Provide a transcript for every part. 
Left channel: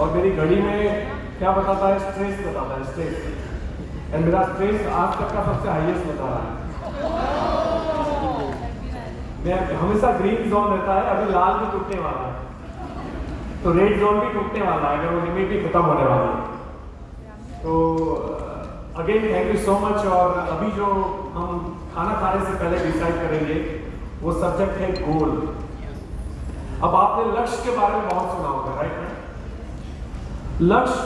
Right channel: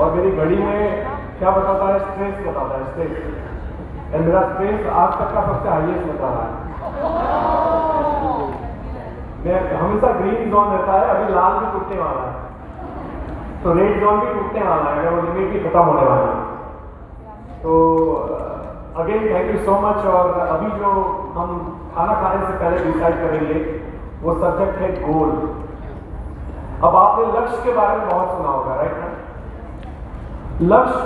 और मेरी घड़ी में क्या बताता है, स्ट्रेस बताता है, स्ट्रेस। एंड मेरा स्ट्रेस आज तक का सबसे हाईएस्ट बता रहा है। मैं हमेशा ग्रीन जोन रहता है, अभी लाल भी टूटने वाला है, तो रेड जोन भी टूटने वाला है, अगर वो लिमिट भी खत्म होने वाला है। तो again thank you so much. और अभी जो हम खाना खाने से पहले डिसाइड करेंगे वो सब्जेक्ट है गोल। अब आपने लक्ष्य के बारे में बहुत सुना होगा, राइट? लक्ष्य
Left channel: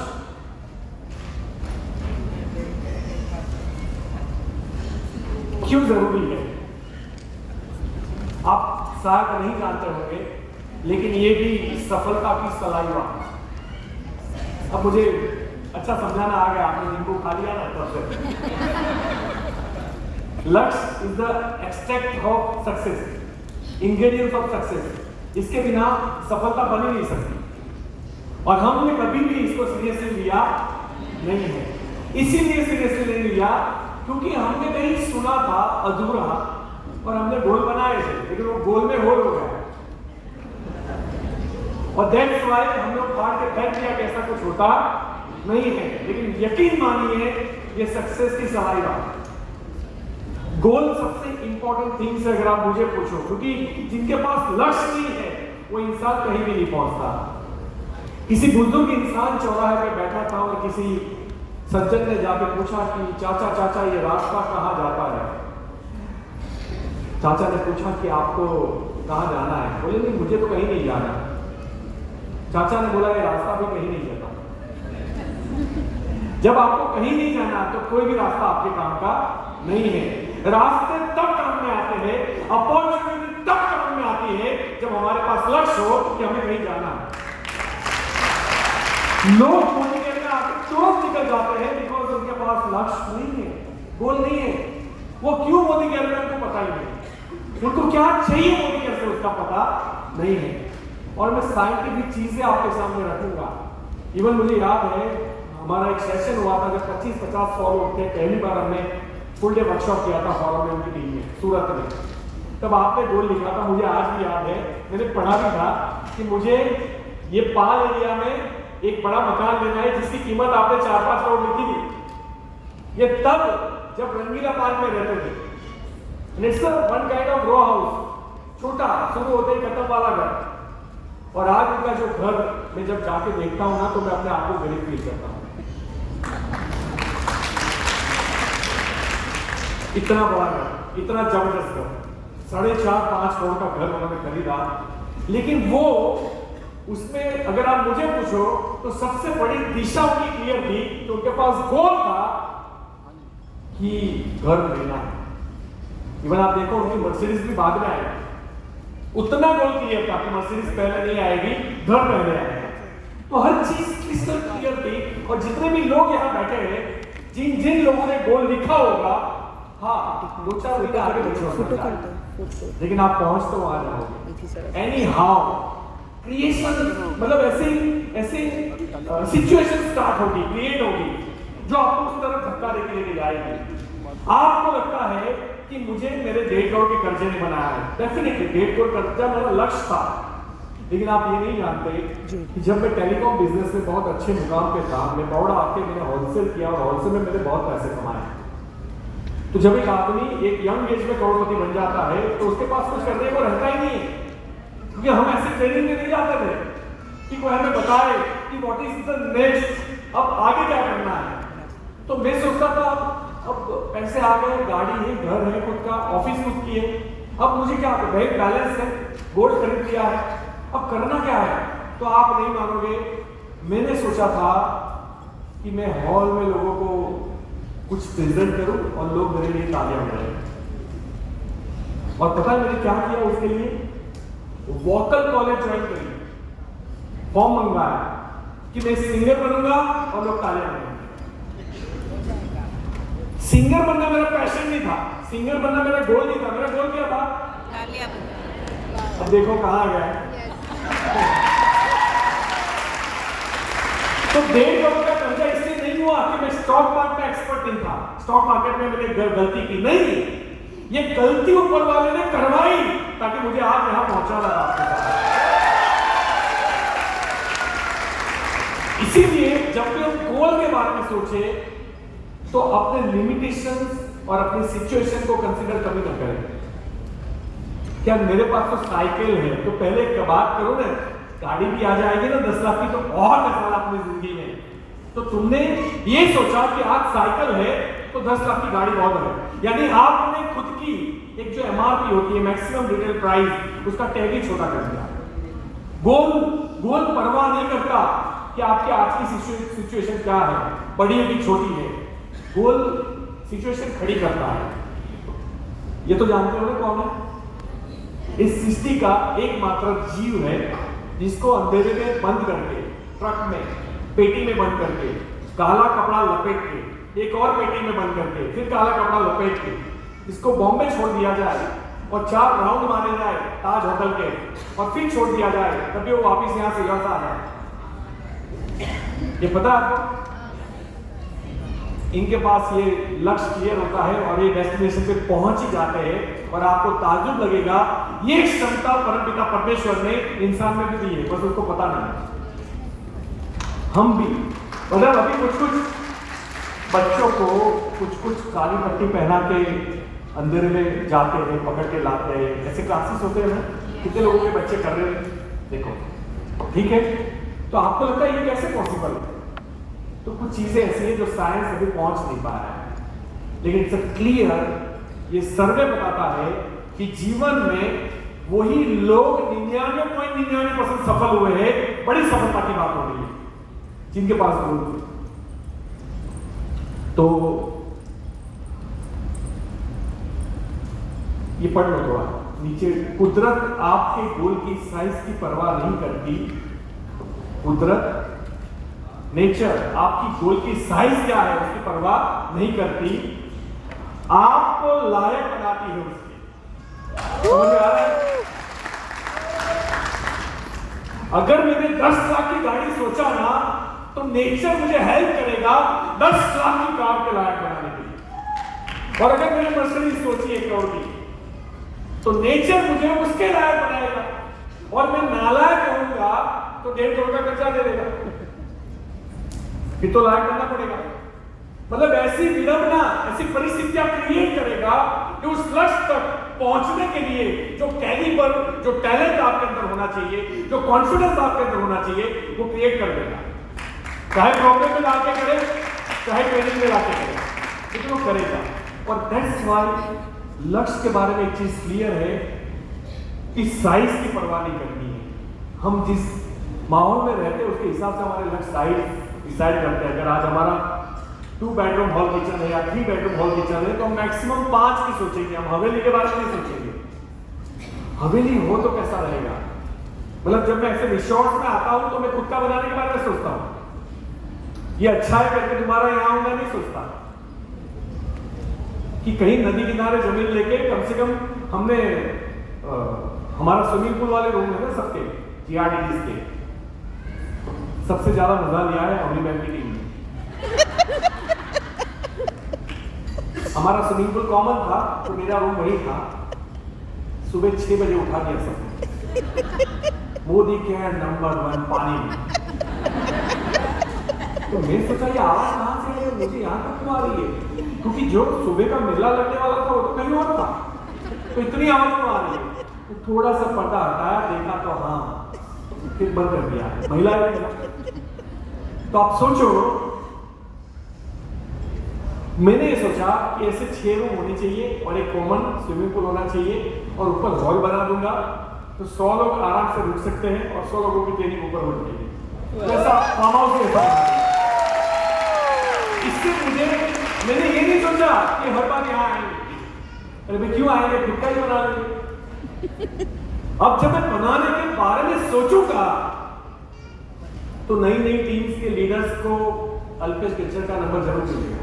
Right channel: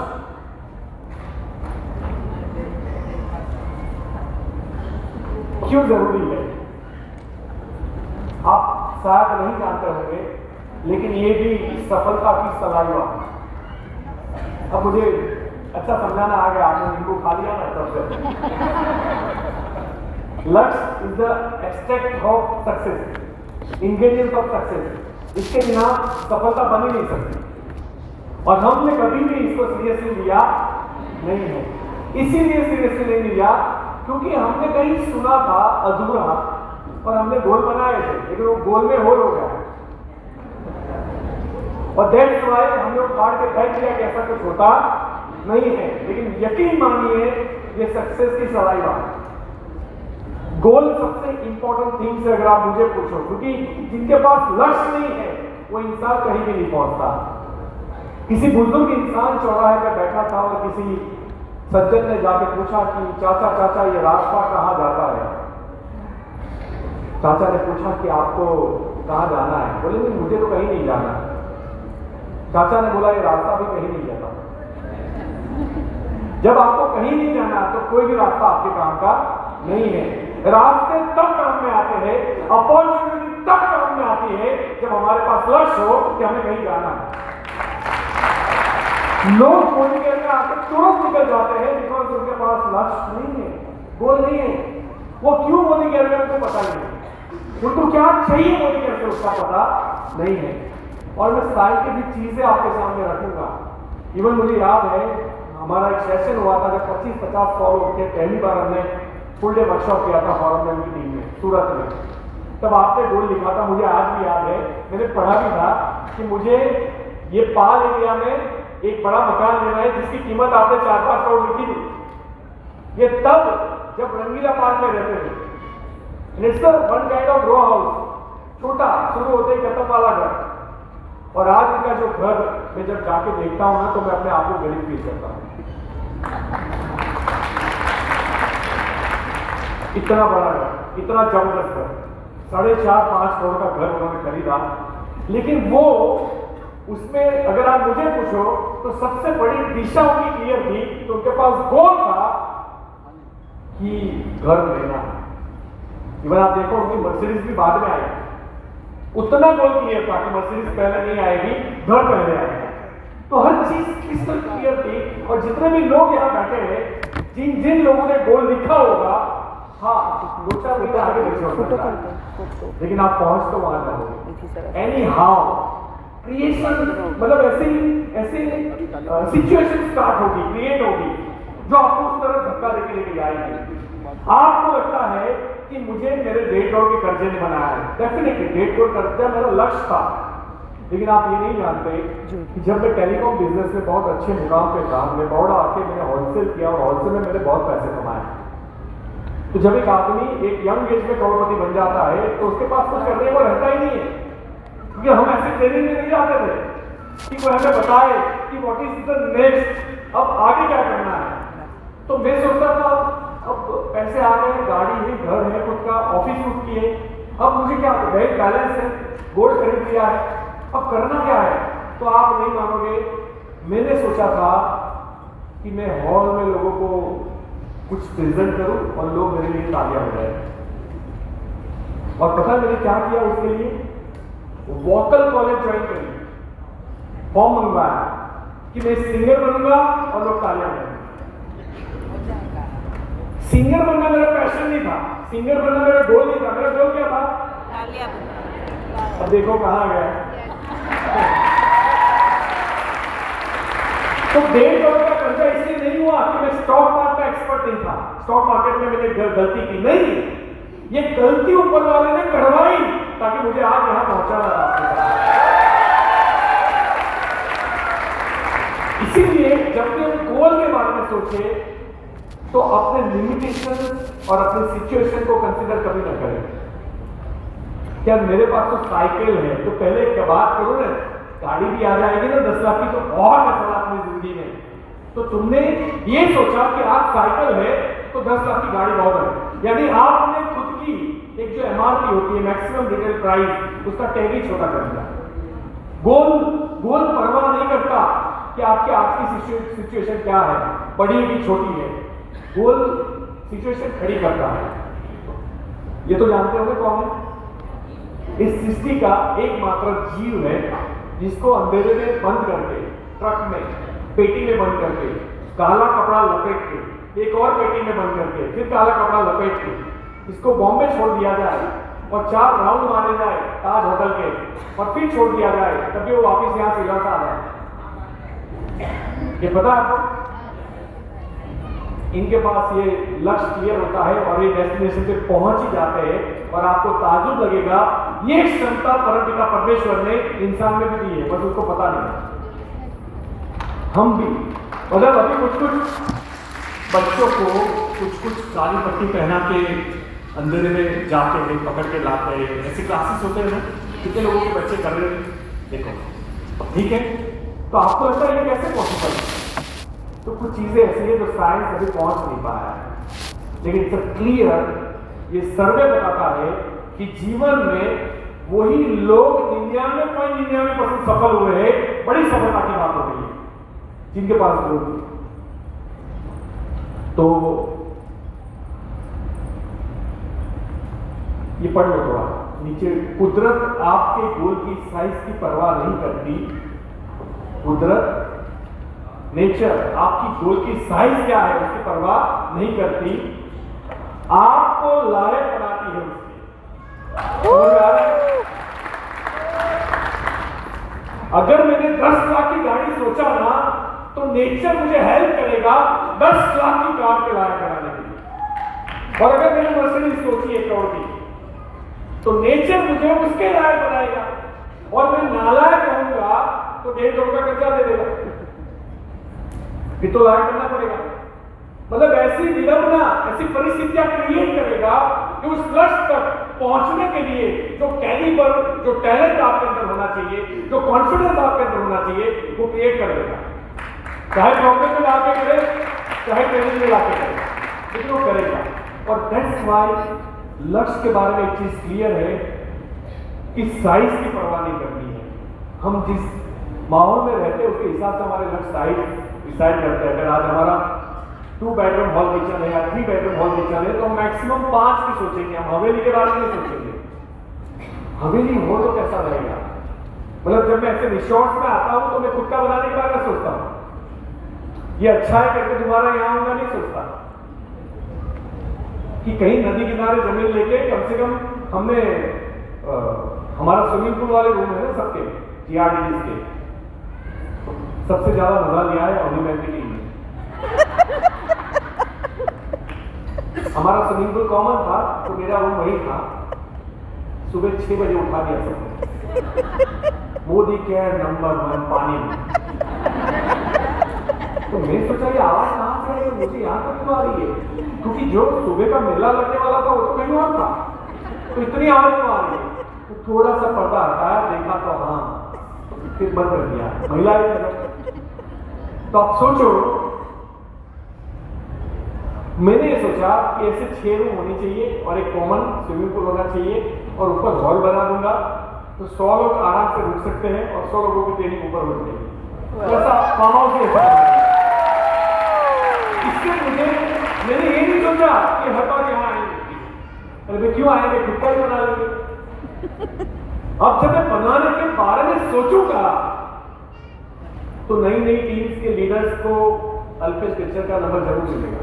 क्यों जरूरी है आप शायद नहीं जानते होंगे, लेकिन ये भी सफलता की सलाइवा। अब मुझे अच्छा समझाना आ गया, आपने नींबू खा लिया ना तब से। लक्ष्य is the extract of success, ingredient of success. इसके बिना सफलता बन ही नहीं सकती। और हमने कभी भी इसको सीरियसली लिया नहीं है। इसीलिए सीरियसली नहीं लिया क्योंकि हमने कहीं सुना था अधूरा और हमने गोल बनाए थे, लेकिन वो गोल में होल हो गया। और दैट्स व्हाई हम लोग फाड़ के फेंक दिया कि ऐसा कुछ होता नहीं है। लेकिन यकीन मानिए ये सक्सेस की सलाइवा है। गोल सबसे इंपॉर्टेंट थिंग्स है अगर आप मुझे पूछो, क्योंकि जिनके पास लक्ष्य नहीं है वो इंसान कहीं भी नहीं पहुंचता। किसी बुजुर्ग इंसान चौराहे पे बैठा था और किसी सज्जन ने जाके पूछा कि चाचा चाचा ये रास्ता कहाँ जाता है? चाचा ने पूछा कि आपको कहाँ जाना है? बोले नहीं मुझे तो कहीं नहीं जाना। चाचा ने बोला ये रास्ता भी कहीं नहीं जाता। जब आपको कहीं नहीं जाना तो कोई भी रास्ता आपके काम का नहीं है। रास्ते तब काम में आते हैं, अपॉर्चुनिटी तब काम में आती है जब हमारे पास लक्ष्य हो कि हमें कहीं जाना है। लोग मोदी के अंदर आके तुरंत निकल जाते हैं बिकॉज उनके पास लक्ष्य नहीं है, गोल नहीं है। वो क्यों मोदी के अंदर उनको पता नहीं है, उनको क्या चाहिए मोदी के अंदर उसका पता नहीं है। और मैं साइंटिफिक चीजें आपके सामने रखूंगा। इवन मुझे याद है हमारा एक सेशन हुआ था, अगर 25-50 100 लोग थे। पहली बार हमने फुल डे वर्कशॉप किया था फॉरम की टीम में सूरत में। तब आपने गोल लिखा था, मुझे आज भी याद है, मैंने पढ़ा भी था कि मुझे ये पाल एरिया में एक बड़ा मकान लेना है जिसकी कीमत आपने 4-5 करोड़ लिखी थी। ये तब जब रंगीला पार्क में रहते थे। It's one kind of row house, छोटा शुरू होते ही खत्म वाला घर। और आज उनका जो घर मैं जब जाके देखता हूं ना तो मैं अपने आप को गरीब फील करता हूं। इतना बड़ा घर, इतना जबरदस्त घर, 4.5-5 करोड़ का घर उन्होंने खरीदा। लेकिन वो उसमें अगर आप मुझे पूछो तो सबसे बड़ी दिशा उनकी क्लियर थी। तो उनके पास गोल था कि घर लेना है। इवन आप देखो उनकी मर्सिडीज भी बाद में आएगी। उतना गोल क्लियर था कि मर्सिडीज पहले नहीं आएगी, घर पहले आएगा। तो हर चीज क्रिस्टल क्लियर थी। और जितने भी लोग यहाँ बैठे हैं, जिन जिन लोगों ने गोल लिखा होगा, हाँ 2-4 महीने आगे फोटो करते हैं, लेकिन आप पहुंच तो वहां जाओगे। एनी हाउ क्रिएशन मतलब ऐसे सिचुएशन स्टार्ट होगी, क्रिएट होगी जो आपको उस तरफ धक्का देके लेके जाएगी। आपको लगता है कि मुझे मेरे 1.5 करोड़ के कर्जे ने बनाया है। डेफिनेटली 1.5 करोड़ कर्जा मेरा लक्ष्य था। लेकिन आप ये नहीं जानते कि जब मैं टेलीकॉम बिजनेस में बहुत अच्छे मुकाम पे था, मैं बड़ौदा आके मैंने होलसेल किया और होलसेल में मैंने बहुत पैसे कमाए। तो जब एक आदमी एक यंग एज में करोड़पति बन जाता है तो उसके पास कुछ करने को रहता ही नहीं है। क्योंकि हम ऐसे ट्रेनिंग में नहीं जाते थे कि कोई हमें बताए कि व्हाट इज द नेक्स्ट, अब आगे क्या करना है। तो मैं सोचता था अब पैसे आ गए, गाड़ी है, घर है खुद का, ऑफिस खुद की है, अब मुझे क्या, बैंक बैलेंस है, गोल्ड खरीद लिया है, अब करना क्या है। तो आप नहीं मानोगे, मैंने सोचा था कि मैं हॉल में लोगों को कुछ प्रेजेंट करूं और लोग मेरे लिए तालियां बजाएं। और पता है मैंने क्या किया उसके लिए? वोकल कॉलेज ज्वाइन करी, फॉर्म मंगवाया कि मैं सिंगर बनूंगा और लोग तालियां बजाएंगे। सिंगर बनना मेरा पैशन नहीं था, सिंगर बनना मेरा गोल नहीं था। मेरा गोल क्या था? तालियां बजाना। अब देखो कहां गया। तो 1.5 करोड़ का कर्जा इसलिए नहीं हुआ कि मैं स्टॉक मार्केट में एक्सपर्ट नहीं था, स्टॉक मार्केट में मैंने गलती की नहीं, ये गलती ऊपर वाले ने करवाई ताकि मुझे आज यहां पहुंचाना था। इसीलिए जब भी हम गोल के बारे में सोचे तो अपने लिमिटेशन और अपने सिचुएशन को कंसीडर कभी ना करें। क्या मेरे पास तो साइकिल है, तो पहले एक बात करो ना, गाड़ी भी आ जाएगी ना 10 लाख की तो बहुत आसान अपनी जिंदगी में। तो तुमने ये सोचा कि आज साइकिल है तो 10 लाख की गाड़ी बहुत है, यानी आपने खुद की एक जो एमआरपी होती है, मैक्सिमम रिटेल प्राइस, उसका टैग ही छोटा कर दिया। गोल परवाह नहीं करता कि आपकी आज की सिचुएशन क्या है, बड़ी है कि छोटी है। गोल सिचुएशन खड़ी करता है। ये तो जानते हो ना कौन है? इस सृष्टि का एकमात्र जीव है जिसको अंधेरे में बंद करके, ट्रक में, पेटी में बंद करके, काला कपड़ा लपेट के, एक और पेटी में बंद करके, फिर काला कपड़ा लपेट के इसको बॉम्बे छोड़ दिया जाए और 4 राउंड मारे जाए ताज होटल के, और फिर छोड़ दिया जाए, तभी वो वापिस यहां से लौट आ जाए। ये पता है आपको? इनके पास ये लक्ष्य क्लियर होता है और ये डेस्टिनेशन पे पहुंच ही जाते हैं, और आपको ताज्जुब लगेगा ये क्षमता परमपिता परमेश्वर ने इंसान में भी दी है, बस उसको पता नहीं। हम भी मतलब अभी कुछ बच्चों को कुछ काली पट्टी पहना के अंधेरे में जाते हैं, पकड़ के लाते हैं, ऐसे क्लासेस होते हैं ना, कितने लोगों के बच्चे कर रहे हैं, देखो ठीक है। तो आपको लगता है ये कैसे पॉसिबल है? तो कुछ चीजें ऐसी है जो साइंस अभी पहुंच नहीं पा रहा है, लेकिन इट्स क्लियर, ये सर्वे बताता है कि जीवन में वही लोग 99.99% सफल हुए हैं, बड़ी सफलता की बात हो रही है, जिनके पास गोल थे। तो ये पढ़ लो थोड़ा नीचे। कुदरत आपके गोल की साइज की परवाह नहीं करती। कुदरत, नेचर आपकी गोल की साइज क्या है उसकी परवाह नहीं करती, आपको लायक बनाती है उसकी। समझ में आ रहा है? अगर मैंने 10 लाख की गाड़ी सोचा ना, तो नेचर मुझे हेल्प करेगा 10 लाख की कार के लायक बनाने के लिए। और अगर मैंने मर्सिडीज सोची 1 करोड़ की, तो नेचर मुझे उसके लायक बनाएगा, और मैं नालायक रहूंगा तो 1.5 करोड़ का कर्जा दे देगा, फिर तो लायक बनना पड़ेगा। मतलब ऐसी विडंबना, ऐसी परिस्थितियां क्रिएट करेगा कि उस लक्ष्य तक पहुंचने के लिए जो कैलिबर, जो टैलेंट आपके अंदर होना चाहिए, जो कॉन्फिडेंस आपके अंदर होना चाहिए, वो क्रिएट कर देगा। चाहे प्रॉब्लम में लाके करे, चाहे ट्रेनिंग में लाके करे, लेकिन वो करेगा। और दैट्स व्हाई लक्ष्य के बारे में एक चीज क्लियर है कि साइज की परवाह नहीं करनी है। हम जिस माहौल में रहते हैं उसके हिसाब से हमारे लक्ष्य साइज डिसाइड करते हैं। अगर आज हमारा 2 बेडरूम हॉल किचन है या 3 बेडरूम हॉल किचन है, तो मैक्सिमम 5 की सोचेंगे, हम हवेली के बारे में नहीं सोचेंगे। हवेली हो तो कैसा रहेगा? मतलब जब मैं ऐसे रिसोर्ट में आता हूं तो मैं खुद का बनाने के बारे में सोचता हूं, ये अच्छा है करके तुम्हारा यहां होगा नहीं सोचता कि कहीं नदी किनारे जमीन लेके कम से कम हमने हमारा स्विमिंग पूल वाले रूम है ना सबके, जीआरडीजी के, सबसे ज्यादा मजा लिया है अभी बैंक की टीम ने। हमारा स्विमिंग पूल कॉमन था, तो मेरा रूम वही था। सुबह 6 बजे उठा दिया सबको, मोदी केयर नंबर 1 पानी में। तो मैं सोचा ये आवाज कहां से है, मुझे यहां तक क्यों आ रही है? क्योंकि जो सुबह का मेला लगने वाला था वो तो कहीं और था, तो इतनी आवाज क्यों आ रही है? तो थोड़ा सा पर्दा हटाया, देखा तो हाँ, फिर बंद कर दिया। महिला तो आप सोचो, मैंने ये सोचा कि ऐसे 6 रूम होनी चाहिए और एक कॉमन स्विमिंग पूल होना चाहिए, और ऊपर हॉल बना दूंगा तो 100 लोग आराम से रुक सकते हैं और 100 लोगों की ट्रेनिंग ऊपर बन जाएगी। ऐसा फार्म हाउस ही ऐसा। इससे मैंने ये नहीं सोचा कि हर बार यहाँ आएंगे, अरे भाई क्यों आएंगे, खुद का ही बना लेंगे। अब जब मैं बनाने के बारे में सोचूंगा तो नई नई टीम्स के लीडर्स को अल्पेश पिक्चर का नंबर जरूर मिलेगा।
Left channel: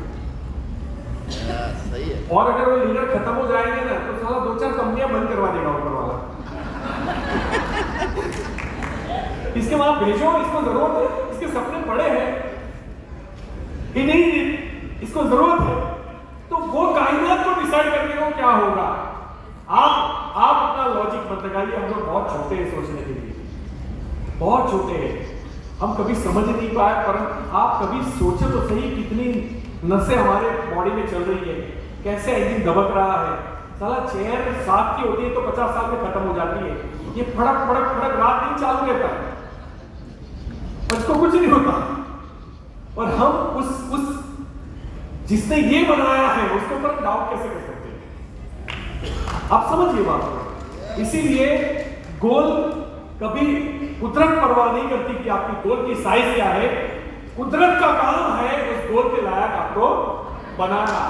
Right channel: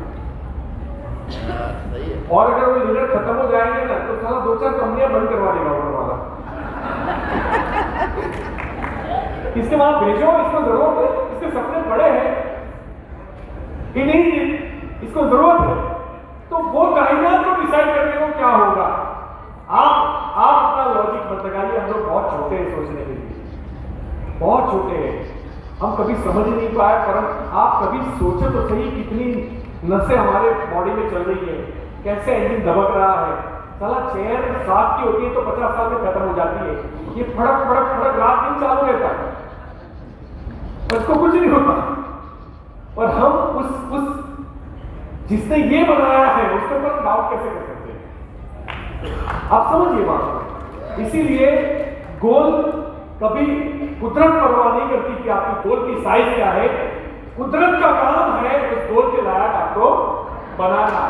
और अगर वो लीडर खत्म हो जाएंगे ना, तो साला 2-4 कंपनियां बंद करवा देगा ऊपर वाला। इसके वहां भेजो, इसको जरूरत है, इसके सपने बड़े हैं कि नहीं, इसको जरूरत है, तो वो कायनात को डिसाइड करने को क्या होगा। आप अपना लॉजिक मत लगाइए, हम लोग बहुत छोटे हैं सोचने के लिए, बहुत छोटे हैं। हम कभी समझ ही नहीं पाए। पर आप कभी सोचे तो सही कितनी नसें हमारे बॉडी में चल रही है, कैसे इंजन दबक रहा है। साला चेयर 7 की होती है तो 50 साल में खत्म हो जाती है, ये फड़क फड़क फड़क रात दिन चालू रहता है, उसको कुछ नहीं होता। और हम उस जिसने ये बनाया है उसके ऊपर डाउट कैसे कर सकते हैं? आप समझिए बात। इसीलिए गोल कभी कुदरत परवाह नहीं करती कि आपकी गोल की साइज क्या है। कुदरत का काम है उस गोल के लायक आपको बनाना।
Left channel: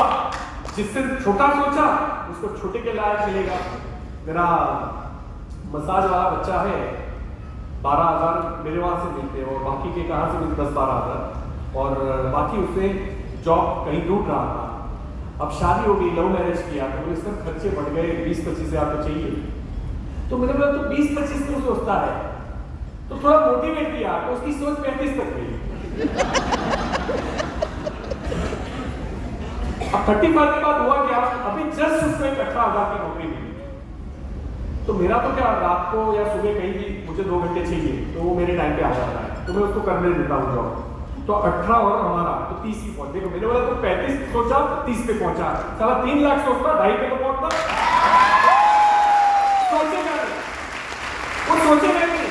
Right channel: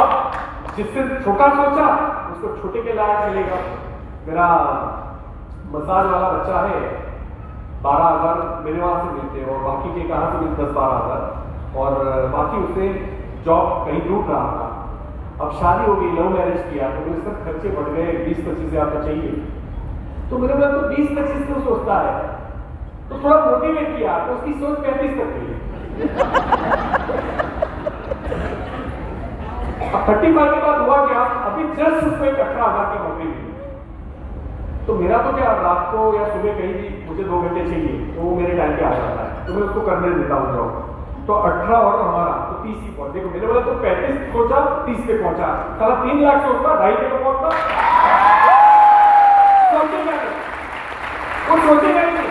अब जिससे छोटा सोचा उसको छोटे के लायक मिलेगा। मेरा मसाज वाला बच्चा है, 12,000 मेरे वहां से मिलते हैं और बाकी के कहां से मिलते 10-12 हज़ार, और बाकी उसने जॉब कहीं दूर रहा था। अब शादी हो गई, लव मैरिज किया तो इसका खर्चे बढ़ गए, 20-25 हज़ार तो चाहिए। तो मैंने बोला तो 20-25 क्यों सोचता है, तो थोड़ा मोटिवेट किया तो उसकी सोच 35 तक गई। अब 35 के बाद हुआ क्या, अभी जस्ट उसको 18,000 की नौकरी मिली। तो मेरा तो क्या, रात को या सुबह कहीं भी मुझे 2 घंटे चाहिए तो वो मेरे टाइम पे आ जाता है, तो मैं उसको करने देता हूँ जॉब। तो 18 और हमारा तो 30 ही पहुंचे। मैंने बोला तो 35 सोचा 30 पे पहुंचा, साला 3 लाख सोचता 2.5 पे पहुंचता। सोचेगा नहीं, वो सोचेगा नहीं,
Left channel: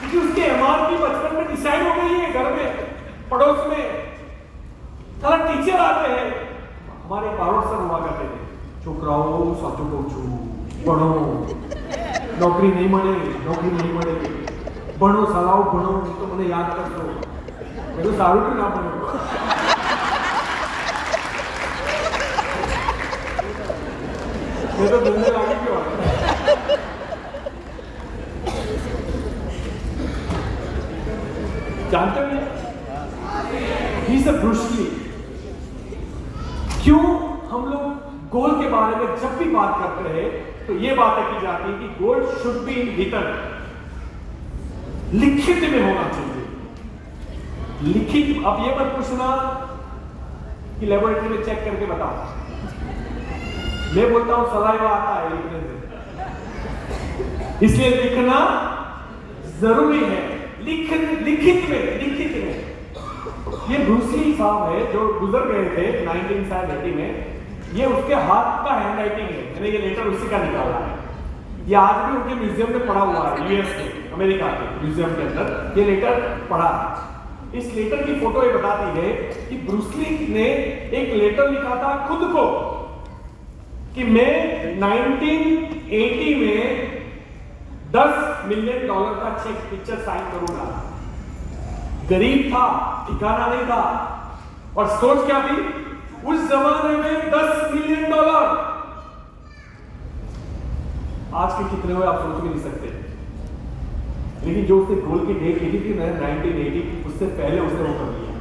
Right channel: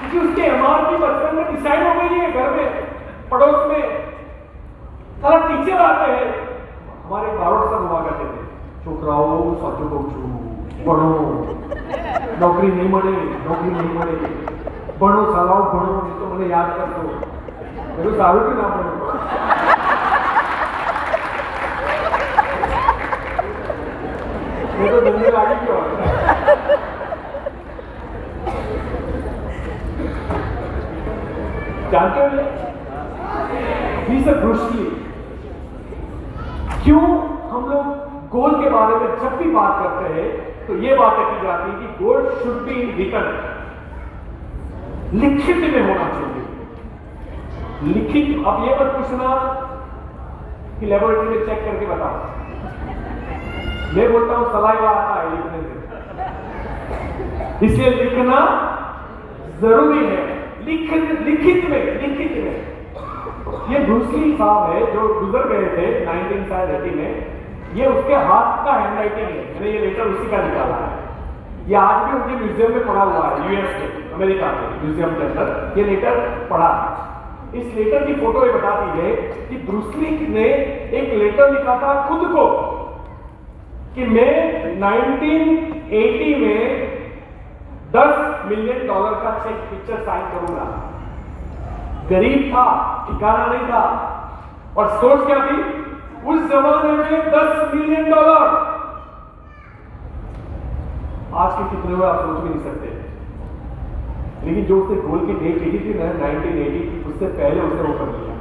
क्योंकि उसके एमआरपी बचपन में डिसाइड हो गई है। घर में पड़ोस में साला टीचर आते हैं, हमारे बारोट सर हुआ करते थे, छोकराओ साचो को छू भणो, नौकरी नहीं मळे, नौकरी नहीं मळे, भणो सालाओ भणो, तो मैंने याद कर दो मेरे सारू भी ना बने। वो तो दुनिया लागी क्यों जानते हो ही से ब्रूस ली। क्यों हम लोग गोल के बारे में जब भी बात करते हैं तो ये बात की जाती है कि goal should be in written, लिखित में होना चाहिए। लिखित, अब ये मत पूछना कि लेबोरेटरी में चेक करके बताओ, मैं बोलता हूं सलाइवा आता है लिखने से, इसलिए लिखना जरूरी है। लिखित में ये ब्रूस ली साहब है जो गुजर गए थे 1980 में, ये उसके हाथ का हैंडराइटिंग है, मैंने ये लेटर उसी का निकाला है। ये आज भी उनके म्यूजियम में पड़ा हुआ है, यूएस के, अमेरिका के म्यूजियम के अंदर ये लेटर पड़ा है। इस लेटर की फोटो ये बताती है कि ब्रूस ली ने एक लेटर लिखा था खुद को कि मैं 1980 में $10 मिलियन का चेक पिक्चर साइन करूंगा। गरीब था, ठिकाना नहीं था, और सोच क्या थी उस जमाने में $10 मिलियन। आज के कितने हुए आप सोच भी नहीं सकते। लेकिन जो उसने गोल की डेट लिखी थी 1980, उससे पहले उसने वो कर लिया।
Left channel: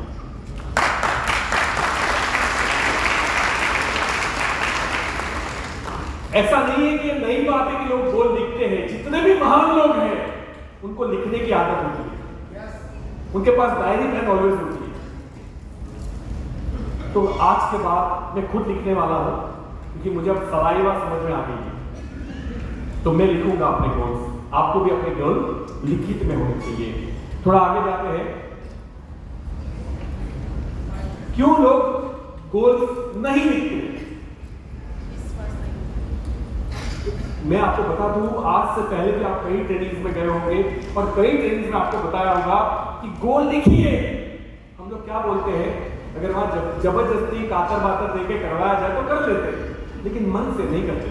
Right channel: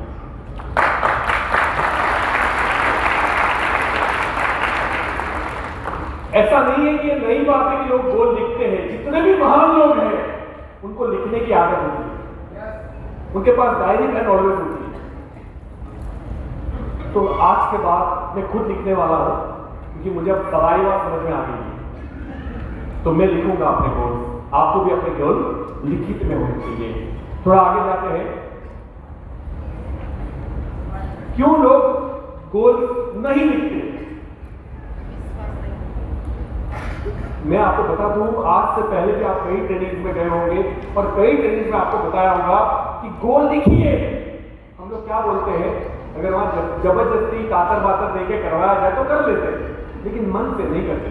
ऐसा नहीं है कि नई बात है कि लोग गोल लिखते हैं, जितने भी महान लोग हैं उनको लिखने की आदत होती है, उनके पास डायरी पेन ऑलवेज होती है। तो आज के बाद मैं खुद लिखने वाला हूं, क्योंकि मुझे अब सलाइवा समझ में आ गई है, तो मैं लिखूंगा अपने गोल। आपको भी अपने गोल लिखित में होने चाहिए। थोड़ा आगे जाते हैं, क्यों लोग गोल नहीं लिखते। मैं आपको बता दूं, आज से पहले भी आप कई ट्रेनिंग्स में गए होंगे और कई ट्रेनिंग्स में आपको बताया होगा कि गोल लिखिए। हम लोग क्या बोलते हैं, अगर वहां जबरदस्ती कातर बातर देके करवाया जाए तो कर लेते, लेकिन मन से नहीं करते,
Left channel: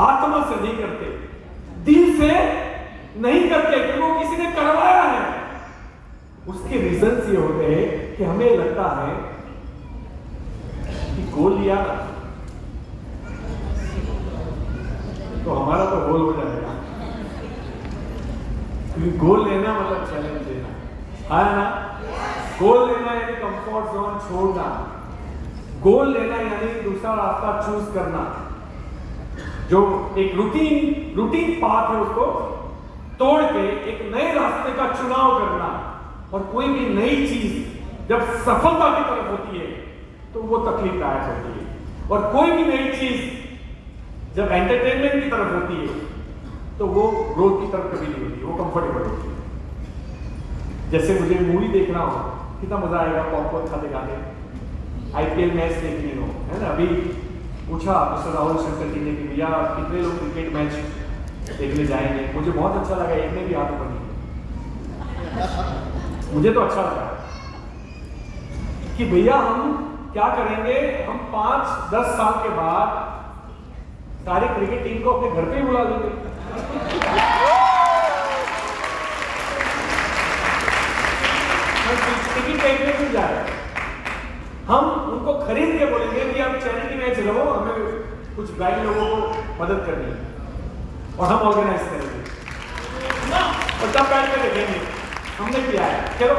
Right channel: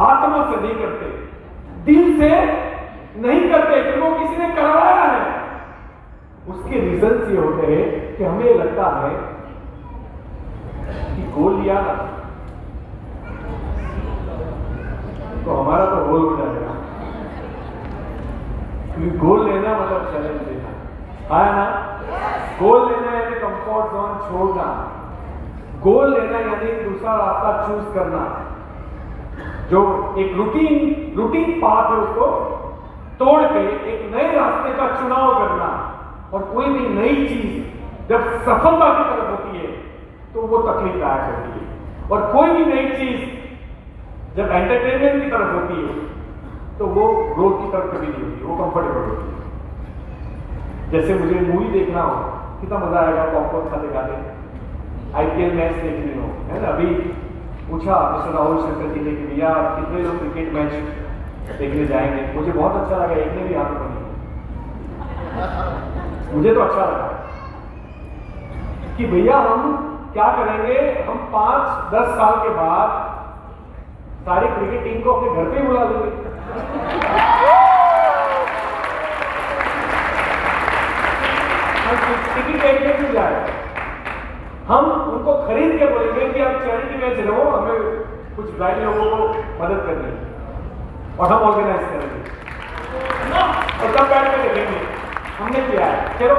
आत्मा से नहीं करते, दिल से नहीं करते, क्योंकि किसी ने करवाया है। उसके रीजंस ये होते हैं कि हमें लगता है कि गोल लिया ना तो हमारा तो गोल हो जाएगा, क्योंकि गोल लेना मतलब चैलेंज लेना है ना। गोल लेना यानी कंफर्ट जोन छोड़ना, गोल लेना यानी दूसरा रास्ता चूज करना, जो एक रूटीन पाथ है उसको तोड़ के एक नए रास्ते का चुनाव करना। और कोई भी नई चीज जब सफलता की तरफ होती है तो वो तकलीफदायक होती है, और कोई भी नई चीज जब एंटरटेनमेंट की तरफ होती है तो वो ग्रोथ की तरफ कभी नहीं होती, वो कंफर्टेबल होती है। जैसे मुझे मूवी देखना हो, कितना मजा आएगा पॉपकॉर्न खाते खाते, आईपीएल मैच देख ली हो, है ना। अभी पूछा मिस्टर राहुल शंकर जी ने कि भैया कितने लोग क्रिकेट मैच देखने जाएंगे। मुझे बहुत अच्छा लगा, एक ने भी हाथ ऊपर नहीं, मुझे तो अच्छा लगा कि भैया हम क्या करेंगे, हम 5-10 साल के बाद सारी क्रिकेट टीम को अपने घर पे ही बुला लेंगे। टिकट देखने क्यों जाए, हम उनको खरीद के बोलेंगे कि आप चैरिटी मैच रहो, हमें कुछ गाय लोगों को मदद करनी है और हम ऑर्गेनाइज करेंगे और तब बैठ कर देखेंगे हमने किया है। चलो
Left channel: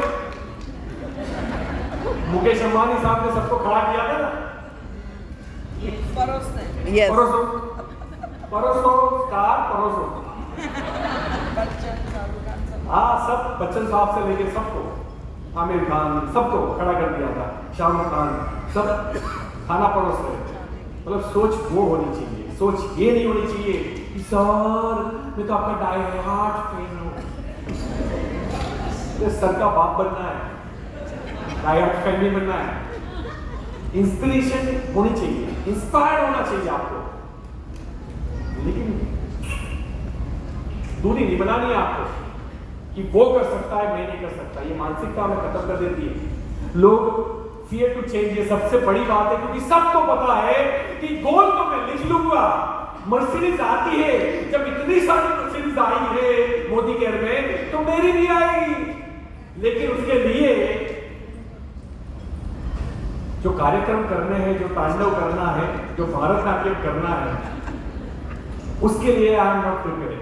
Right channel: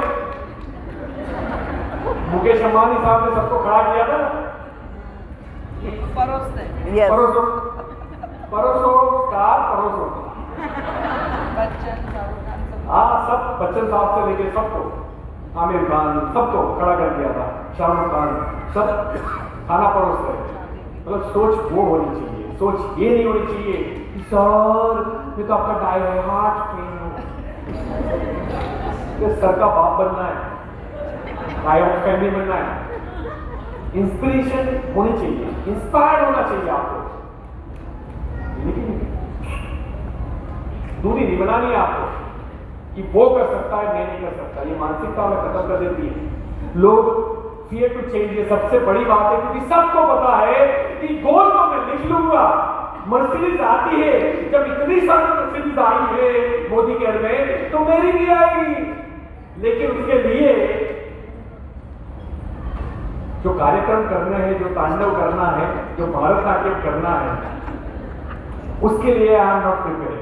मुकेश अंबानी साहब ने सबको खड़ा किया था ना, परोसो परोसो स्टार परोसो, हाँ सब बच्चन साहब से लेके सबको, आमिर खान सबको खड़ा कर दिया था, शाहरुख खान सब खाना परोस रहे। मतलब सोच वो होनी चाहिए, सोच ये नहीं होनी चाहिए कि सर मैं तो आपका डाई हार्ट फैन हूं। तो सर का बाप बनना है, डाई हार्ट फैन नहीं बनना है। इंस्पिरेशन होनी चाहिए, इंस्पायर होना चाहिए आपको, लेकिन दूरी नहीं बनानी है आपको कि वो कर सकता है मैं नहीं कर सकता। ये मानसिकता हमें खत्म कर देती है। लोग फियर टू चेंज, ये सबसे बड़ी बात है, क्योंकि सबको पता है कि गोल को मैं लिख लूंगा। मर्सिडीज आती है, जब इतनी सारी मर्सिडीज आई है मोदी केयर में, तो मेरी भी आएगी। लेकिन उसके लिए जो कार्यक्रम करने हैं, जो तांडव करना है, जो भारतनाट्यम करना है, उसके लिए आई एम नॉट प्रिपेयर्ड,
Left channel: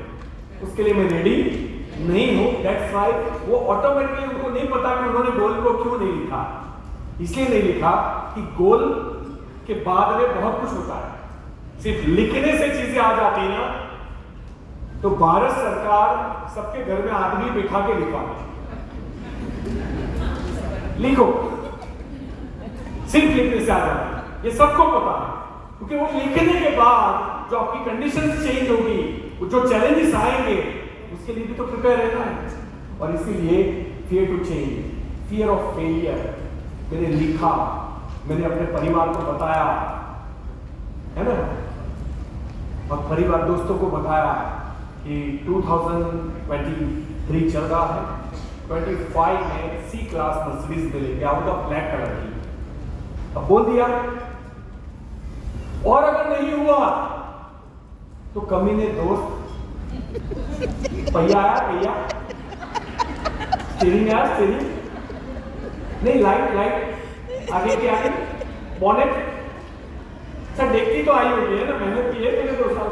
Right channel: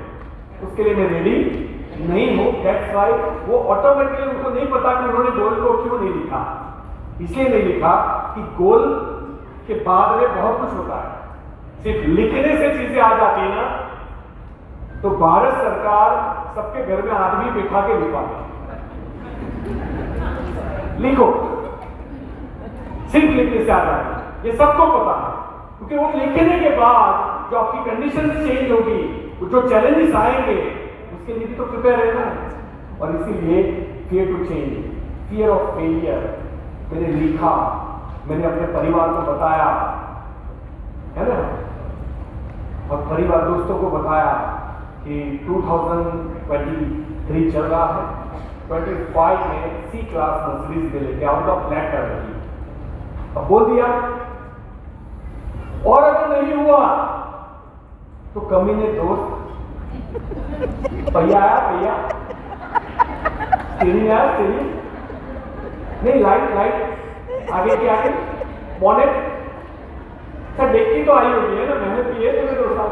उसके लिए मैं रेडी नहीं हूं। दैट्स व्हाई वो ऑटोमेटिकली, उनको नहीं पता कि उन्होंने गोल को क्यों नहीं लिखा। इसलिए नहीं लिखा कि गोल के बाद में बहुत कुछ होता है, सिर्फ लिखने से चीजें आ जाती है ना, तो भारत सरकार सबके घर में आदमी बिठा के लिखवा दे, लिखो, सिर्फ लिखने से आ जाती है, ये सबको पता है। क्योंकि वो लिखने के बाद जो आपकी कंडीशंस चेंज होगी, जो चैलेंजेस आएंगे, उसके लिए भी तो प्रिपेयर रहना है। और इसीलिए fear to change, fear of failure, मैंने लिखा, मैंने अपने परिवार को बताया, है ना, और परिवार दोस्तों को बताया कि 2023 चल रहा है, 25 में सी क्लास मर्सिडीज में लेके आउट ऑफ ब्लैक कर रही। अब बोल दिया, और अगर नहीं हुआ तो कमीने दोस्त, पहिया आया, पहिया स्टीयरिंग आया, स्टीयरिंग नहीं, लाइट आगे की आगे, बॉनेट सर देखती तो आई होगी है ना, मेहनत की है मैंने 2 साल।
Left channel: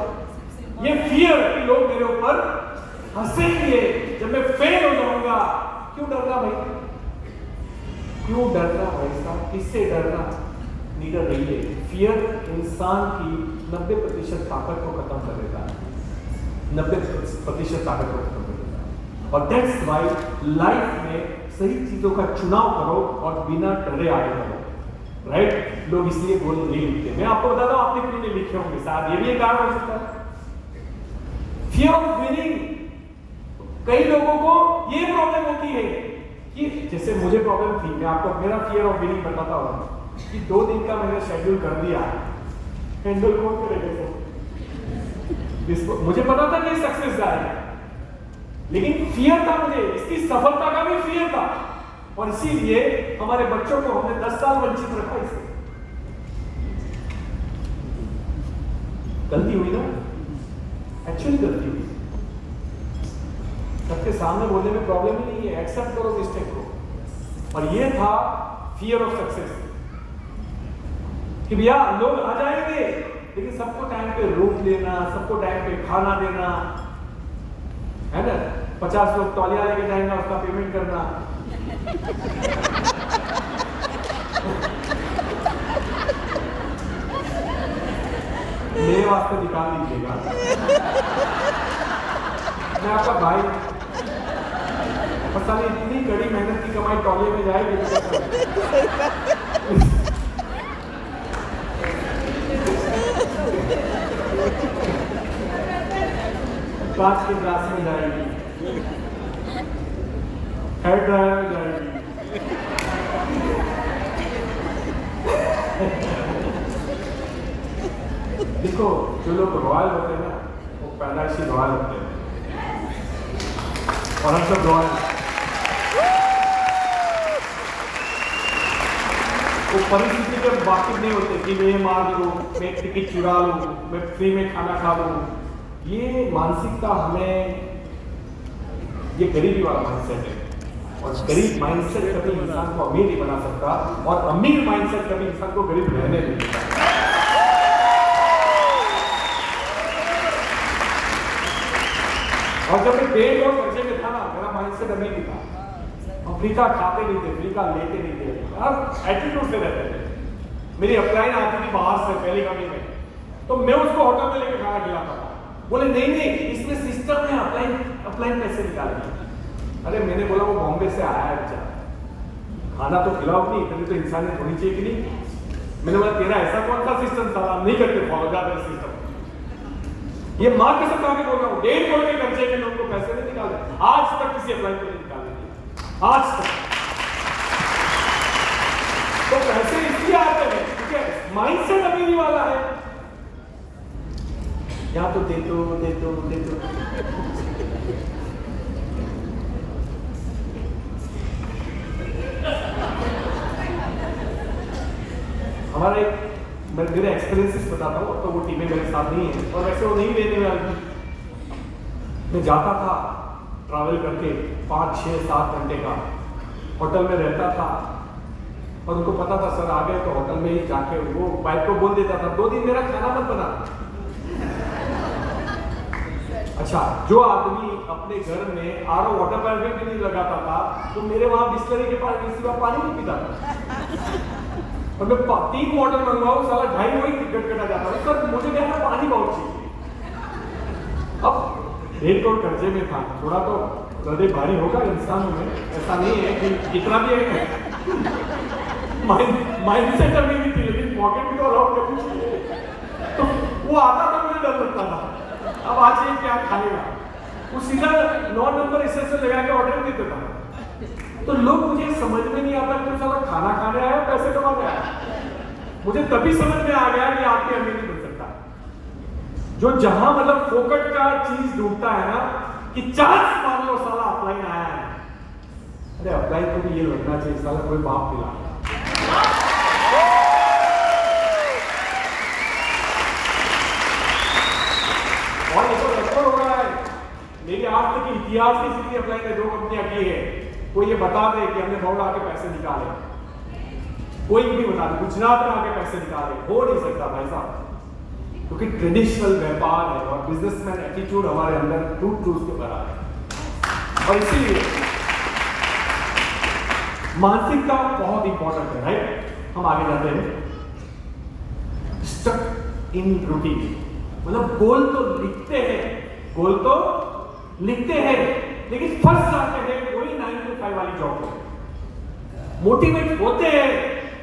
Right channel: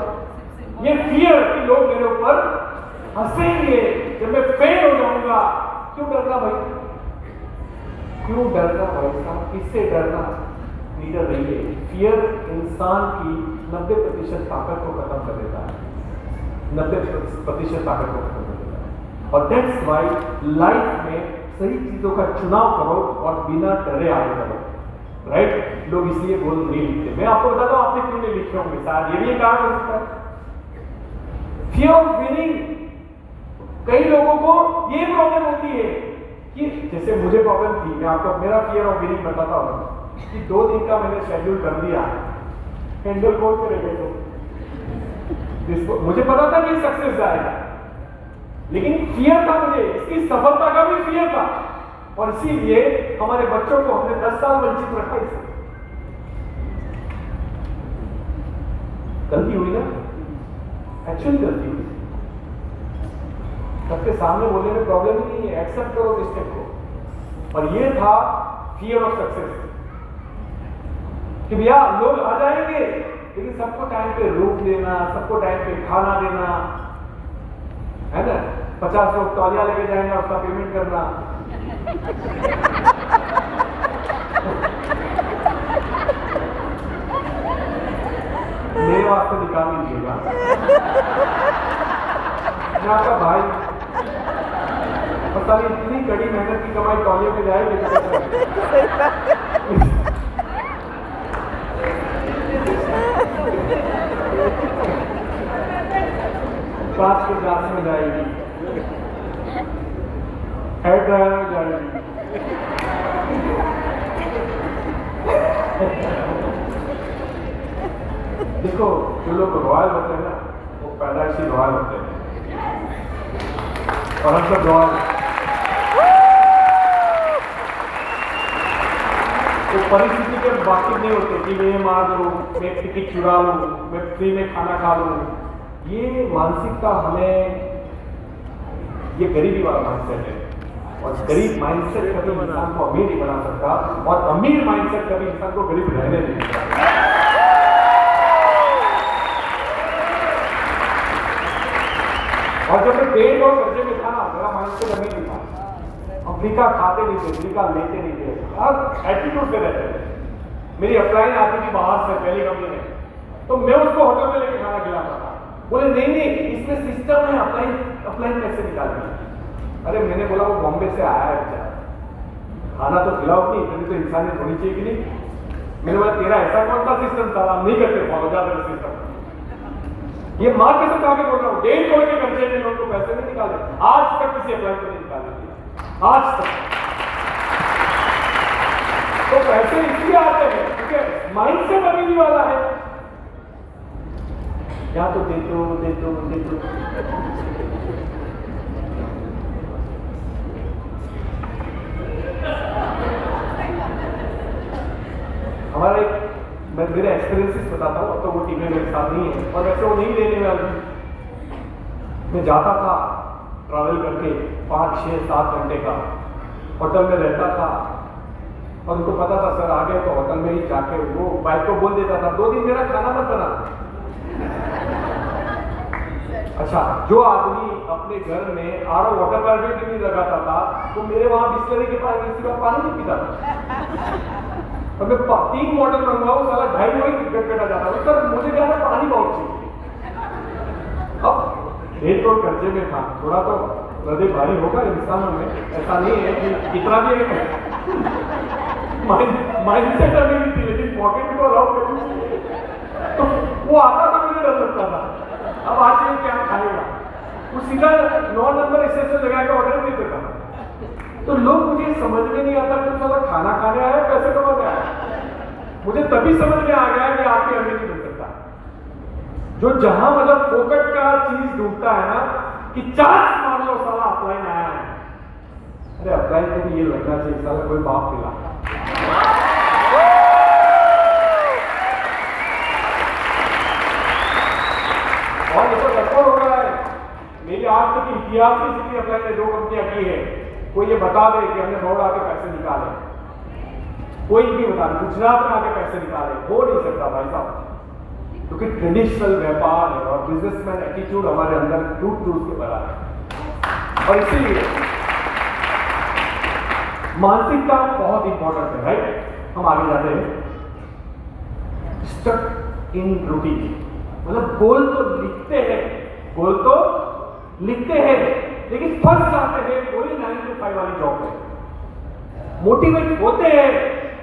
ये फियर कि लोग मेरे ऊपर हंसेंगे जब मैं फेल हो जाऊंगा। क्यों डरना भाई, क्यों डरना भाई साहब, किससे डरना, नीडर रहिए। फियर इंसान की 90% ताकत को खत्म कर देता है, 90% ताकत को खत्म कर देता है। और दैट्स व्हाई लाइफ में सही चीजों का चुनाव करो और बिना डरे आगे करो, राइट। लोग इसलिए गोल नहीं लिखते। मैं आपको बताता हूं आपने क्यों नहीं लिखे होंगे, शायद ये भी एक कारण हो सकता है, फियर ऑफ विनिंग। कई लोगों को ये प्रॉब्लम होती है कि जैसे मुझे प्रॉब्लम थी, मैं आपको मेरा फियर ऑफ विनिंग बताता हूं कि 2 दिन का मैंने शेड्यूल कर दिया, हैंडल कौन करेगा, मुझे पता था कि सक्सेस आएगा, लेकिन फियर था मुझे, इसकी सफलता का भी फियर था। और इसीलिए हमारे बच्चों को हमने 10 साल वंचित रखा। इससे गलती हुई ना, एक्चुअली गलती हुई। सबके सामने बोलने में प्रॉब्लम नहीं है, एक्सेप्ट करो मिस्टेक को। और ये था फियर ऑफ सक्सेस कि भैया लोग आ जाएंगे, लेकिन सबको टाइम पे रोक लेना, सबको टाइम पे खाना देना, है ना। 50 लोग तौलिया लेके जाएंगे, उसका पेमेंट करना। मेरे वास्ते निकाल लीजिएगा, मैं आपका भाई। पता नहीं इतनी कड़ी मेहनत की कमाई तौलिया में जाएगी। कांच के ग्लास में जाएगी। हेयर ड्रायर जाएगी। देखो जो लोग रॉयल होते हैं ना वो पैदाइशी रॉयल होते हैं और हम सब रॉयल। वो परिस्थिति के वाकिफ नहीं होते कि मैं मार दूँ, मैं टिकट चुरा लूँ, मैं फ्री में खाना खा लूँ। ये मानसिकता हमें, ये गरीबी वाला माइंडसेट है और गरीब माइंडसेट कभी इंसान को अमीर नहीं बना सकता और अमीर माइंडसेट कभी इंसान को गरीब रहने नहीं देता। और जब मैं पेट और कर्जे में था ना, मेरा माइंडसेट अमीर भी था। अफ्रीका खाते नहीं थे, अफ्रीका लेते नहीं थे, अब एटीट्यूड से रहते थे। मेरी अपलाइन आती थी बाहर से पहली कंपनी में, तो मैं उसको होटल में लेके खाना खिलाता था। बोले नहीं इसमें सिस्टम है, अपलाइन पैसे निकालने। अरे मैंने बोला वो बॉम्बे से आया है बेचारा, खाना तो खिलाओ नहीं, इतनी तो इंसानियत होनी चाहिए कि नहीं। मैंने बोला तेरा ऐसा कौन सा सिस्टम था, नहीं करते फॉलो ज्यादा सिस्टम। ये माँ के साथ आगे बोल रहा हूँ, 1.5 करोड़ के कर्जे में उनको पैसे नहीं निकाले, आज तक किसी अप्लाई को नहीं निकाले, आज तक। तो पैसे इसलिए आते हैं क्योंकि माइंडसेट अमीरी वाला है, या तो दे दो। हमारा एक, मैं मेरे एक्सपीरियंसेस बताता हूँ, अब तो वो टीमें मेरे साथ नहीं है और वैसे वो नहीं लेने वाली। मैं जाता था ट्रैवल करके 5, 6, 7 घंटे का, होटल में रहता था और उनको पता था सर आ गए तो होटल में ही जाके वो वाइफ को बोल देता था 2 दिन मेरा खाना मत बना। अच्छा, जो आदमी अपने घर में आरओ वाटर पाइप भी नहीं लगाता था तो मेरे वहां बिस्लरी के पानी नहीं पीता था। और मैं 3 वाटर मंगवाऊं, साला 2.5 वही टिकट कटा जाता है। सर मुझे क्या था, पानी बहुत चाहिए। अब 1 करोड़ कर्जे में था, थोड़ा तो हृदय भारी होगा इंसानों में, ऐसा नहीं है कि इतना भी माइंडसेट अभी भी थी, लेकिन पॉकेट को अलाउ करनी, तो वो आता था, मुझे डर लगता था। अब आज ये क्या खाएगा, वो सीधा 9 नंबर स्टेशन लगा के ऑर्डर नहीं देता था। तो लोग, मुझे समझ में नहीं आता कि साला खाना खाने आया पैसे कमाने आया। मुझे तभी समझ में आ गया कि आपके अमीर नहीं बन सकता जो जहां मतलब फोकट का चीज ढूंढता है ना, कि चांस मान लो साला अपलाइन आया है, अरे अपलाइन को भी ये लगना चाहिए साला कोई बाप मिला। और ये तो रिकॉर्ड हो रहा है, मेरी आज तक इतिहास की जितनी अपलाइन में 2 कंपनियां की है, कोई ये बता दे कि हमने रोड आके पैसे निकाले, कोई भी बता दे गुजरात में आके पैसे निकाले, हो नहीं सकता भाई साहब, क्योंकि ट्रेडिशनल व्यापार है और बिजनेसमैन एटीट्यूड हमारे अंदर टूट के भरा है। और इसीलिए मानसिकता बहुत इंपॉर्टेंट है, राइट। हम आगे जाते हैं, स्टक इन रूटीन, मतलब गोल तो लिखते हैं लेकिन फंस जाते हैं वही 9 to 5 वाली जॉब में। मोटिवेट होते हैं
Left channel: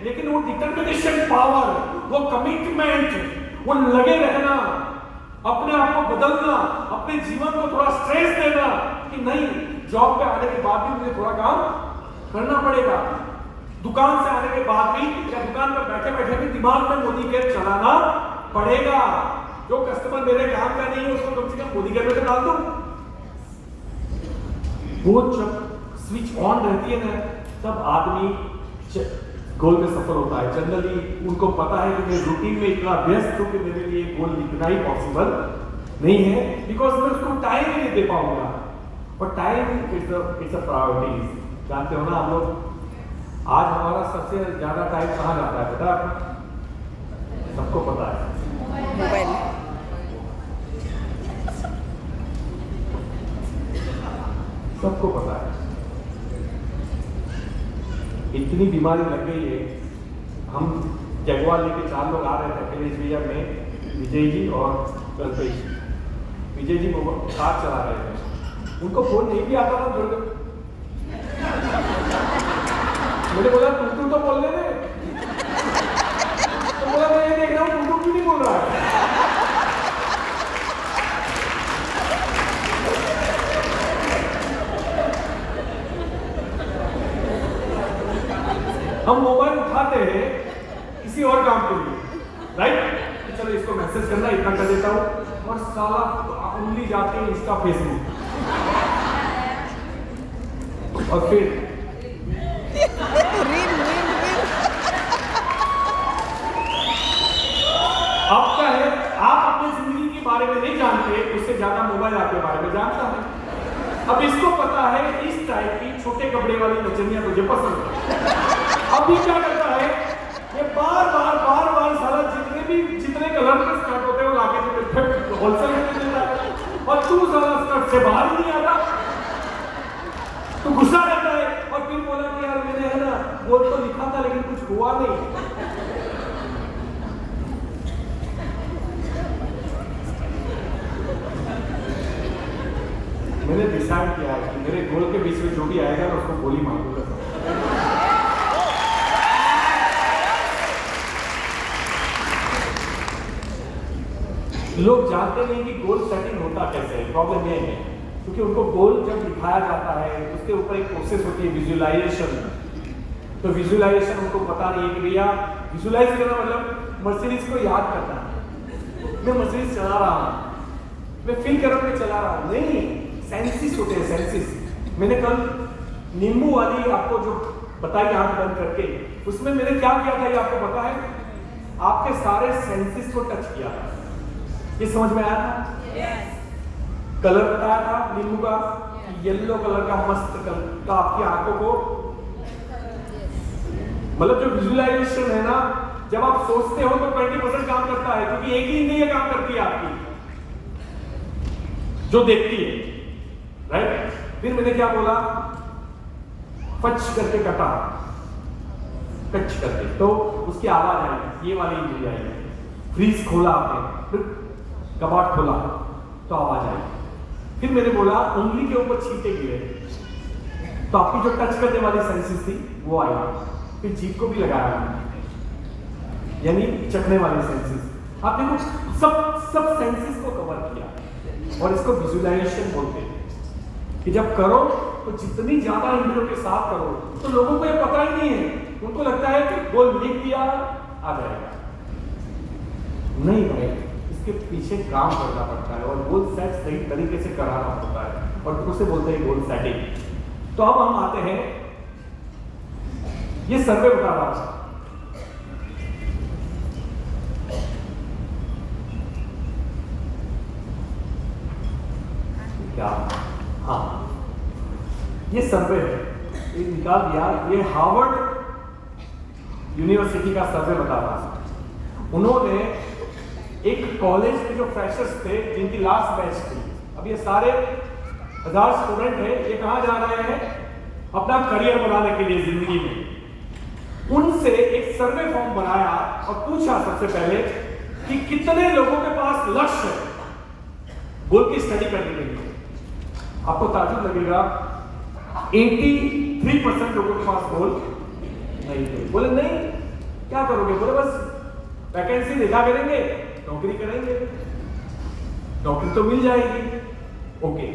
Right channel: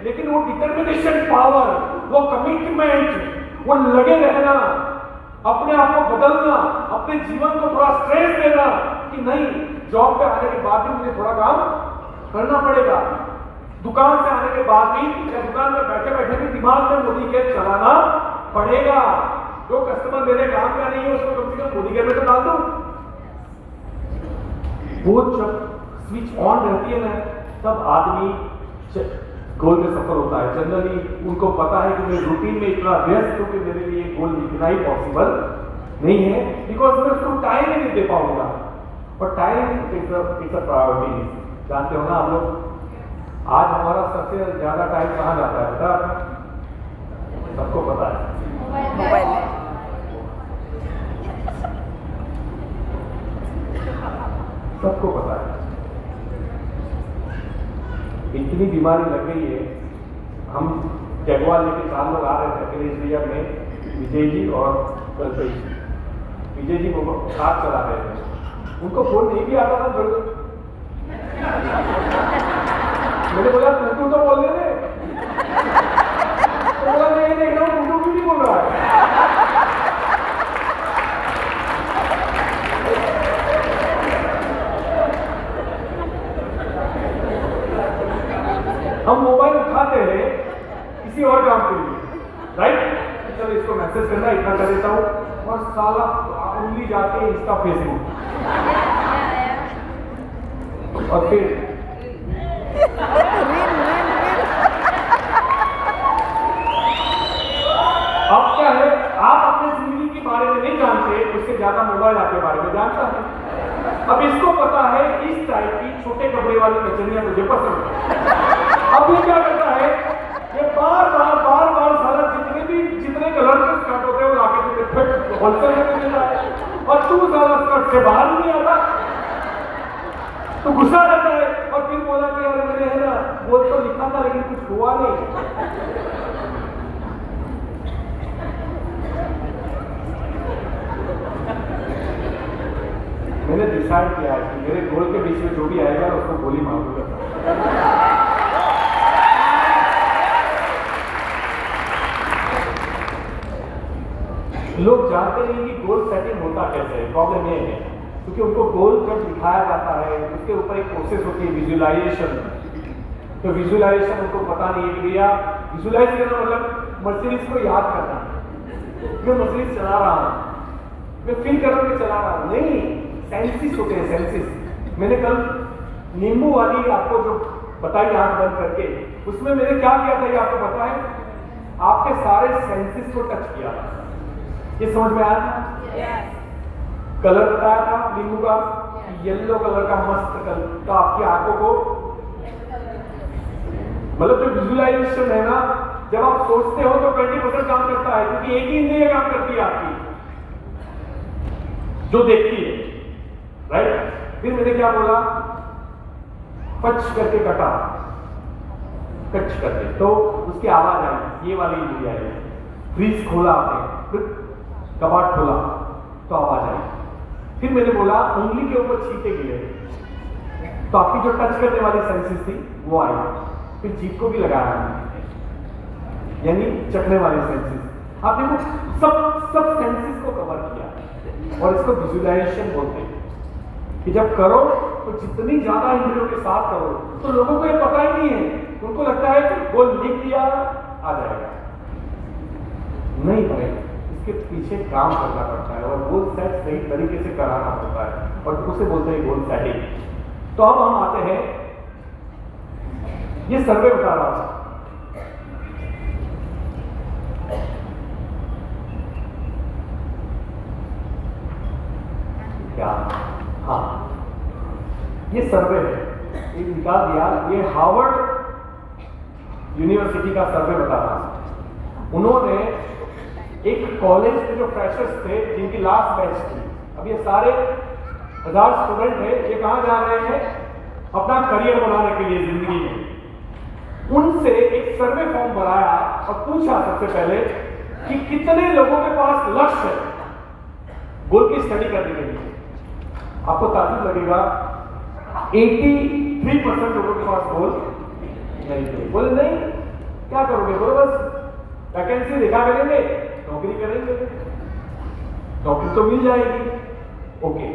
लेकिन वो डिटर्मिनेशन पावर, वो कमिटमेंट, वो लगे रहना, अपने आप को बदलना, अपने जीवन को थोड़ा स्ट्रेस देना कि नहीं जॉब पे आने के बाद भी मुझे थोड़ा काम करना पड़ेगा, दुकान से आने के बाद भी या दुकान पे बैठे बैठे भी दिमाग में मोदी केयर चलाना पड़ेगा। जो कस्टमर मेरे काम का नहीं है उसको कम से कम मोदी केयर में तो डाल दो। वो जब स्विच ऑन रहती है ना, तब आदमी गोल में सफल होता है। जनरली उनको पता है कि मैं रूटीन में इतना व्यस्त हूं कि मेरे लिए गोल लिखना ही पॉसिबल नहीं है, बिकॉज मैं उसको टाइम ही नहीं दे पाऊंगा। और टाइम इज अ प्रायोरिटी। जानते हो ना आप लोग, आज हमारा सबसे ज्यादा टाइम कहाँ जाता है पता है? सबको पता है, मोबाइल। सबको पता है। इतनी बीमारी लग गई है। हम जगवाल लेके 4 लोग आ रहे थे अखिलेश भैया में, विजय जी और कल्पेश। विजय जी कार चला रहे थे, उनको फोन नहीं भी आता था। मैंने बोला टूटू तो बोल रहे थे, तो बोला मैं ये देख रहा हूँ टूटू भी नहीं बोल रहा है। हम मोबाइल उठाते हैं किसी और काम के लिए, राइट? चलो इसको मैसेज करना, इतना कर देता हूँ, और साला उंगली जाती है इंस्टा फेसबुक, और फिर अब क्या है, आप अपने जिंदगी के बारे में नहीं जानते, उससे ज्यादा मोबाइल आपके बारे में जानता है। अब इसको पता है इस टाइप की छोटे कपड़े वाली कचरियां तुझे पसंद है। अब ये क्या करता है, ये बार बार साला जितने कलर के स्कर्ट होते हैं वो लाके तुझे होलसेल में देता है, और तू साला स्कर्ट से बाहर नहीं आता, तो गुस्सा आता है, और फिर बोला कि यार मैंने है ना बोल तो लिखा था लेकिन कुछ हुआ नहीं। मैंने डिसाइड किया है कि मेरे गोल के बीच में जो भी आएगा ना उसको गोली मारूंगा। लोग जानते नहीं कि गोल सेटिंग होता कैसे है। प्रॉब्लम ये है क्योंकि उनको गोल जब दिखाया जाता है उसके ऊपर एक प्रोसेस होती है विजुअलाइजेशन, तो विजुअलाइजेशन उनको पता नहीं है कि भैया विजुअलाइज करना मतलब मर्सिडीज को याद करना, मैं मर्सिडीज चला रहा हूँ, मैं फील कर रहा हूँ मैं चला रहा हूँ, नहीं, सेंसिस होते हैं, सेंसिस। मैंने कल नींबू वाली आपको जो बताई आंख बंद करके, उसमें मैंने क्या किया था ये आपको पता है, आपके सारे सेंसिस को टच किया। ये समझ में आया था? कलर बताया था नींबू का, येलो कलर का मस्त कलर का आपकी आंखों को, मतलब जो विजुअलाइजेशन है ना, जब आप सोचते हो तो 20% काम करता है, क्योंकि एक ही इंद्रिय काम करती है आपकी जो देखती है, राइट? फिर मैंने क्या बोला, पच करके कटा, टच करके, तो उसकी आवाज आई, ये वाली इंद्रिय आई। फ्रीज खोला आपने, फिर कबाड़ खोला तो आवाज आई। फिर मैंने बोला उंगली के ऊपर छींटे गिरे, तो आपकी जो टच करने वाली सेंसेस थी वो आई। फिर जीभ को भी लगाया, यानी चखने वाली सेंसेस। आपने वो सब सेंसेस को कवर किया, और इसको विजुअलाइजेशन बोलते हैं कि जब करो तो जितनी ज्यादा इंद्रियों के साथ करो, तो लोगों को ये पता ही नहीं है, उनको लगता है कि वो लिख दिया आ जाएगा, नहीं भाई, इसके पीछे काम करना पड़ता है, और गोल सेट सही तरीके से कराना होता है, और उसे बोलते हैं गोल सेटिंग। तो अब हम आते हैं, ये सर्वे बता रहा था, क्या, हाँ, ये सर्वे है, एक निकाल दिया, ये हार्वर्ड यूनिवर्सिटी का सर्वे बता रहा था। उन्होंने एक कॉलेज में जो फ्रेशर्स थे जिनकी लास्ट बैच थी, अब ये सारे 1000 स्टूडेंट है, ये कहां जा रहे हैं अपना करियर बनाने के लिए जिंदगी में, उनसे एक सर्वे फॉर्म बनाया और पूछा सबसे पहले कि कितने लोगों के पास लक्ष्य है गोल की स्टडी करने के लिए। आपको ताज्जुब लगेगा 83% लोगों के पास गोल नहीं थे। बोले नहीं, क्या करोगे? बोले बस वैकेंसी देखा करेंगे, नौकरी करेंगे, नौकरी तो मिल जाएगी। ओके,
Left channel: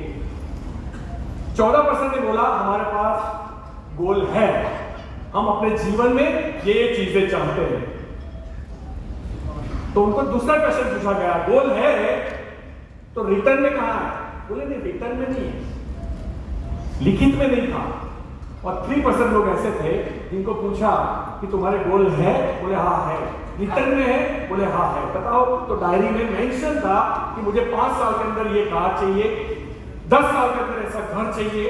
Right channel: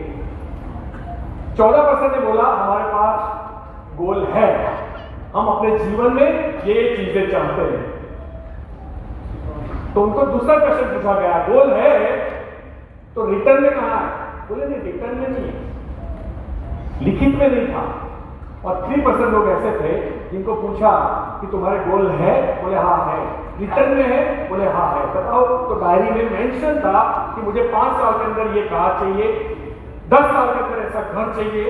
14% ने बोला हमारे पास गोल है, हम अपने जीवन में ये चीजें चाहते हैं। तो उनको दूसरा क्वेश्चन पूछा गया, गोल है तो रिटर्न में कहां है? बोले नहीं, रिटर्न में नहीं है, लिखित में नहीं था। और 3% लोग ऐसे थे जिनको पूछा कि तुम्हारे गोल है? बोले हाँ है। रिटर्न में है? बोले हाँ है। बताओ, तो डायरी में मेंशन था कि मुझे 5 साल के अंदर ये कार चाहिए, 10 साल के अंदर ऐसा घर चाहिए,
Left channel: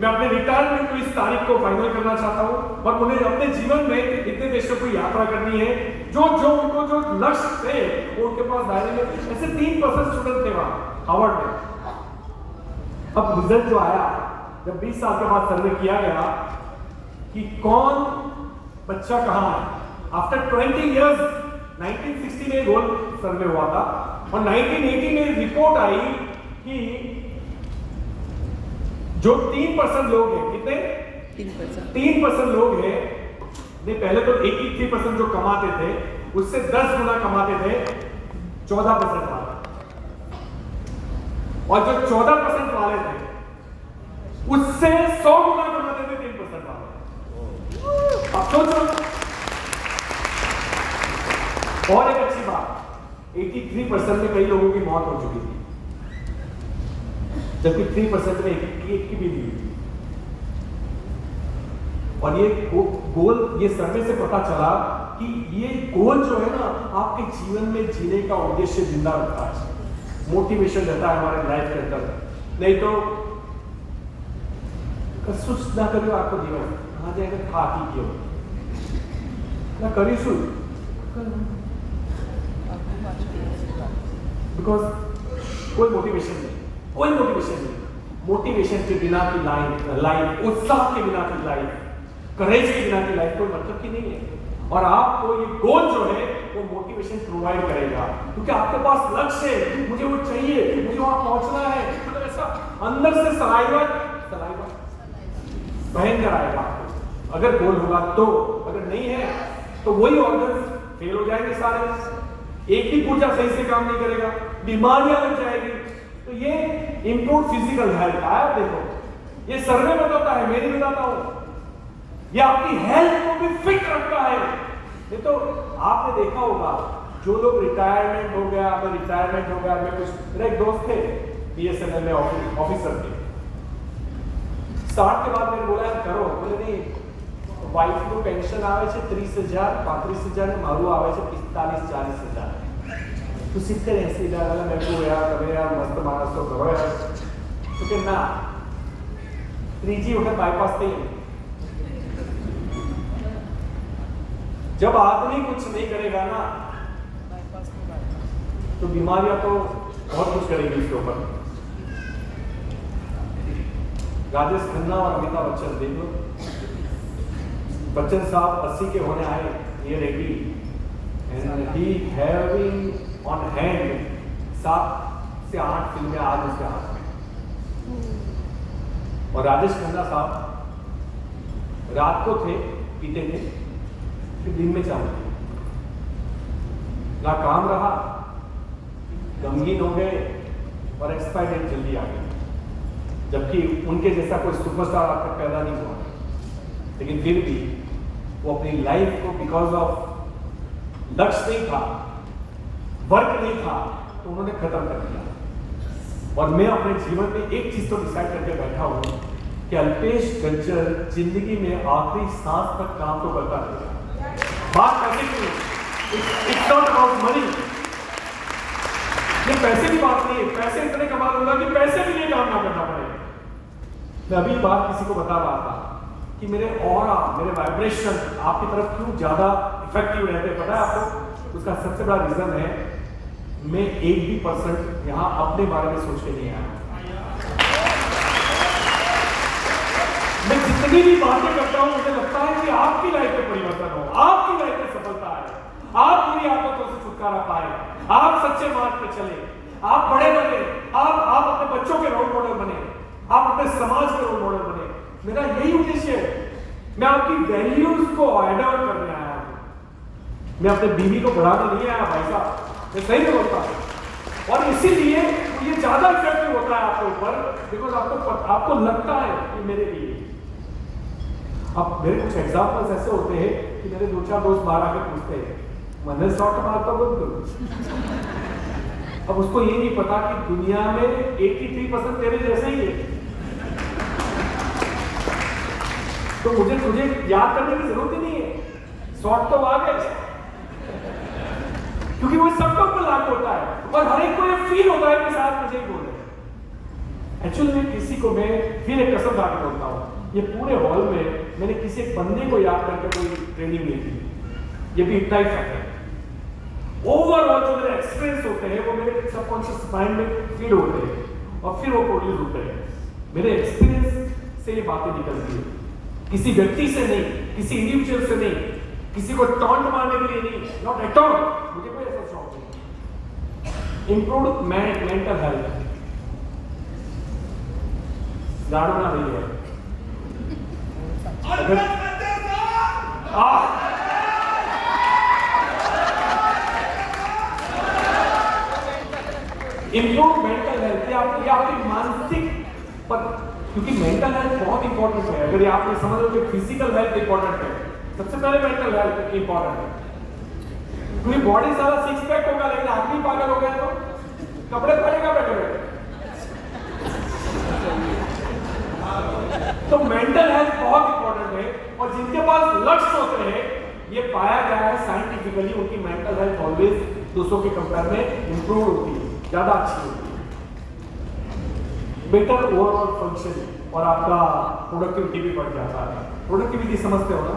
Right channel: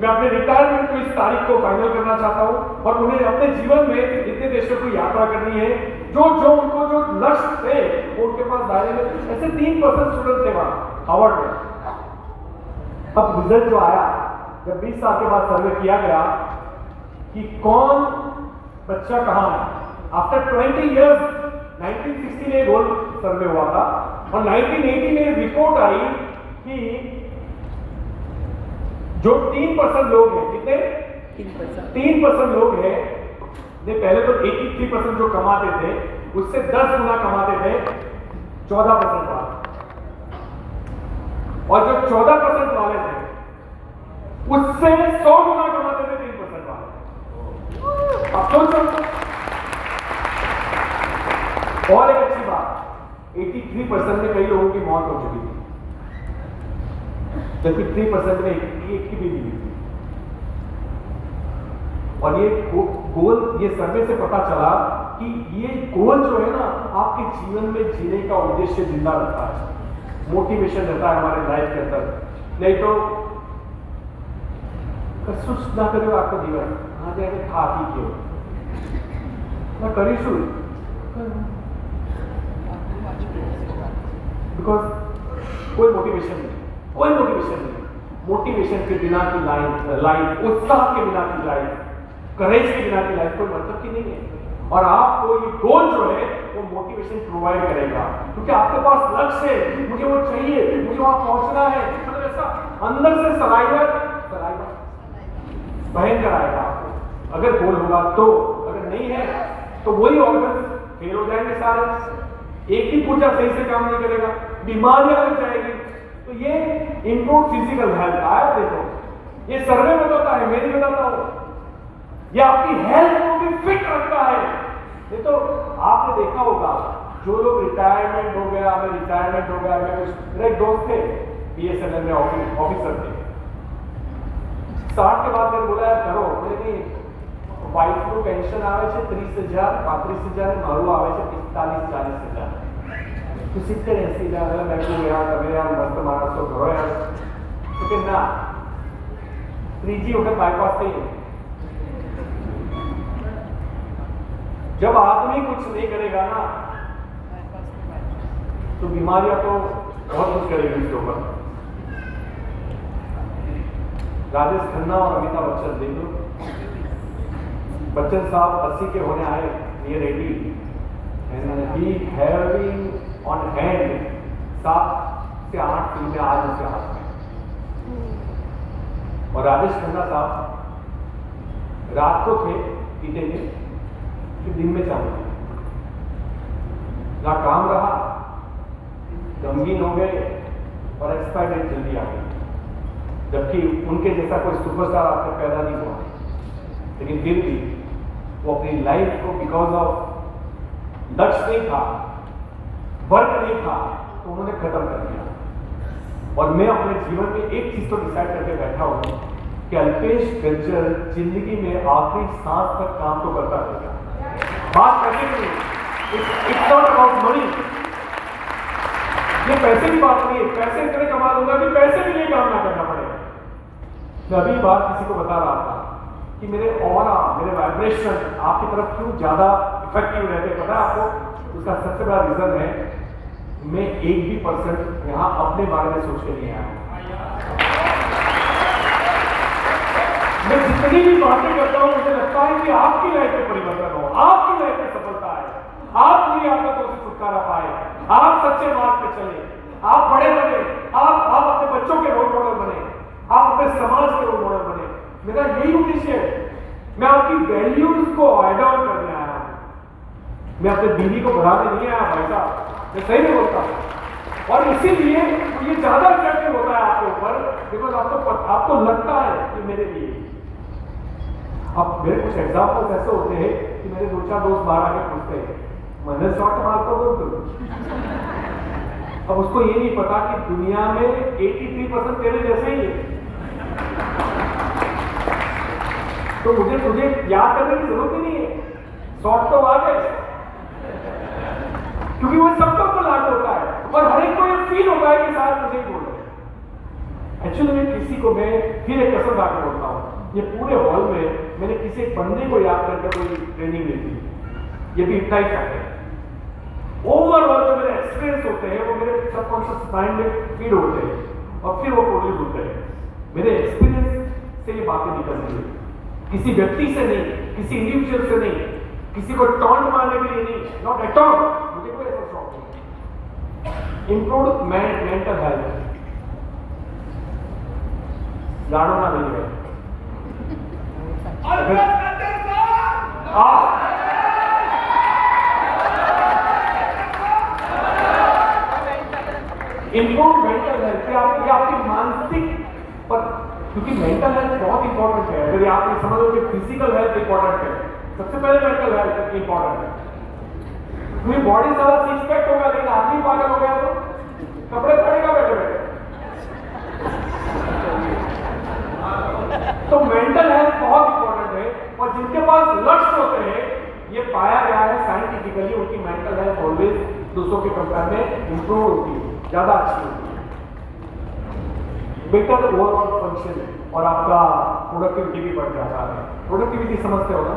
मैं अपने रिटायरमेंट को इस तारीख को फाइनल करना चाहता हूं, और मुझे अपने जीवन में इतने देशों की यात्रा करनी है। जो उनको जो लक्ष्य थे वो उनके पास डायरी में, ऐसे 3% स्टूडेंट थे वहां हार्वर्ड में। अब रिजल्ट जो आया, जब 20 साल के बाद सर्वे किया गया कि कौन बच्चा कहां है, आफ्टर 20 इयर्स, 1960 में गोल सर्वे हुआ था, और 1980 में रिपोर्ट आई कि जो 3% लोग हैं, कितने? 3% लोग हैं, ने पहले तो 83% जो कमाते थे उससे 10 गुना कमाते थे 14% वाले, और जो 14% वाले थे उससे 100 गुना कमाते थे 3% वाले। अब सोचो और एक अच्छी बात, 83% में कई लोगों की मौत हो चुकी थी, जबकि 3% में एक की भी नहीं हुई। और ये गोल, ये सर्वे से पता चला कि ये गोल जो है ना, आपके जीवन में जीने का उद्देश्य जिंदा रखता है, मोटिवेशन रहता है हमारे लाइफ के अंदर। नहीं तो कुछ ना करो आपको जीवन आ जाएगा, था कि क्यों ना करीशु, बिकॉज कोई मोटिवेशन नहीं, कोई मोटिवेशन नहीं। मोटिवेशन के बिना की लाइफ, उत्साह के बिना की लाइफ, करेज के बिना की लाइफ कोई मतलब की नहीं है। और आपको ये गोल जो है वो मोटिवेशन प्रोवाइड करेगा, क्योंकि आपके पास लक्ष्य है, मुझे वो चाहिए, मुझे वहां पहुंचना है। मतलब ऐसा अंदर से सलाइवर भयंकर आएगा आपको, अगर गोल होगा तो। अगर नहीं है तो वही ऑर्गन फेल हो जाएंगे सारे, एक भी पूजा सही से काम नहीं करेगा, बीमारियां लग जाएगी। तो ये इंप्रूव फिजिकल हेल्थ आया, देखो ये सर्वे बताता है, मेरी बताता हूं, ये आपकी हेल्थ को भी फिट रखता है। ये तो आपने देखा होगा, जो लोग रिटायरमेंट हो गया, मैं रिटायरमेंट हो गया, मैं कुछ, मेरे एक दोस्त थे बीएसएनएल में ऑफिसर थे, 60 के बाद मैंने बोला यार करो, बोले नहीं, वाइफ को पेंशन आवे છે 30,000 35,000 મારું આવે છે 45-40,000, तो 70-80,000 बैठो यार, તમે यार मस्त मानस तो करो यार। तो कि ना, त्रीजी वक्त बाईपास नहीं है। जब आदमी कुछ नहीं करेगा ना, तो बीमारियां तो बहुत कुछ करेगी इसके ऊपर। राजेश खन्ना और अमिताभ बच्चन देख लो, बच्चन साहब 80 के होने आए, ये ready and he having on hand 7 से 8 फिल्में आज उसके हाथ में। और राजेश खन्ना साहब रात को थे, पीते थे, फिर दिन में चालू थे, ना काम रहा, गमगीन हो गए और एक्सपायर डेट जल्दी आ गई, जबकि उनके जैसा कोई सुपरस्टार आज तक पैदा नहीं हुआ। लेकिन फिर भी वो अपनी लाइफ को बिकॉज ऑफ लक्ष्य नहीं था, वर्क नहीं था, तो उन्होंने खत्म कर दिया। और मैं अपने जीवन में एक चीज तो डिसाइड करके बैठा हूं कि अल्पेश गज्जर जिंदगी में आखिरी सांस तक काम तो करता रहेगा। बात पैसे की नहीं, इट्स नॉट अबाउट मनी, ये पैसे की बात नहीं है, पैसे इतने कमा लूंगा कि पैसे के लिए काम ना करना पड़ेगा। मैं अभी बात किसी को बता रहा था कि मेरे ऑरा, मेरे वाइब्रेशन आपकी तरफ क्यों ज्यादा इफेक्टिव रहते हैं, पता है आपको? उसका सबसे बड़ा रीजन है, मैं 1% यहां अपने बारे में सोच के नहीं आया। मैं जितनी भी बातें करता हूं, मुझे लगता है कि आपकी लाइफ में परिवर्तन हो, आपकी लाइफ में सफलता है, आप बुरी आदतों से छुटकारा पाए, आप सच्चे मार्ग पे चले, आप बड़े बने, आप अपने बच्चों के रोल मॉडल बने, आप अपने समाज के रोल मॉडल बने। मेरा यही उद्देश्य है। मैं आपकी वैल्यूज को ऐड ऑन करने आया हूं, मैं अपने बीवी को बढ़ाने नहीं आया भाई साहब, मैं सही में बोलता हूं। और इसीलिए ये ज्यादा इफेक्टिव होता है आपके ऊपर, बिकॉज आपको लगता है कि मेरे लिए। अब मेरे कुछ एग्जाम्पल्स ऐसे होते हैं कि मेरे 2-4 दोस्त बाहर आके पूछते हैं, मैंने शॉर्ट मारता बोल दो। अब उसको ये नहीं पता कि दुनिया में 83% तेरे जैसे ही है, तो मुझे याद करने की जरूरत ही नहीं है, शॉर्ट तो आ गए, क्योंकि वो सबके ऊपर लागू होता है और हर एक को ये फील होता है कि शायद मुझे ही बोल रहे हैं। एक्चुअली मैं किसी को, मैं फिर एक कसम खा के बोलता हूँ, ये पूरे हॉल में मैंने किसी एक बंदे को याद करके कोई ट्रेनिंग ली थी, ये भी इतना ही फैक्ट है। ओवरऑल जो मेरे एक्सपीरियंस होते हैं वो मेरे सबकॉन्शियस माइंड में फील होते हैं और फिर वो प्रोड्यूस होते हैं। मेरे एक्सपीरियंस से ये बातें निकलती है, किसी व्यक्ति से नहीं, किसी इंडिविजुअल से नहीं, किसी को टॉन्ट मारने के लिए नहीं, नॉट एट ऑल, मुझे कोई ऐसा शौक नहीं। इंप्रूव मेंटल हेल्थ, जानो ना नहीं है, इंप्रूव मेंटल हेल्थ, ये आपकी मानसिक पर, क्योंकि मेंटल हेल्थ बहुत इंपॉर्टेंट है। अगर आप समझ लो कि फिजिकल हेल्थ इंपॉर्टेंट है, सबसे पहले मेंटल हेल्थ इंपॉर्टेंट है। मेरी बॉडी सारा सिक्स पैक होगा लेकिन आदमी पागल हो गया तो कपड़े पहनेगा बैठे बैठे। तो मेंटल हेल्थ बहुत इंपॉर्टेंट है और जिनके पास लक्ष्य होते हैं ये पाया गया है साइंटिफिकली उनकी मेंटल हेल्थ ऑलवेज दूसरों के कंपेयर में इंप्रूव होती है, ज्यादा अच्छी होती है, बेटर ओवरऑल फंक्शन और आपका प्रोडक्टिविटी भी बढ़ जाता है। प्रोडक्टिविटी समझते हो ना?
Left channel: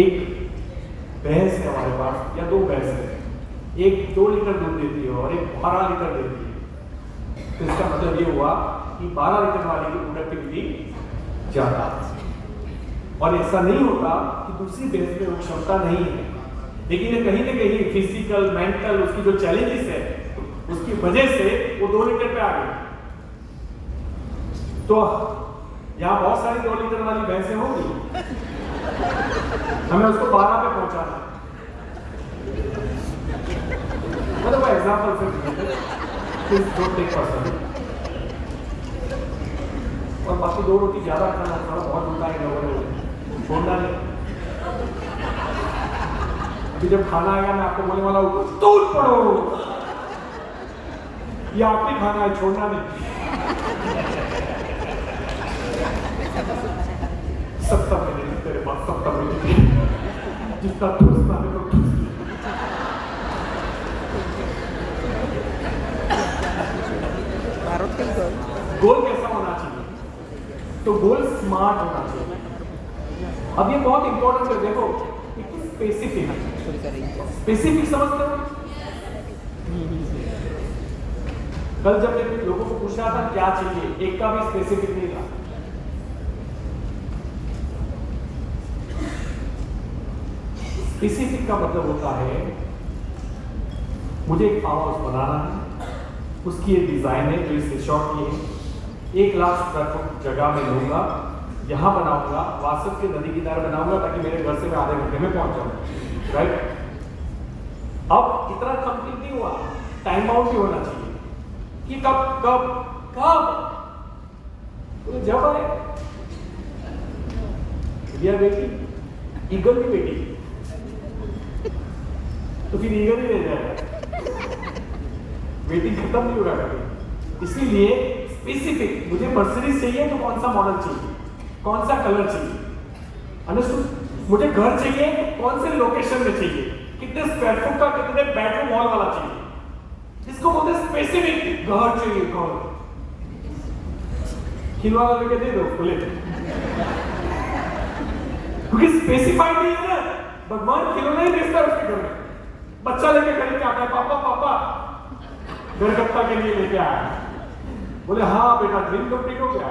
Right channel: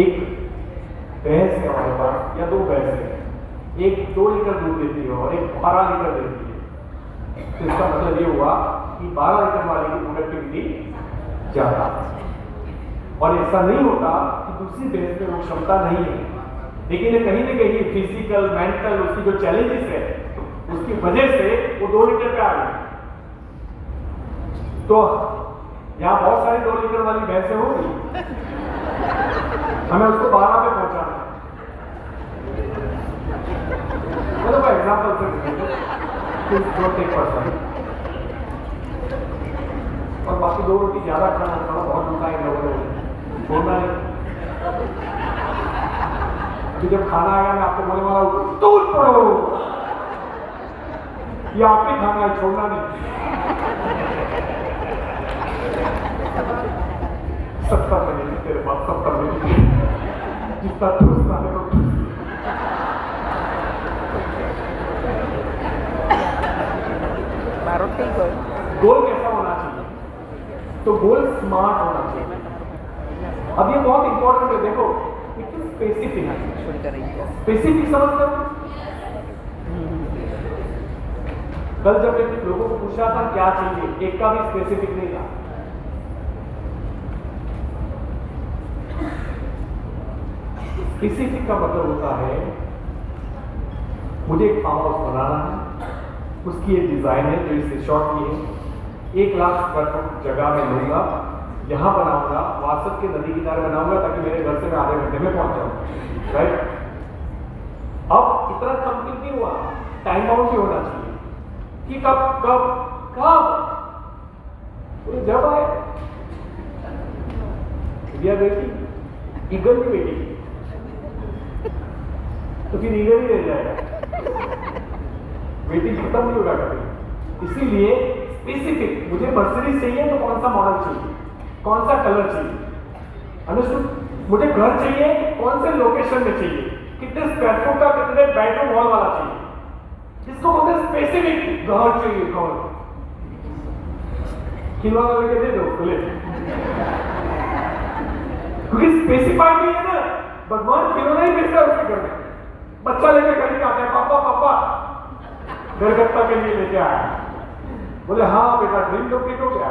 एक भैंस है हमारे पास या दो भैंस है, एक 2 लीटर दूध देती है और एक 12 लीटर देती है, तो इसका मतलब ये हुआ कि 12 लीटर वाले की प्रोडक्टिविटी ज्यादा। और ऐसा नहीं होता कि दूसरी भैंस में वो क्षमता नहीं है, लेकिन कहीं ना कहीं फिजिकल मेंटल उसकी जो चैलेंजेस है उसकी वजह से वो 2 लीटर पे आ गई। तो यहाँ बहुत सारी 2 लीटर वाली भैंसें होंगी, हमें उसको 12 पे पहुंचाना है। मतलब एग्जाम्पल से और बाकी 2 रोटी ज्यादा खाना थोड़ा बहुत होता है, छोड़ना है। अभी जब खाना आएगा मैं आपको बोलने वाला हूँ तूल पड़ो, ये आप ही खाना है, छोड़ना नहीं। 70 मिनट तेरे पास 70 मिनट जितना ठूसना है तो ठूस। गोल कैसा होना चाहिए? तो गोल स्मार्ट होना चाहिए। अब ये बहुत इंपॉर्टेंट है, देखो स्पेसिफिक स्पेसिफिक समझते हो? कल जब मैंने लोगों को पूछा था क्या चाहिए, एक का भी स्पेसिफिक नहीं था। स्पेसिफिक का मतलब होता है मुझे एक फार्म हाउस बनाना है, उसकी एक डिजाइन है जो इस रिसॉर्ट की है, 1 लाख स्क्वायर फुट जगह में लूंगा, यहां बनाऊंगा, वासद के नदी किनारे बनाऊंगा ताकि मेरे घर से मैं आधे घंटे में पहुंच जाऊं, राइट? अब इतना कंप्लीट नहीं हुआ, टाइम आउट भी होना चाहिए कि कब कब कब तो जब आए या बेटी ईगल भी बेटी तो फिर ईगल ही रह जाएगा, वेटिंग खत्म नहीं होगा कभी। इसीलिए स्पेसिफिक, मुझे मर्सिडीज चाहिए तो कौन सा मॉडल चाहिए, कौन सा कलर चाहिए, अंडरस्टूड? मुझे घर चाहिए कौन से लोकेशन में चाहिए, कितने स्क्वायर फुट का, कितने बेडरूम हॉल वाला चाहिए, इसको बोलते हैं स्पेसिफिक। घर चाहिए, घर खिलौना लेके दे दो खुले, क्योंकि स्पेसिफाइड नहीं है ना। भगवान खिलौना ही बेचता है उसके घर में, बच्चा लेके खरीद के आता है, पापा पापा गणगत्ता के लिए लेके आया, बोले हाँ बेटा ड्रीम कंप्लीट हो गया।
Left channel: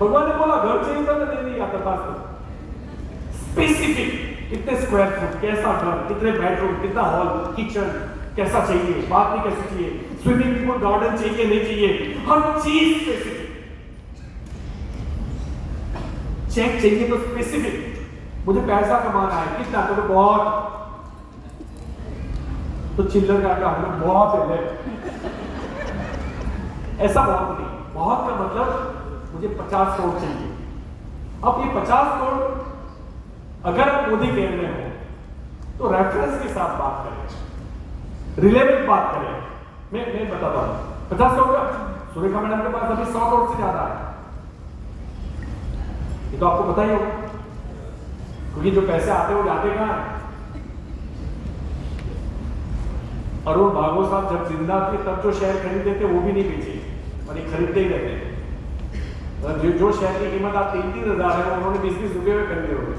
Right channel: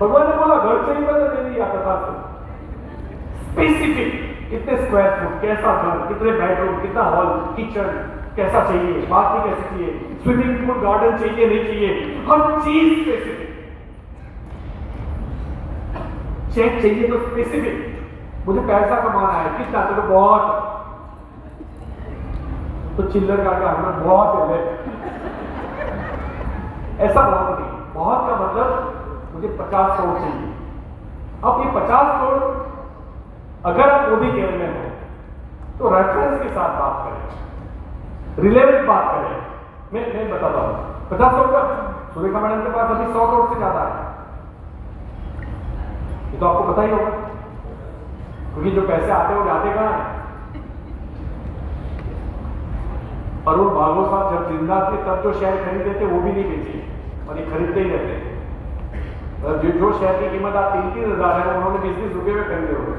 भगवान ने बोला घर चाहिए तो दे दिया था। स्पेसिफिक, कितने स्क्वायर फुट, कैसा घर, कितने बेडरूम, कितना हॉल, किचन कैसा चाहिए, बाथरूम कैसी चाहिए, स्विमिंग पूल, गार्डन चाहिए नहीं चाहिए, हर चीज स्पेसिफिक। चेक चाहिए तो स्पेसिफिक, मुझे पैसा कमाना है, कितना, तो बहुत, तो चिल्लर का हमें बहुत है, ऐसा बहुत नहीं। बहुत का मतलब मुझे 50 करोड़ चाहिए। अब ये 50 करोड़ अगर आप मोदी केयर में हो तो रेफरेंस के साथ बात करें, रिलेवेंट बात करें। मैं बताता हूं 50 करोड़ का सुरेखा मैडम के पास अभी 100 करोड़ से ज्यादा है, ये तो आपको पता ही होगा, क्योंकि जो पैसे आते हो जाते कहां हैं। अरुण भागवत साहब जब जिंदा थे तब जो शेयर खरीदते थे वो भी नहीं बेचे और ये खरीदते ही रहते। जो शेयर की कीमत आप 3-3 हजार है उन्होंने 20-20 रुपए में खरीदे होंगे,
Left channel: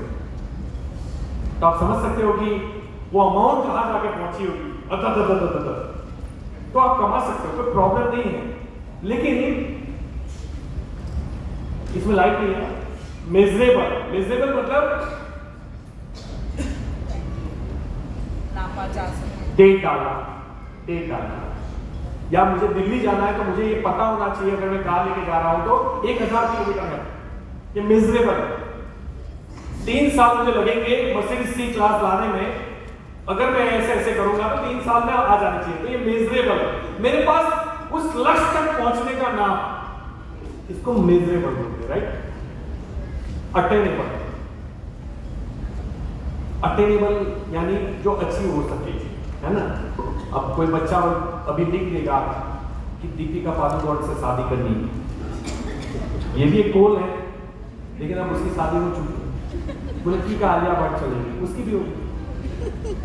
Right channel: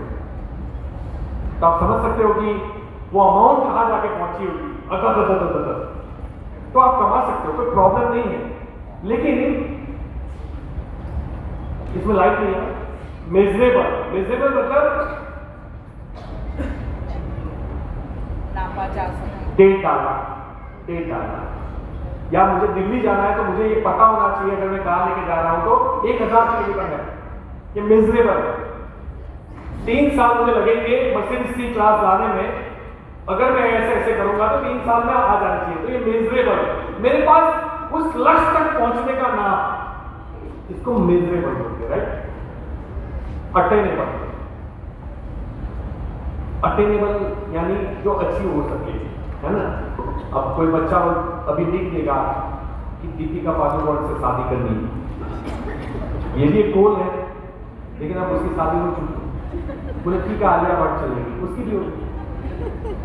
तो आप समझ सकते हो कि वो अमाउंट कहां जाके पहुंची होगी। तो आप कमा सकते हो, कोई प्रॉब्लम नहीं है, लेकिन इसमें लाइट नहीं है। मेजरेबल, मेजरेबल मतलब डेट डालना, डेट डालना। या मुझे दिल्ली जाना है तो मुझे ये पता होना चाहिए अगर मैं कार लेके जा रहा हूं तो 1000 किलोमीटर है, ये मेजरेबल है। 3 साल मुझे लगेंगे मर्सिडीज सी क्लास लाने में, अगर मैं ऐसे ऐसे करूंगा तो 3 साल में आ जाना चाहिए, तो ये मेजरेबल है। मेरे पास उस लक्ष्य तक पहुंचने का नाम, इसको मेजरेबल बोलते हैं, राइट? अट्टे नहीं पड़ते। अटेनेबल यानी जो अच्छी हो सके, है ना। अब कोई बच्चा अभी लिख देगा कि दीपिका पादुकोण से शादी करनी है, ये भी एक गोल है, लेकिन अब उसकी शादी हो चुकी, बोले ठीक है आलिया भट्ट चलेगी, उसकी भी होगी।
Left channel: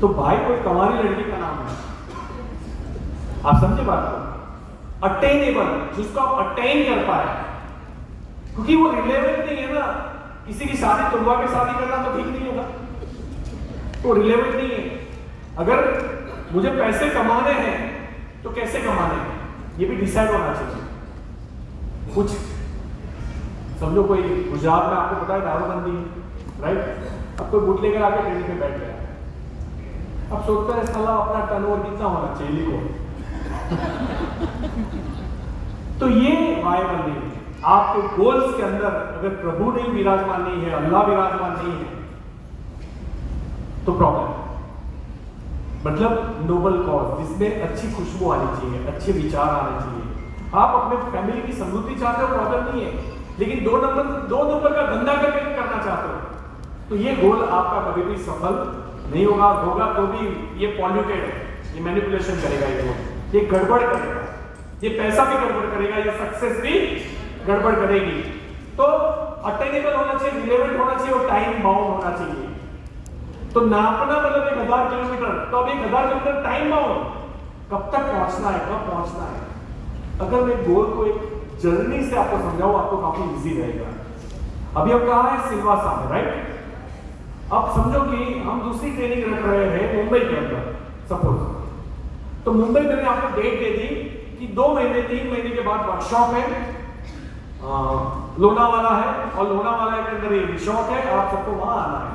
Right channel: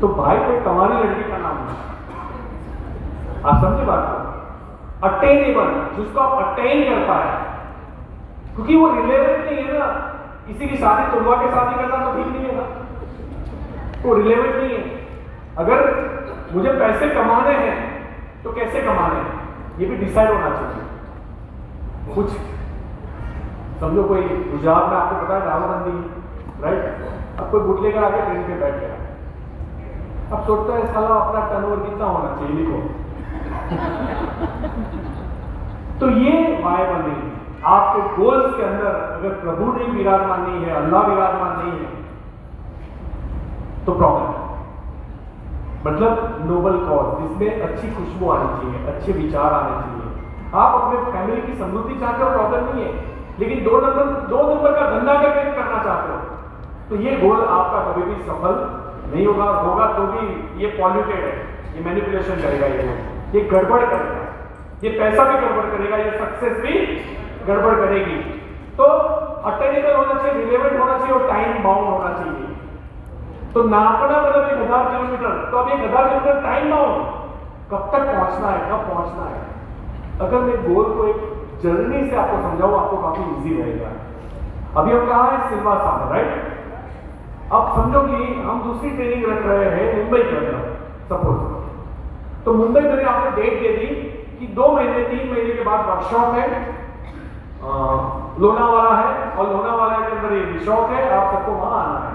तो भाई कोई कमारी लड़की का नाम है, आप समझे बात को। अटेनेबल, जिसको आप अटेन कर पाए, क्योंकि वो रिलेवेंट नहीं है ना। किसी की शादी तुलवा के शादी करना तो ठीक नहीं है ना, वो रिलेवेंट नहीं है। अगर मुझे पैसे कमाने हैं तो कैसे कमाने हैं ये भी डिसाइड होना चाहिए। कुछ समझो कोई गुजरात में आपको पता है दारूबंदी है, राइट। अब कोई बुट लेकर आके ट्रेन पे बैठ गया, अब सोचते हैं साला अपना टर्नओवर कितना होना चाहिए लिखो। तो ये वायबल नहीं है। आपके गोल्स के अंदर अगर प्रभु नहीं विराजमान नहीं है, अल्लाह विराजमान नहीं है, तो प्रॉब्लम है। मतलब नोबल कॉज जिसमें अच्छी खुशबू आनी चाहिए, अच्छे विचार आने चाहिए। आप अपने फैमिली की समृद्धि चाहते हो, प्रॉब्लम नहीं है, लेकिन दो नंबर का धंधा करके करना चाहते हो, तो ये गोल आपका कभी भी सफल नहीं होगा तो भी ये पॉल्यूटेड है, ये मैनिपुलेशन करेगा, ये गड़बड़ करेगा, ये पैसा भी गड़बड़ करेगा, ये सक्सेस भी गड़बड़ करेगी। तो अटेनेबल होना चाहिए, रिलेवेंट होना चाहिए और टाइम बाउंड होना चाहिए। तो नापना मतलब 1000 किलोमीटर, तो अब 1000 किलोमीटर टाइम बाउंड, कब तक पहुंचना है, कब पहुंचना है। अगर मैं गोल को एक जर्नी से आपको समझाऊं, आपको काफी इजी रहेगा। अभी हम कहा है सिलवासा में, राइट। अब समझो कि हम दूसरी ट्रेनिंग रख रहे हैं मुंबई के अंदर, सपोज। तो मुंबई मैंने आपको डेट दे दी कि 2 महीने 3 महीने के बाद वर्कशॉप है, लोनावाला है, और लोनावाला के अंदर ये रिसोर्ट है, आप सबको वहां आना है।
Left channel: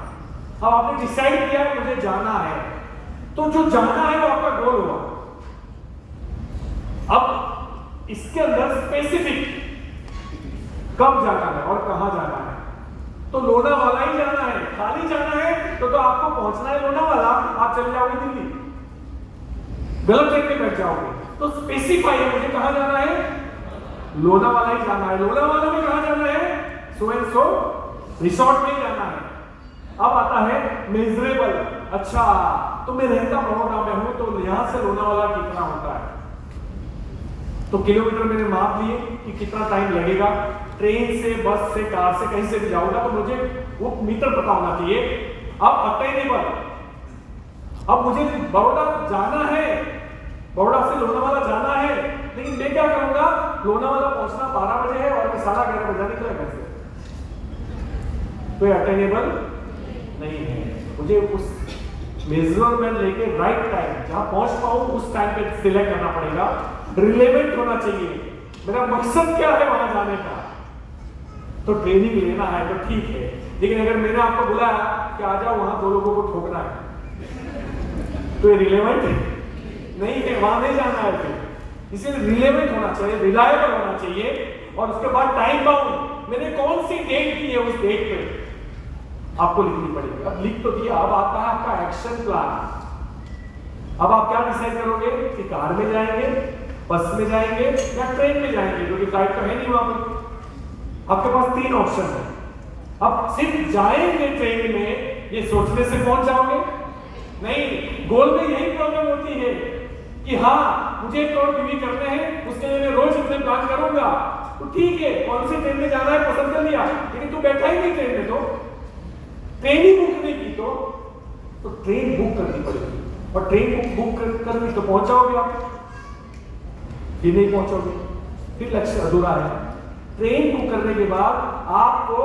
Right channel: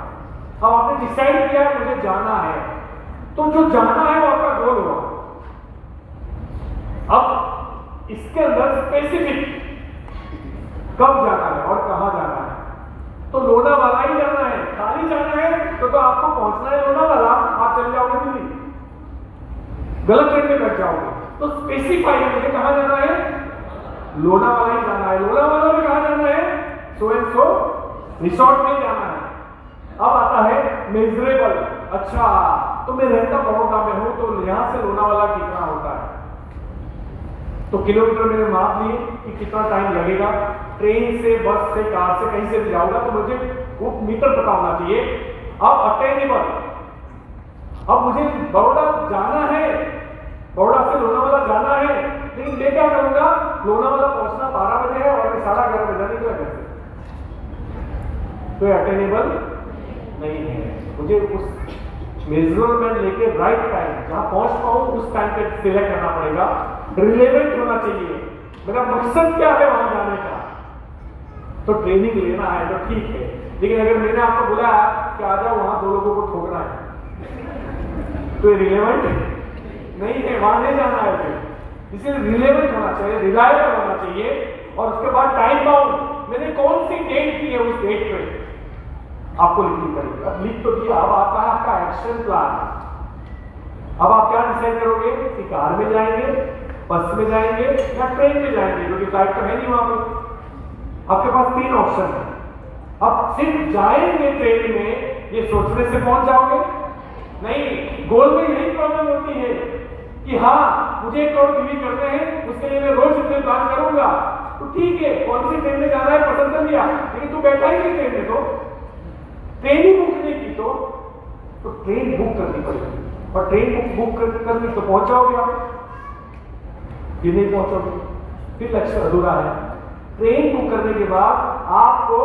अब आपने डिसाइड किया मुझे जाना है, तो जो जाना है वो आपका गोल होगा। अब इसके अंदर स्पेसिफिक कब जाना है और कहां जाना है, तो लोनावाला ही जाना है। खाली जाना है तो आपको पहुंचना है लोनावाला, आप चले जाओगे दिल्ली, गलत ट्रेन में बैठ जाओगे। तो स्पेसिफाई है मुझे कहां जाना है, लोनावाला ही जाना है। लोनावाला में कहां जाना है, सो एंड सो रिसोर्ट में जाना है। अब आता है मेजरेबल, अच्छा तो मैं रहता बड़ौदा में हूं, तो यहां से लोनावाला कितना होता है, तो किलोमीटर मैंने माप लिए कि कितना टाइम लगेगा, ट्रेन से, बस से, कार से, कहीं से भी जाऊंगा, तो मुझे वो मीटर पता होना चाहिए। अब अटेनेबल, अब मुझे बड़ौदा जाना है, बड़ौदा से लोनावाला जाना है, लेकिन मैं क्या करूंगा, लोनावाला पहुंचना 12 बजे है और मैं 11:30 बजे निकला घर से, तो ये अटेनेबल नहीं है। मुझे उस मेजरमेंट लेके राइट टाइम जहां पहुंच पाऊं उस टाइम पे सिलेक्ट करना पड़ेगा, रिलेवेंट होना चाहिए। मेरा मकसद क्या है वहां जाने का, तो ट्रेनिंग लेना है तो ठीक है, लेकिन अगर मैंने आपको बुलाया कि आ जाओ वहां 2 लोगों को ठोकना है, तो ये रिलेवेंट नहीं है, वहां नहीं जाना है। फिर इसलिए रिलेवेंट होना चाहिए, रिलायबल होना चाहिए, और उसके बाद टाइम बाउंड, मैंने कौन सी डेट की है उस डेट पे आपको लिखनी पड़ेगी। अब लिख तो दिया, अब आता है आपका एक्शन प्लान। अब आप क्या डिसाइड करोगे कि कार में जाएंगे, बस में जाएंगे या ट्रेन में जाएंगे, क्योंकि फ्लाइट तो है नहीं वहां पर। आपके पास 3 ऑप्शन है। अब सिर्फ जाएंगे ट्रेन में ये सोचने से पहुंच जाओगे नहीं। गोल में यही प्रॉब्लम होती है कि हाँ मुझे 1 करोड़ बीवी करने हैं, उसके लिए मैं रोज इतने प्लान करूंगा, तो ठीक है कौन सी ट्रेन में जाना है पसंद कर लिया, लेकिन तू बैठा ही नहीं ट्रेन में, तो ट्रेन ही बुक नहीं की, तो ट्रेन बुक करनी पड़ेगी, और ट्रेन बुक करनी तो पहुंच जाओगे आप, ये नहीं पहुंचोगे फिर लक्ष्य अधूरा है। ट्रेन बुक करने के बाद आपको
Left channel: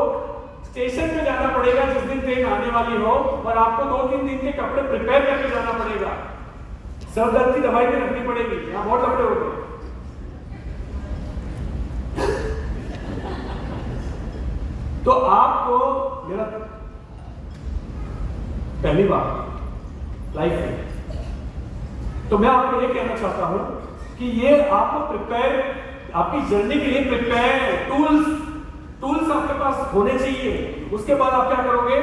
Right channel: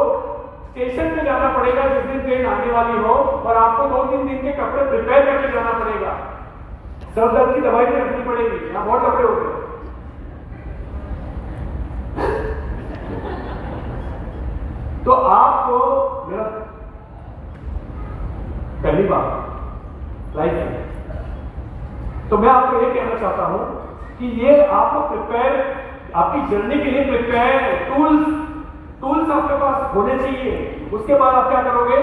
स्टेशन पे जाना पड़ेगा जिस दिन ट्रेन आने वाली हो, और आपको 2-3 दिन के कपड़े प्रिपेयर करके जाना पड़ेगा, सर दर्द की दवाई भी रखनी पड़ेगी, यहाँ बहुत कपड़े होते हैं। तो आपको मेरा पहली बात लाइफ है, तो मैं आपको ये कहना चाहता हूं कि ये आपको प्रिपेयर, आपकी जर्नी के लिए प्रिपेयर टूल्स आपके पास होने चाहिए। उसके बाद आप क्या करोगे,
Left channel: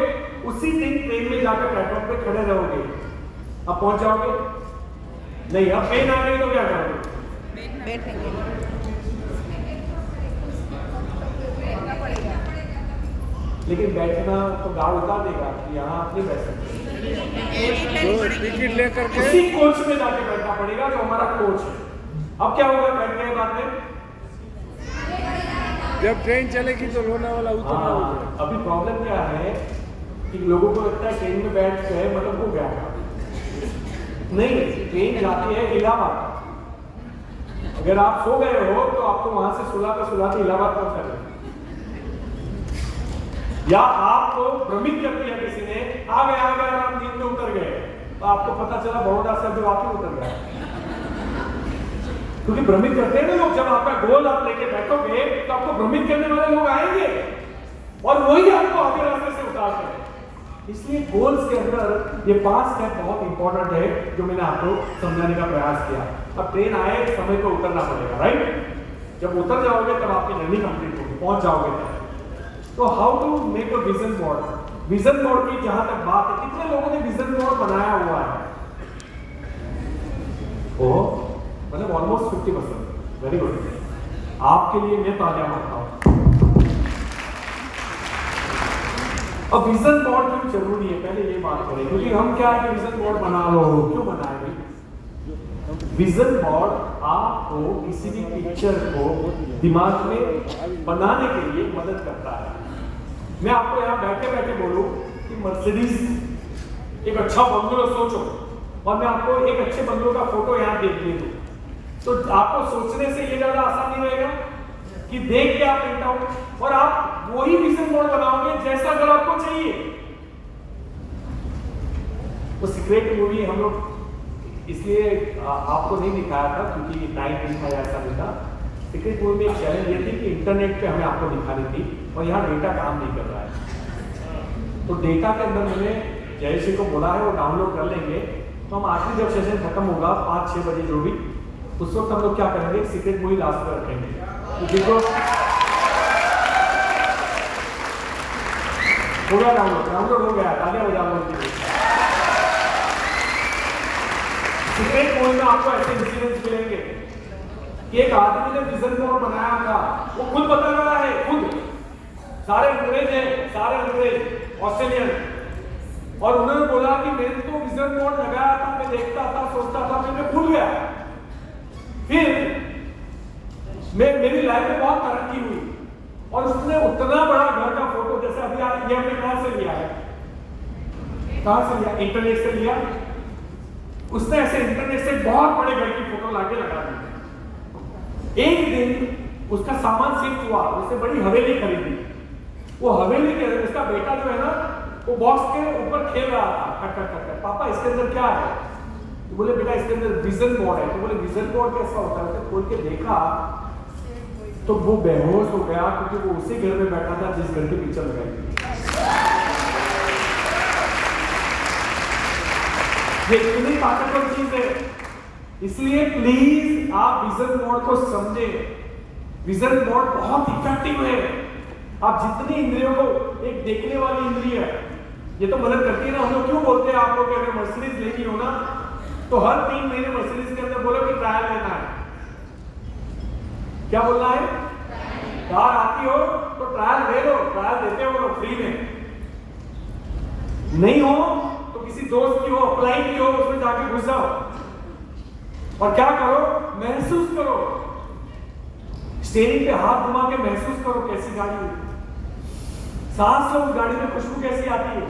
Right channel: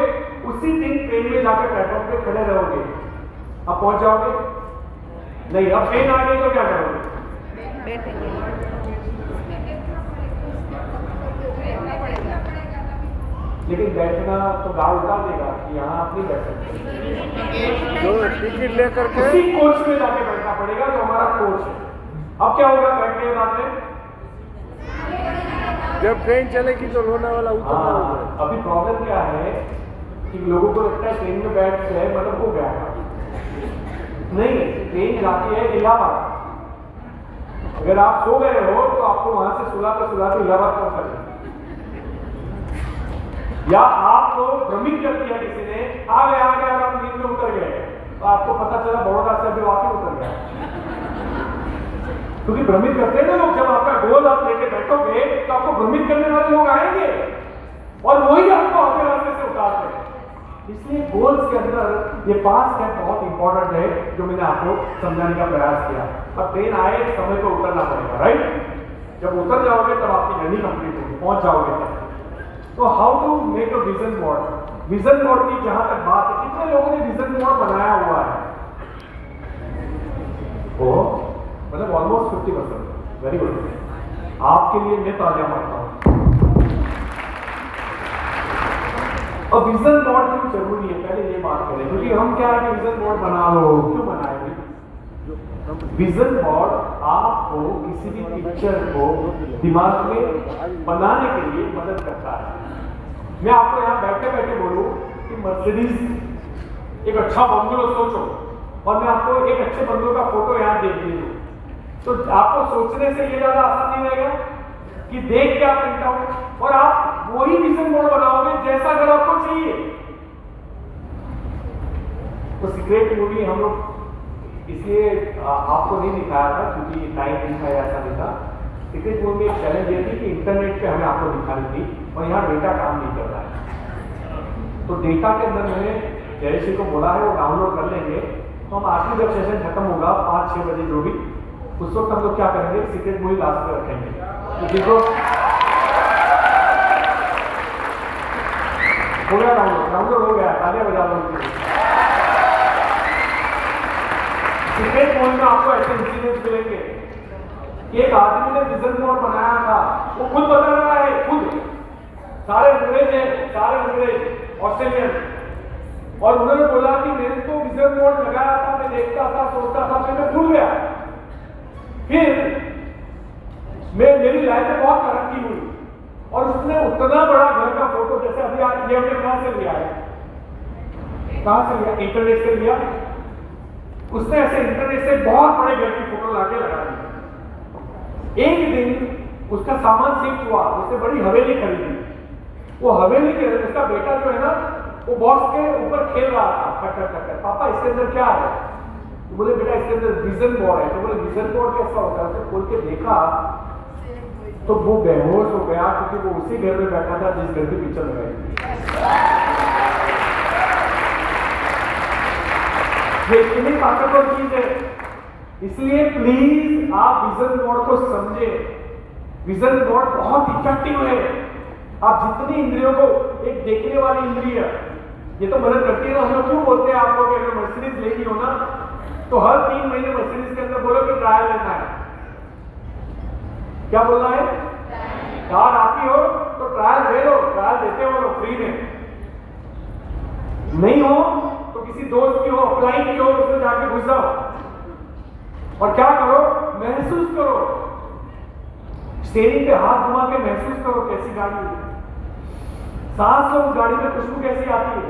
उसी दिन ट्रेन में जाकर प्लेटफॉर्म पे खड़े रहोगे, आप पहुंच जाओगे नहीं। अब ट्रेन आ गई तो क्या करोगे, लेकिन बैठना तो गाड़ उतार देगा कि यहाँ आप नहीं बैठ सकते, जो टिकट लेकर के उसी कोच में जाके बैठना पड़ेगा जो हमारा कोच है। अब क्या होगा, बैठ गए आपने, जब ट्रेन चलेगी तो लोनावाला उतरना होगा। अभी प्रॉब्लम क्या है कि लोगों को लगता है ट्रेन में बैठ गए मतलब हो गया, नहीं, ट्रेन जाती है इलाहाबाद। अगर आप सो गए हो तो आपको वहां से सुलाते सुलाते इलाहाबाद पहुंचा, या आपको भ्रमित कर दिया किसी ने, आ गए आप नींद में उतर गए, तो आपको पता चला बड़ौदा से अभी वापस उतर गया। क्योंकि भ्रमित करते हैं ना लोग, जब आपका गोल आप लेके बैठोगे तो आपको भ्रमित करने वाले लोग आएंगे और वही आपको आगे रास्ते से उतारते हैं। इसलिए गोल्स के अंदर ये 5 स्टेप बहुत इंपॉर्टेंट है जो मैंने आपको समझाने का प्रयास किया। अब ट्रेन आए समय पर उतरना पड़ेगा, राइट? जब उतर जाओगे तब आपकी जर्नी कंप्लीट होगी, पहुंच जाओगे तब। तो how to make a vision board? Vision board की जहां तक बात है, कितने लोगों ने विजन बोर्ड बनाया हुआ है? ओ मतलब ऑलमोस्ट 50%। Very good. आपके लिए मैं तालियां मारता हूं। अब विजन बोर्ड क्यों जरूरी है, पहले ये बात करें, क्योंकि हम क्या है, विजन बोर्ड बना लो, क्यों बनाएंगे? विजन बोर्ड आपको किसी भी पिक्चर को दिमाग में बनाने के लिए मदद करता है। मैं आपको यहां बैठे बैठे बोलूं कि मर्सिडीज एक अच्छा बंगलो सोचो, और मैं आपको एक अच्छे बंगलो का फोटो यहां दे दूं, तो आपको सोचने से ये ज्यादा आसान नहीं रहेगा कि देख के आप प्रिंट आउट, और आप वही विजन बोर्ड बनाओगे जैसा अगर आपको चाहिए। वो सीक्रेट मूवी हम लोग इसलिए आपको नहीं दिखाया था क्योंकि टाइम नहीं था, ऐसा नहीं था। सीक्रेट मूवी में एक चैलेंज ये थी कि इंटरनेट पे हमें आपको दिखानी थी और यहाँ डेटा काम नहीं कर रहा है। तो डेटा के अंदर मैंने जयश्री को बोला है वो डाउनलोड कर लेंगे, तो हम आखिरी जब सेशन खत्म होगा 5-6 बजे जो भी, उस वक्त हम लोग क्या करेंगे, सीक्रेट मूवी लास्ट में रखेंगे। तो देखो हो गया डाउनलोड हो गया, तालियां बजा लो। सीक्रेट मूवी में आपको ऐसे इंसिडेंट्स मिलेंगे कि एक आदमी ने विजन बोर्ड बनाया था, वो खुद बता रहा है, खुद सारे अंग्रेज ऑस्ट्रेलियन, और उन्होंने बोला कि मैंने तो विजन बोर्ड लगाया था, मैं देखता था, सोचता था, फिर मैं भूल गया, फिर मेरी लाइफ में बहुत तरक्की हुई। और उसने उतना बड़ा घर का फोटो, जैसे अभी ये हमने कहां से लिया है, कहां से लिया, इंटरनेट से लिया। उसने ऐसे इंटरनेट से बहुत बड़े घर की फोटो लाके लगा दी। एक दिन उसका सामान शिफ्ट हुआ, उसने बड़ी हवेली खरीदी। वो हवेली के उसका बेटा जो है ना, वो बॉक्स के ऊपर खेल रहा था, खट पापा इसके अंदर क्या है? तो बोले बेटा इसके अंदर विजन बोर्ड है। तो बोले विजन बोर्ड कैसा होता है? उसने खोल के देखा तो वो बेहोश हो गया, क्योंकि वो उसी घर में बैठा था जिस घर की पिक्चर लगाई थी। ये इतनी ताकतवर चीज है। इसलिए प्लीज आप विजन बोर्ड को समझे। विजन बोर्ड बहुत इफेक्टिव है। आप जितनी इंद्रियों को, एक देखने वाली इंद्रिय ये तो मदद करती है ना। हम लोग क्यों बोलते हैं आप लोग अगर मर्सिडीज लेनी हो ना, तो हर 3 महीने मर्सिडीज के अंदर बोलो कि ट्रायल लेना है। क्या बोलना है? कार आती हो तो ट्रायल ले लो, ट्रायल देते हो लोग फ्री में। नहीं हो तो किसी दोस्त की हो, अप्लाई की हो, उसमें जाके घुस जाओ और क्या करो, महसूस करो, स्टीयरिंग पे हाथ घुमा के महसूस करो कैसी गाड़ी है, सांस लो उस गाड़ी में, खुशबू कैसी आती है,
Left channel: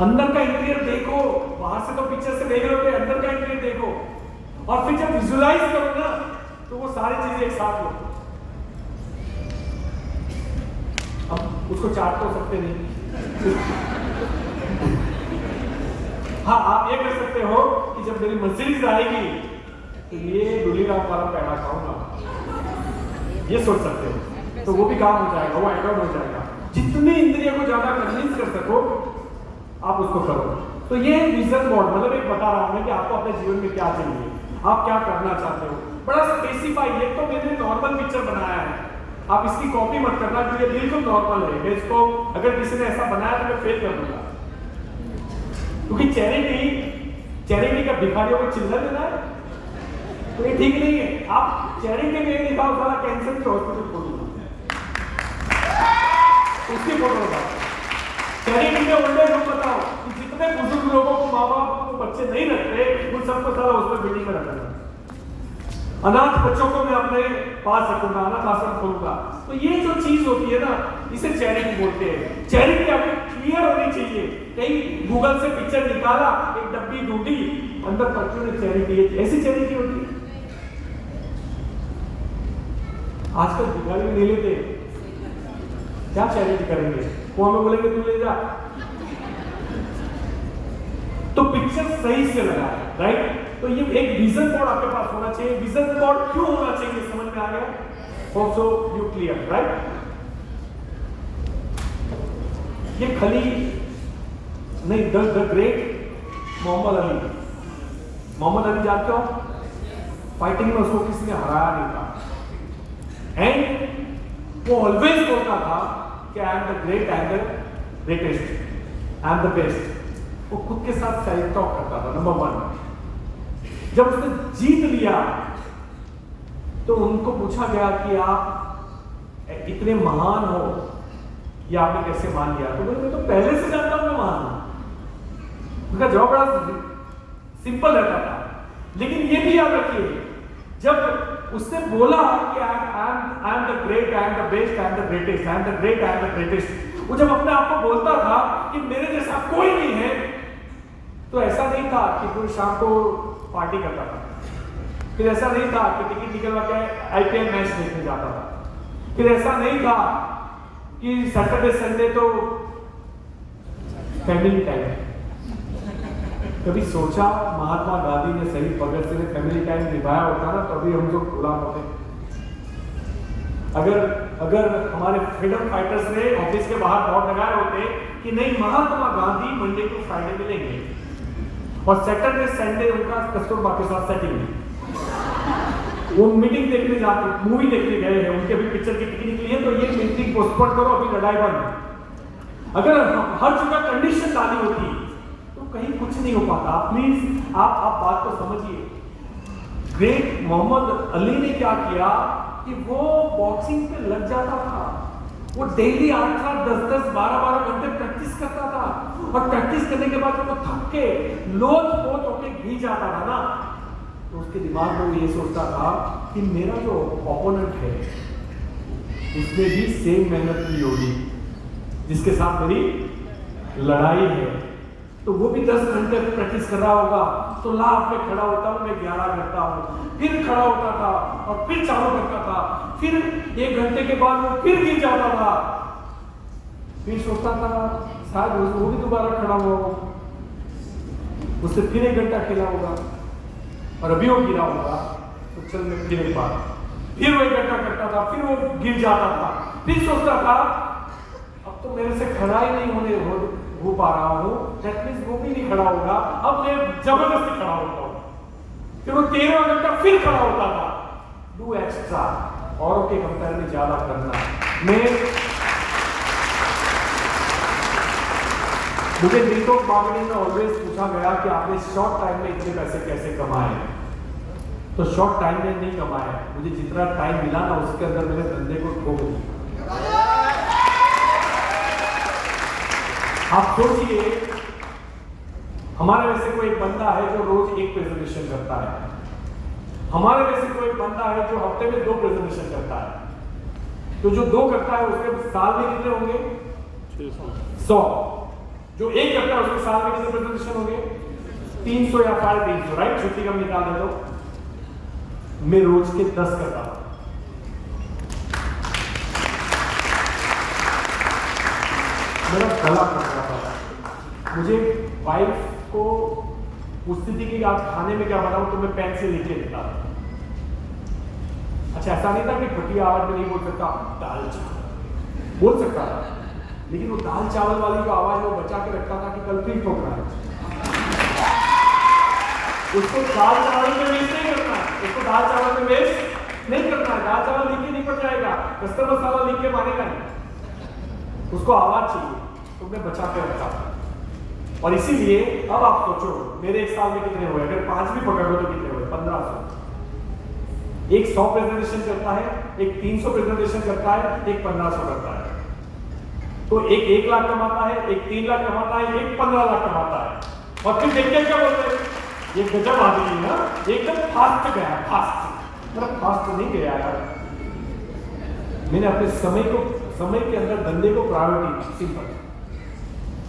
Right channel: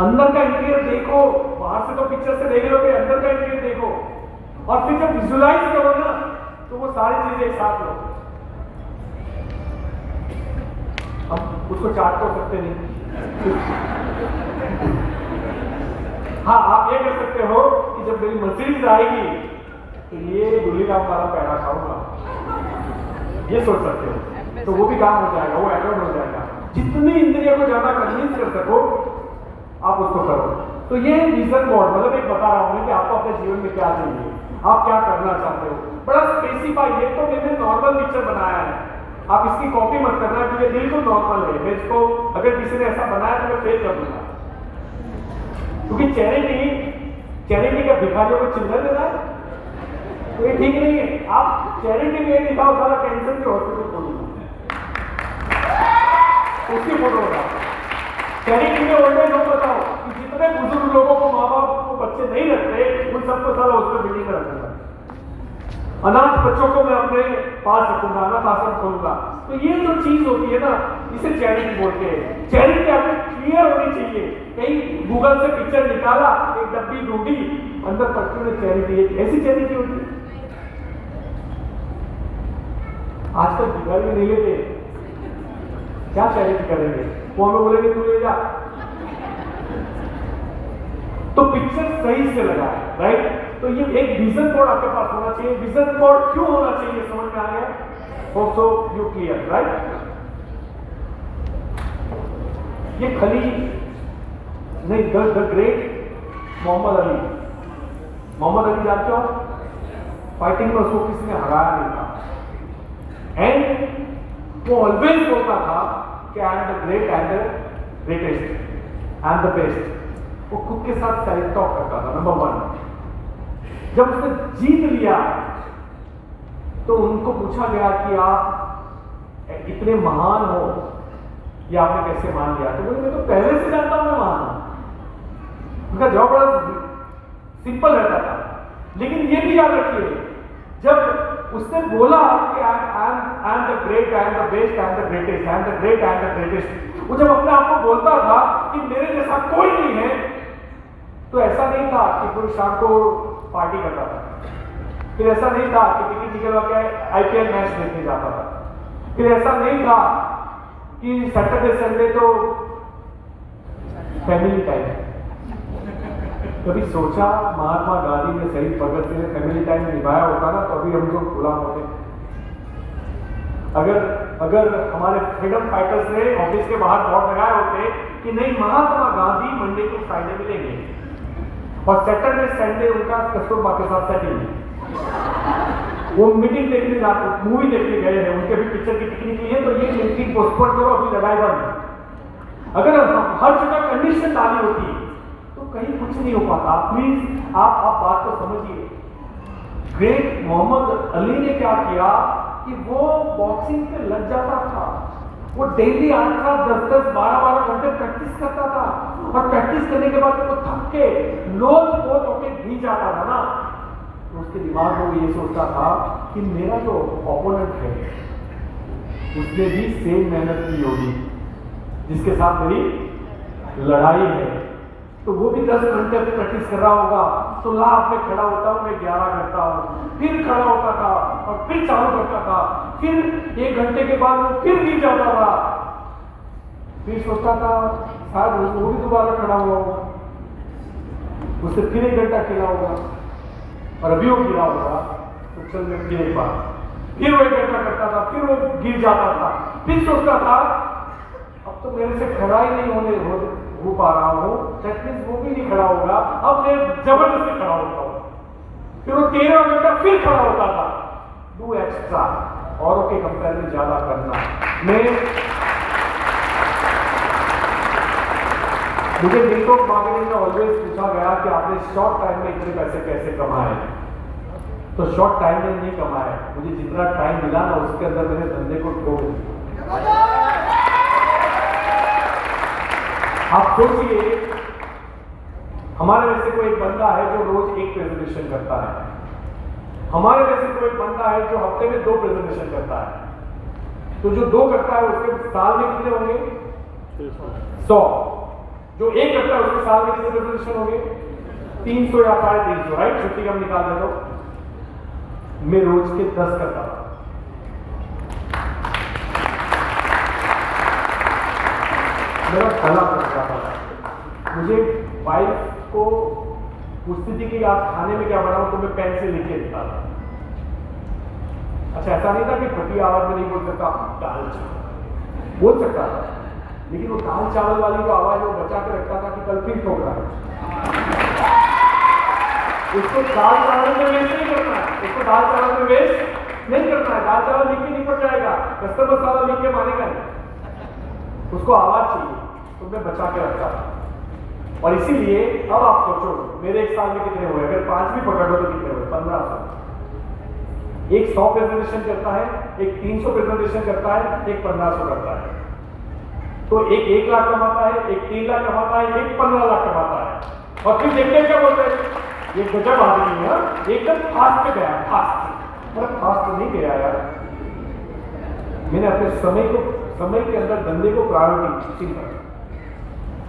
अंदर का इंटीरियर देखो। बाहर से तो पिक्चर से देख लोगे, अंदर का इंटीरियर देखो, और फिर जब विजुलाइज करो ना तो वो सारी चीजें एक साथ लो। अब उसको चाट तो सकते नहीं। हाँ, आप ये कर सकते हो कि जब मेरी मर्सिडीज आएगी तो ये दूल्हीराम वाला पैरा खाऊंगा, ये सोच सकते हो। तो वो भी काम हो जाएगा, वो एड ऑन हो जाएगा। जितनी इंद्रियों को ज्यादा कन्विंस कर सको आप उसको करो। तो ये विजन बोर्ड मतलब एक बता रहा हूं कि आपको अपने जीवन में क्या चाहिए, आप क्या करना चाहते हो, बड़ा स्पेसिफाई। ये तो मैंने नॉर्मल पिक्चर बनाया है, आप इसकी कॉपी मत करना क्योंकि ये बिल्कुल नॉर्मल है। मैं इसको अगर किसी ने ऐसा बनाया तो मैं फेल कर दूंगा, क्योंकि चैरिटी का भिखारियों को चिल्ला देना है तो ये ठीक नहीं है। आप चैरिटी में दिखाओ, सारा कैंसर के हॉस्पिटल खोलूंगा। उसकी फोटो बताओ। चैरिटी में ओल्ड एज होम बताओ कि जितने बुजुर्ग लोगों को माँ बाप को बच्चे नहीं रखते उन सबको सारा उसमें बिल्डिंग में रखूंगा। अनाथ बच्चों को मैं अपने पास रखूंगा, अनाथ आश्रम खोलूंगा। तो ये जो चीज होती है ना, इसे चैरिटी बोलते हैं। चैरिटी आपकी क्लियर होनी चाहिए। कहीं गूगल से पिक्चर निकाला, एक डब्बी ढूंढी, अंदर पर्टिकुलर चैरिटी है, ऐसी चैरिटी होती है। आजकल दिवाली में नहीं लेते, क्या चैरिटी करेंगे? वो हमें बोलेंगे तू ले जा। तो पिक्चर सही से लगा, राइट? तो ये एक विजन बोर्ड आपके पास होना चाहिए। विजन बोर्ड क्यों होना चाहिए समझ में आ गया? Also you clear, right? ये खली नहीं, द ग्रेट मोहम्मद अली। मोहम्मद अली जानते हो? फाइटिंग में उसको किसी ने हराया नहीं था। एंड वो ऑलवेज बोलता था कि I am the great, I am the greatest, I am the best. वो खुद के साथ सेल्फ टॉक करता था, नंबर 1। जब उसने जीत लिया तो उनको पूछा गया कि आप इतने महान हो, ये आपने कैसे मान लिया? तो बोले मैं तो पहले से जानता हूं मैं महान हूं। उनका जवाब बड़ा सिंपल रहता था, लेकिन ये भी याद रखिए, जब उसने बोला कि I am the great, I am the best, I am the greatest, I am the great, I am the greatest, वो जब अपने आप को बोलता था कि मेरे जैसा कोई नहीं है, तो ऐसा नहीं था कि पूरी शाम को पार्टी करता था। फिर ऐसा नहीं था कि टिकट निकलवा के आईपीएल मैच देखने जाता था। फिर ऐसा नहीं था कि सैटरडे संडे तो फैमिली टाइम। कभी सोचा महात्मा गांधी ने, शहीद भगत सिंह ने फैमिली टाइम निभाया होता ना, तो अभी हम लोग गुलाम होते। अगर हमारे फ्रीडम फाइटर्स ने ऑफिस के बाहर बोर्ड लगाए होते कि नहीं, महात्मा गांधी मंडे को फ्राइडे मिलेंगे और सैटरडे संडे उनका कस्तूरबा के साथ सेटिंग, वो मीटिंग देखने जाते, मूवी देखने गए हैं, उनके भी पिक्चर की टिकट निकली है, तो ये मीटिंग पोस्टपोन करो, अभी लड़ाई बंद। अगर हर जगह कंडीशन डाली होती तो कहीं कुछ नहीं हो पाता। प्लीज आप बात को समझिए। ग्रेट मोहम्मद अली ने क्या किया कि वो बॉक्सिंग पे लग जाता था। वो डेली 8, 10, 12 घंटे प्रैक्टिस करता था, और प्रैक्टिस करने के बाद वो थक के लोट-पोट होके गिर जाता था ना, तो उसके दिमाग में वो ये सोचता था कि मेरा जो ओपोनेंट है उसने भी सेम मेहनत की होगी जिसके साथ मेरी लड़ाई है, तो वो भी 10 घंटे प्रैक्टिस कर रहा होगा। तो लाभ में खड़ा होता हूँ, मैं 11 करता हूँ, फिर खड़ा होता था और फिर चालू करता था, फिर 1 घंटे के बाद वो फिर गिर जाता था, फिर सोचता था शायद वो भी दोबारा खड़ा हुआ होगा, उससे फिर 1 घंटा खेला होगा और अभी वो गिरा होगा, तो चल मैं फिर एक बार, फिर वो 1 घंटा करता था, फिर वो गिर जाता था, फिर सोचता था अब तो मेरे से खड़ा ही नहीं हो पा रहा हूँ, दैट मींस वो भी नहीं खड़ा होगा, अब मैं जबरदस्ती खड़ा होता हूँ। फिर वो 13 घंटा फिर खड़ा होता था। डू एक्स्ट्रा, औरों के कंपेयर में ज्यादा करना। मुझे नेटवर्क मार्केटिंग में ऑलवेज पूछा गया कि आपने शॉर्ट टाइम में इतने पैसे कैसे कमाए? तो शॉर्ट टाइम में नहीं कमाए, मुझे जितना टाइम मिला ना उसके अंदर मेरे धंधे को ठोक दिया। आप सोचिए, हमारे में से कोई एक बंदा है जो रोज 1 प्रेजेंटेशन करता है, हमारे में से कोई एक बंदा है जो हफ्ते में 2 प्रेजेंटेशन करता है, तो जो 2 करता है उसके साल में कितने होंगे? 100। जो 1 करता है उसके साल में कितने प्रेजेंटेशन होंगे? 300 या 350, राइट? छुट्टी कम निकाल दे तो मैं रोज के 10 करता था। मेरा गला फंस जाता था। मुझे वाइफ को पूछती थी कि आज खाने में क्या बनाऊं, तो मैं पेन से लिख के देता था। अच्छा, ऐसा नहीं था कि फटी आवाज में नहीं बोल सकता, दाल चावल बोल सकता था, लेकिन वो दाल चावल वाली जो आवाज है वो बचा के रखता था कि कल फिर ठोकना है। उसको दाल चावल में वेस्ट नहीं करना है, उसको दाल चावल में वेस्ट नहीं करना है। दाल चावल लिख के नहीं पड़ जाएगा, कस्टमर मसाला लिख के मानेगा नहीं, उसको आवाज चाहिए, तो मैं बचा के रखता था। और इसीलिए अब आप सोचो मेरे 1 साल में कितने हुए? अगर 5 भी पकड़ लो तो कितने हुए? 1500। एक 100 प्रेजेंटेशन करता है, एक 300 प्रेजेंटेशन करता है, एक 1500 करता है। तो एक 1 लाख कमाता है, एक 3 लाख कमाता है, एक 15 लाख कमाता है। और फिर देखिए क्या बोलते हैं, ये गजब आदमी है, एकदम फास्ट गया, फास्ट। मतलब फास्ट नहीं गया यार, मैंने अपने समय के अंदर धंधे को प्रायोरिटी सिंपल।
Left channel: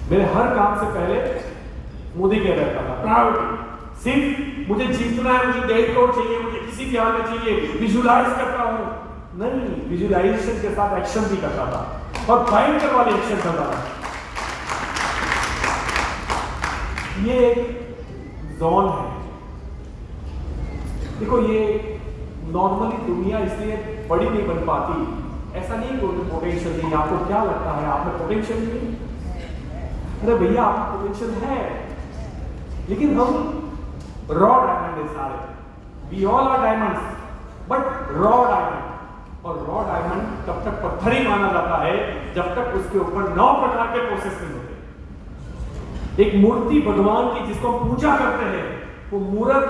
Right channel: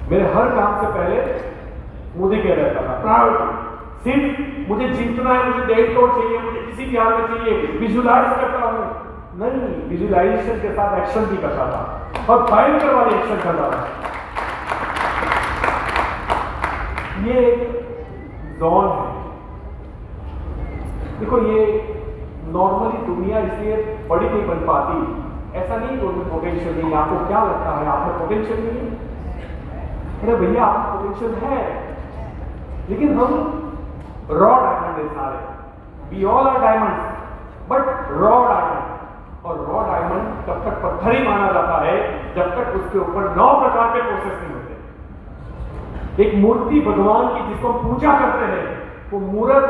मेरे हर काम से पहले मोदी कह रहता था प्रायोरिटी, सिर्फ मुझे जीतना है, मुझे डेढ़ करोड़ चाहिए, मुझे किसी भी हाल में चाहिए, विजुलाइज करता हूं। नहीं, विजुलाइजेशन के साथ एक्शन भी करता था और भयंकर वाले एक्शन करता था। ये जोन है। देखो ये नॉर्मली दुनिया इसलिए बड़ी नहीं बन पाती, ऐसा नहीं कोई पोटेंशियल नहीं। आपको क्या लगता है आप में पोटेंशियल नहीं? अरे भैया आप पोटेंशियल है, लेकिन हम रॉ डायमंड है सारे। We all are diamonds but raw diamond. और रॉ डायमंड तब तक पत्थर ही माना जाता है जब तक उसके ऊपर 9 प्रकार के प्रोसेस नहीं होते। एक मूर्ति भगवान की जिसको हम पूजा करते हैं, वो मूर्त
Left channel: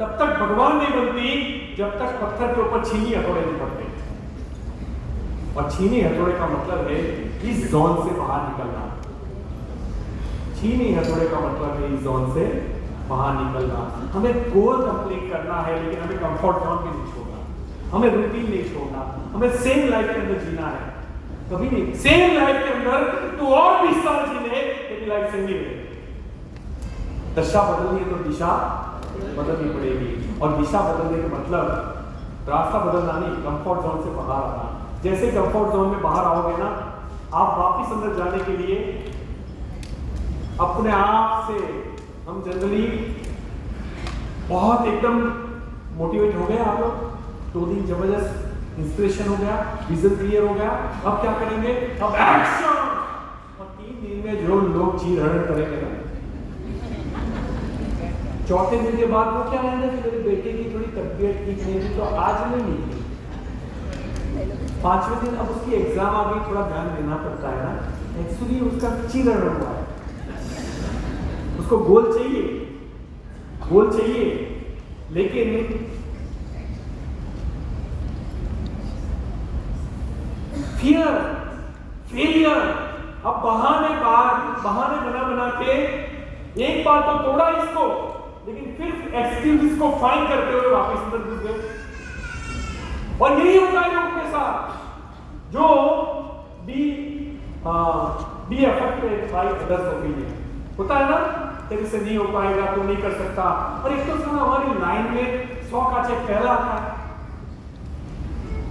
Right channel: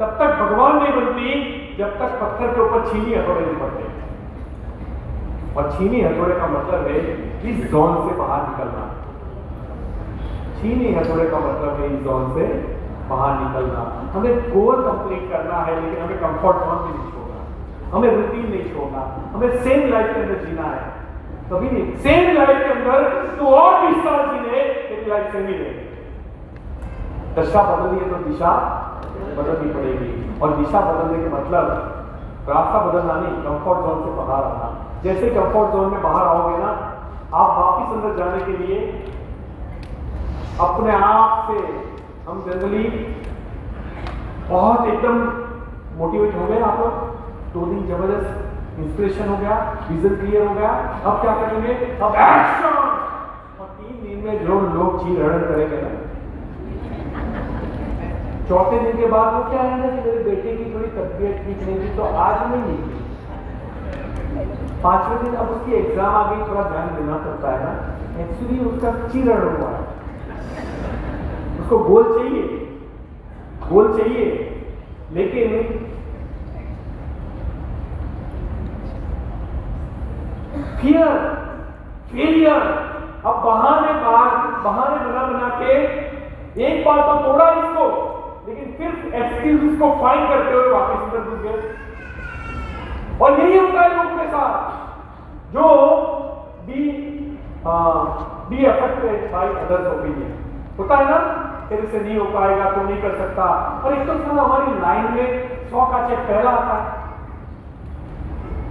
तब तक भगवान नहीं बनती जब तक पत्थर के ऊपर छीनी हथौड़े नहीं पड़ते। और छीनी हथौड़े का मतलब है इस जोन से बाहर निकलना। छीनी हथौड़े का मतलब है इस जोन से बाहर निकलना। हमें गोल कंप्लीट करना है, लेकिन हमें कंफर्ट जोन भी नहीं छोड़ना, हमें रूटीन नहीं छोड़ना, हमें सेम लाइफ के अंदर जीना है। कभी नहीं सेम लाइफ के अंदर तो और 20 साल जीने, तेरी लाइफ सही रहे। दशा बदलनी है तो दिशा बदलनी पड़ेगी। और दिशा बदलने के मतलब रास्ता बदलना नहीं, कंफर्ट जोन से बाहर आना। जैसे कंफर्ट जोन में बाहर आओगे ना, आप वापिस अंदर जाने के लिए अपने आप से, हम जनरली बहुत एकदम मोटिवेट हो गए, आप लोग 2 दिन जबरदस्त इंस्पिरेशन हो गया, विजन क्लियर हो गया, अब क्या करेंगे, अब एक्शन। और 3 दिन में जो लोग चीर हरण करेंगे ना, 4थे दिन के बाद वो क्या है ना कि मेरे बेटे की थोड़ी तबीयत ठीक नहीं थी तो आज मैं नहीं थी। 5वें दिन अब उसकी एग्जाम आ गई, थोड़ा ध्यान देना पड़ता है ना। एक्चुअली उसका चीर हरण हुआ है, उसको गोल चाहिए, लेकिन फियर, फेलियर, अब बहाने बना के एक बार तो तोड़ा इसको, लेकिन फिर एक्सक्यूज को फाइंड करते हुए वापस अंदर घुस गए। और यही होता है लोगों के साथ जो be affected by others opinion. होता है ना, तेरे से नहीं हो पाएगा, तू नहीं कर सकता। और एक तो साला हमारी लाइन में 100 का चेक पहला आता है,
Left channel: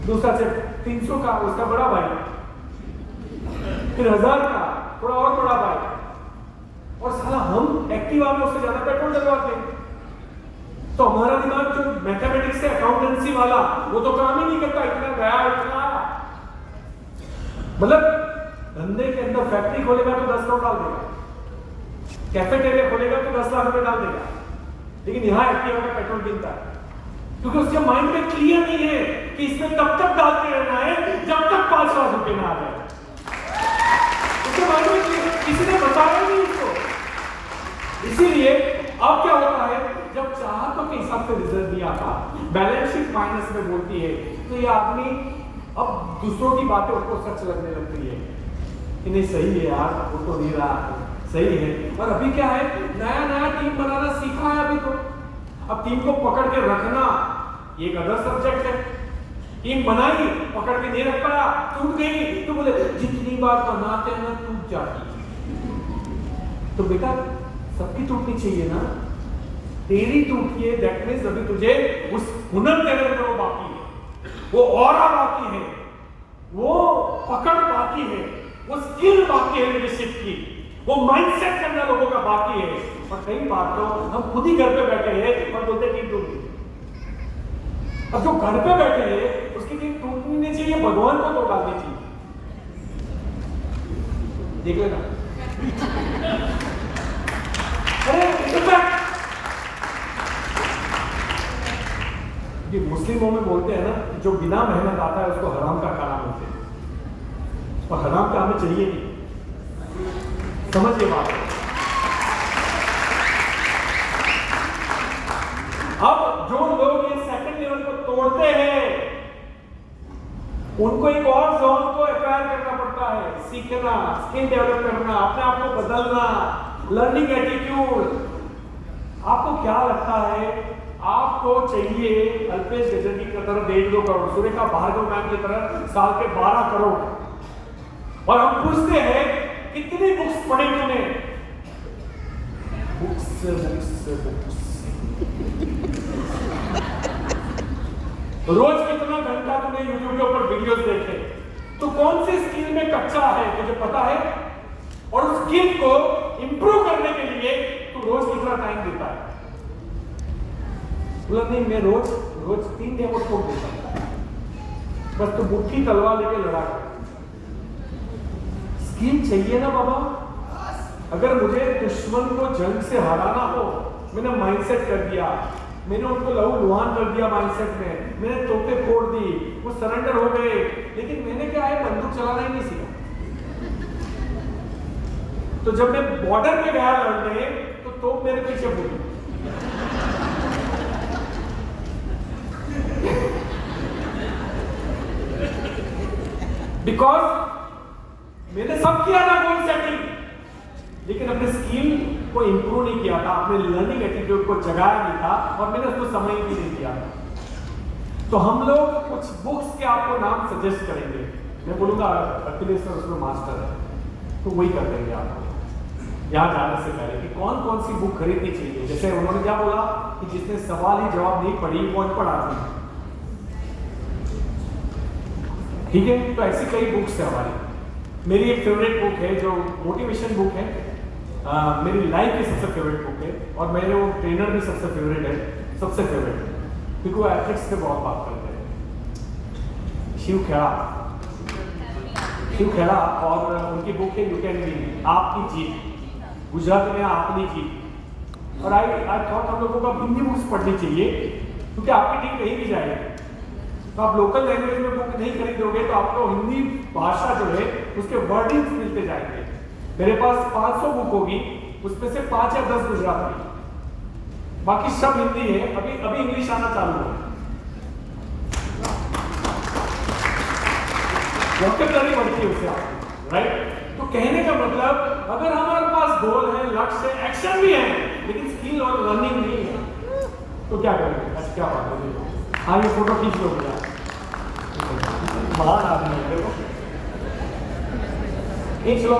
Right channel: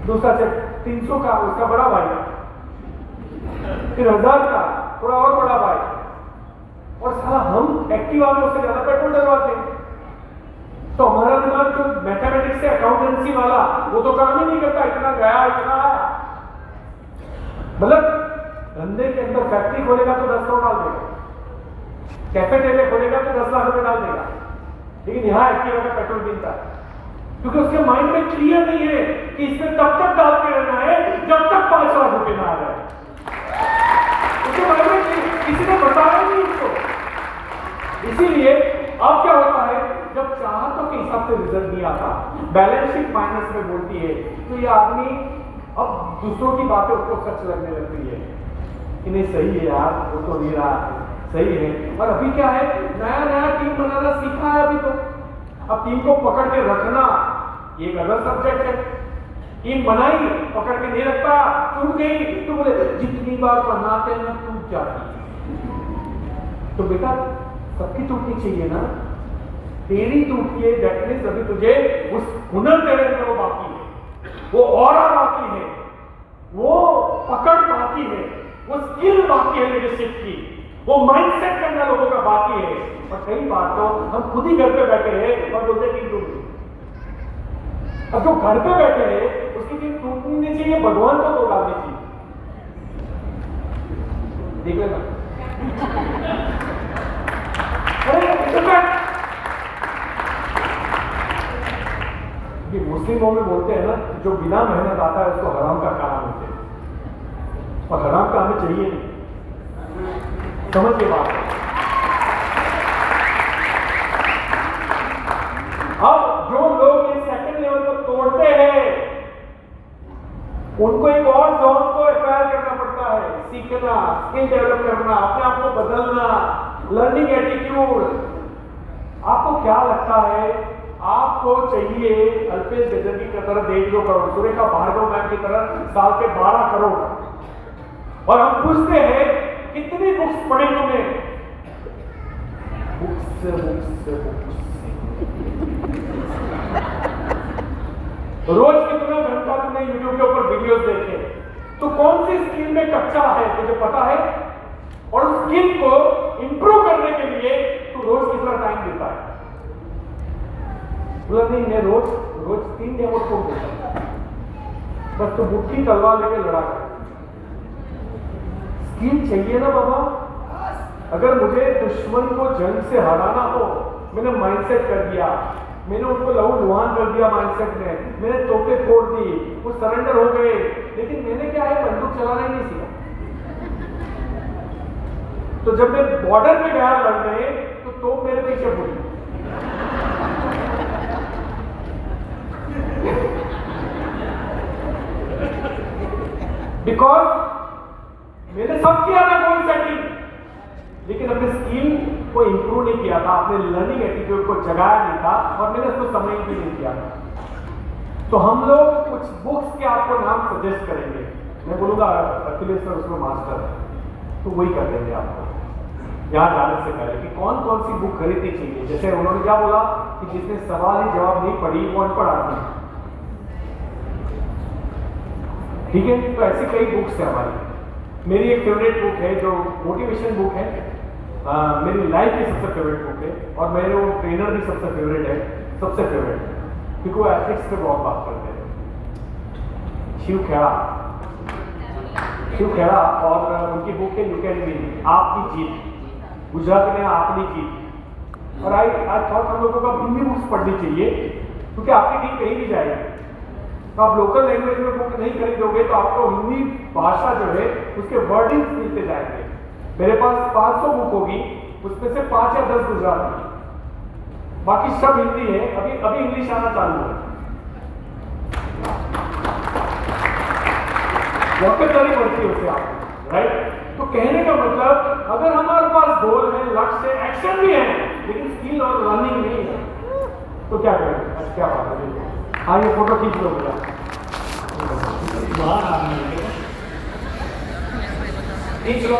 दूसरा चेक 300 का उसका बड़ा भाई, फिर 1000 का थोड़ा और बड़ा भाई, और साला हम एक्टिवा में उससे ज्यादा पेट्रोल डलवाते हैं। तो हमारा दिमाग जो मैथमेटिक्स से अकाउंटेंसी वाला, वो तो काम ही नहीं करता, इतना गया इतना आया। मतलब धंधे के अंदर फैक्ट्री खोलेगा तो 10 करोड़ डाल देगा, कैफेटेरिया खोलेगा तो 10 लाख रुपए डाल देगा, लेकिन यहाँ एक्टिवा का पेट्रोल गिनता है, क्योंकि उसके माइंड में क्लियर नहीं है कि इसमें तब तक डालते रहना है जब तक 5 लाख रुपए ना आ जाए। उसके माइंड में किसी ने बताया नहीं इसको। इसीलिए अब क्या होता है, जब चाहतों के हिसाब से रिजल्ट नहीं आता, बैलेंस शीट माइनस में बोलती है, तो ये आदमी अब दूसरों की बातें उसको सच लगने लगती है। इन्हें सही है यार, वो तो नहीं रहा है, सही है। और अभी क्या है, नया टीम बनाना सीखा है अभी तो। अब टीम को पकड़ के रखना ये एक अदर सब्जेक्ट है। टीम बनाई, पकड़ के नहीं रख पाया, टूट गई, तो बोले जितनी बार बनाते हैं ना टूट जाती है। तो बेटा सबकी टूटनी चाहिए ना, तेरी टूटी है, दैट मींस अभी तुझे उस हुनर तेरे अंदर वो बाकी है, वो ऑरा बाकी है, वो पकड़ बाकी है, वो स्किल बाकी है लीडरशिप की, वो माइंडसेट करना लोगों का बाकी है। और कई बार तो हम खुद ही घर पे बैठे हैं और बोलते टीम टूट गई। और जो घर पे बैठे हैं उसकी टीम टूटनी नहीं चाहिए, भगवान को तो डालनी चाहिए। देख लेना। ये मुस्लिमों में बोलते हैं ना, जो बिना मेहनत आता है उसको हराम का काम बोलते हैं, और हराम का हमें चाहिए नहीं। समझ के बात। अब जो लोग ये सेकंड लेवल को तोड़ते हैं, उनको एक और जोन को एक्वायर करना पड़ता है। सीखना, स्किल डेवलप करना, अपने आप को बदलना, लर्निंग एटीट्यूड। आपको क्या लगता है आपको चाहिए अल्पेश गजनी की तरह 1.5-2 करोड़, सुरेखा भार्गव मैम की तरह साल के 12 करोड़, और हम पूछते हैं कितनी बुक्स पढ़ी तुमने? बुक्स रोज कितना घंटा तुमने यूट्यूब के ऊपर वीडियोस देखे? तो कौन सी स्किल में कच्चा है तुझे पता है? और उस स्किल को इंप्रूव करने के लिए तू रोज कितना टाइम देता है? लर्निंग में रोज 3 डेमो को देता है, बस तो मुट्ठी तलवार लेके लड़ा कर। स्किल चाहिए ना बाबा। अगर मुझे दुश्मन को जंग से हराना हो, मैंने माइंडसेट कर दिया, मैंने उनको लहू लुहान कर दिया माइंडसेट में, मैंने तोपे फोड़ दी, वो सरेंडर हो गए, लेकिन मैंने क्या है, बंदूक चलाना ही नहीं सीखा। तो जब मैं बॉर्डर पे गया लड़ने, तो तोप मेरे पीछे बोली। बिकॉज मैंने सब किया था गोल सेटिंग, लेकिन अपने स्किल को इंप्रूव नहीं किया था, अपने लर्निंग एटीट्यूड को जगाया नहीं था, और मैंने उसको समय भी नहीं किया। तो हम लोग कुछ बुक्स के आपको नाम सजेस्ट करेंगे। मैं बोलूंगा अखिलेश सर उसमें मास्टर है, तो वही कर देंगे आपको यहाँ जाने से पहले कि कौन कौन सी बुक खरीदनी चाहिए। जैसे उन्होंने क्या बोला कि जिसने सवाल ही जवाब नहीं पढ़ी वो अनपढ़ आदमी, ठीक है। तो ऐसी कई बुक्स है हमारी। मेरी एक फेवरेट बुक है जो मोटिवेशन बुक है, मेरी लाइफ की सबसे फेवरेट बुक है, और मेरे वो ट्रेनर भी सबसे फेवरेट है, क्योंकि वो एथिक्स पे बहुत बात करते हैं। शिव खेड़ा और उनकी बुक है यू कैन विन, आपकी जीत, गुजरात में आपकी जीत। और आई थॉट हम लोगों को हिंदी बुक्स पढ़नी चाहिए, क्योंकि आपकी टीम कहीं भी जाएगी। तो आप लोकल लैंग्वेज में बुक नहीं खरीदोगे तो आपको हिंदी भाषा जो है उसके वर्डिंग्स मिलते जाएंगे। मेरे पास 500 बुक होगी, उसमें से 5 या 10 गुजराती, बाकी सब हिंदी है। अभी इंग्लिश आना चालू है, वोकैबुलरी बढ़ती है उससे आपको, राइट। तो कहने का मतलब अगर हमारे पास गोल है, लक्ष्य है, एक्शन भी है, लेकिन स्किल और लर्निंग नहीं है, तो क्या करेंगे? अच्छा क्या बात है। हाँ, ये फोटो खींच लो भैया, महान आदमी है, देखो खींच लो।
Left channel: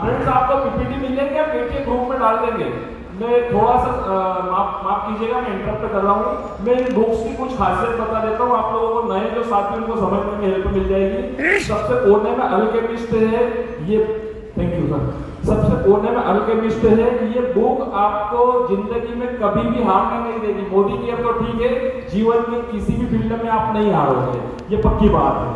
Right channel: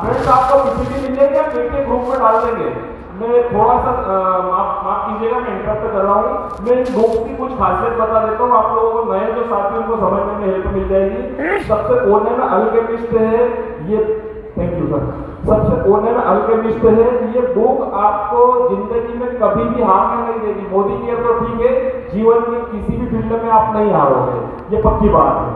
फ्रेंड्स आपको पीपीटी मिल जाएगी, आप मेरे ग्रुप में डाल देंगे। मैं थोड़ा सा माफ कीजिएगा, मैं इंटरप्ट कर रहा हूँ। मैं इन बुक्स की कुछ खासियत बता देता हूँ, आप लोगों को नए जो साथी उनको समझने में हेल्प मिल जाएगी। सबसे कोने में अल्केमिस्ट है ये, थैंक यू सर। सबसे कोने में अल्केमिस्ट है, ये बुक आपको जिंदगी में कभी भी हारने नहीं देगी। मोदी की तो ठीक है, जीवन में किसी भी फील्ड में आप नहीं हारोगे, ये पक्की बात है।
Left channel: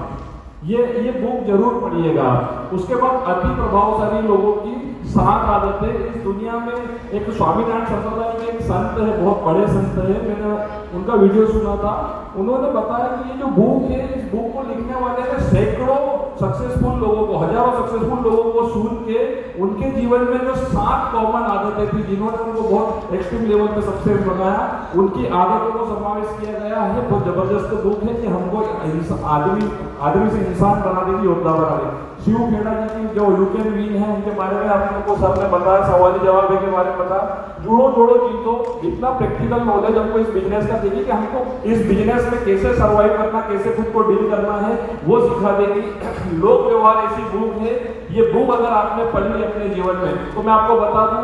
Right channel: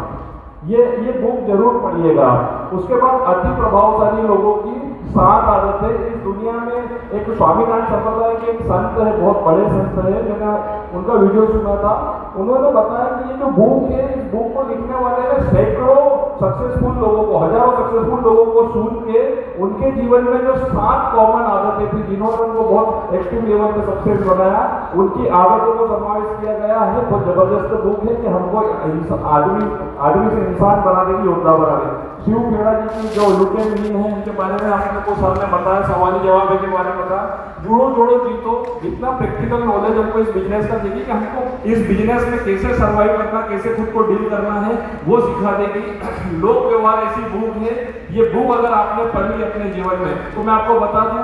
ये बुक जरूर पढ़िएगा। उसके बाद अति प्रभावशाली लोगों की 7 आदतें। इस दुनिया में एक स्वामीनारायण संप्रदाय के एक संत है, बहुत बड़े संत है, मैंने उनका वीडियो सुना था। उन्होंने बताया कि ये जो बुक है, इस बुक को लिखने वाले ने सैकड़ों सक्सेसफुल लोगों को, हजारों सक्सेसफुल लोगों को सुन के उनके जीवन में जो 7 कॉमन आदतें थी, जिन्होंने उनको बहुत एक्सट्रीम लेवल पे सक्सेस बनाया, उनकी आदतों को समावेश किया गया है। बहुत जबरदस्त बुक है कि हमको आदमी से इंसान बना देगी, योद्धा बना देगी। शिव खेड़ा जी की जो यू कैन विन है, इनके बारे में आपने को सर ने बताया, सवाल जवाब के बारे में बताया। जुड़ो जोड़ो जीतो, इतना प्रैक्टिकल नॉलेज हमको इस बिजनेस का देगी कि हमको इस बिजनेस में कैसे सर्वाइव करना, कैसे खुद को डील करना है, वो सिखा देगी। लोक व्यवहार ऐसी बुक है, ये बुक अगर आपने पढ़ ली अपने जीवन में, तो मैं आपको बता दूं,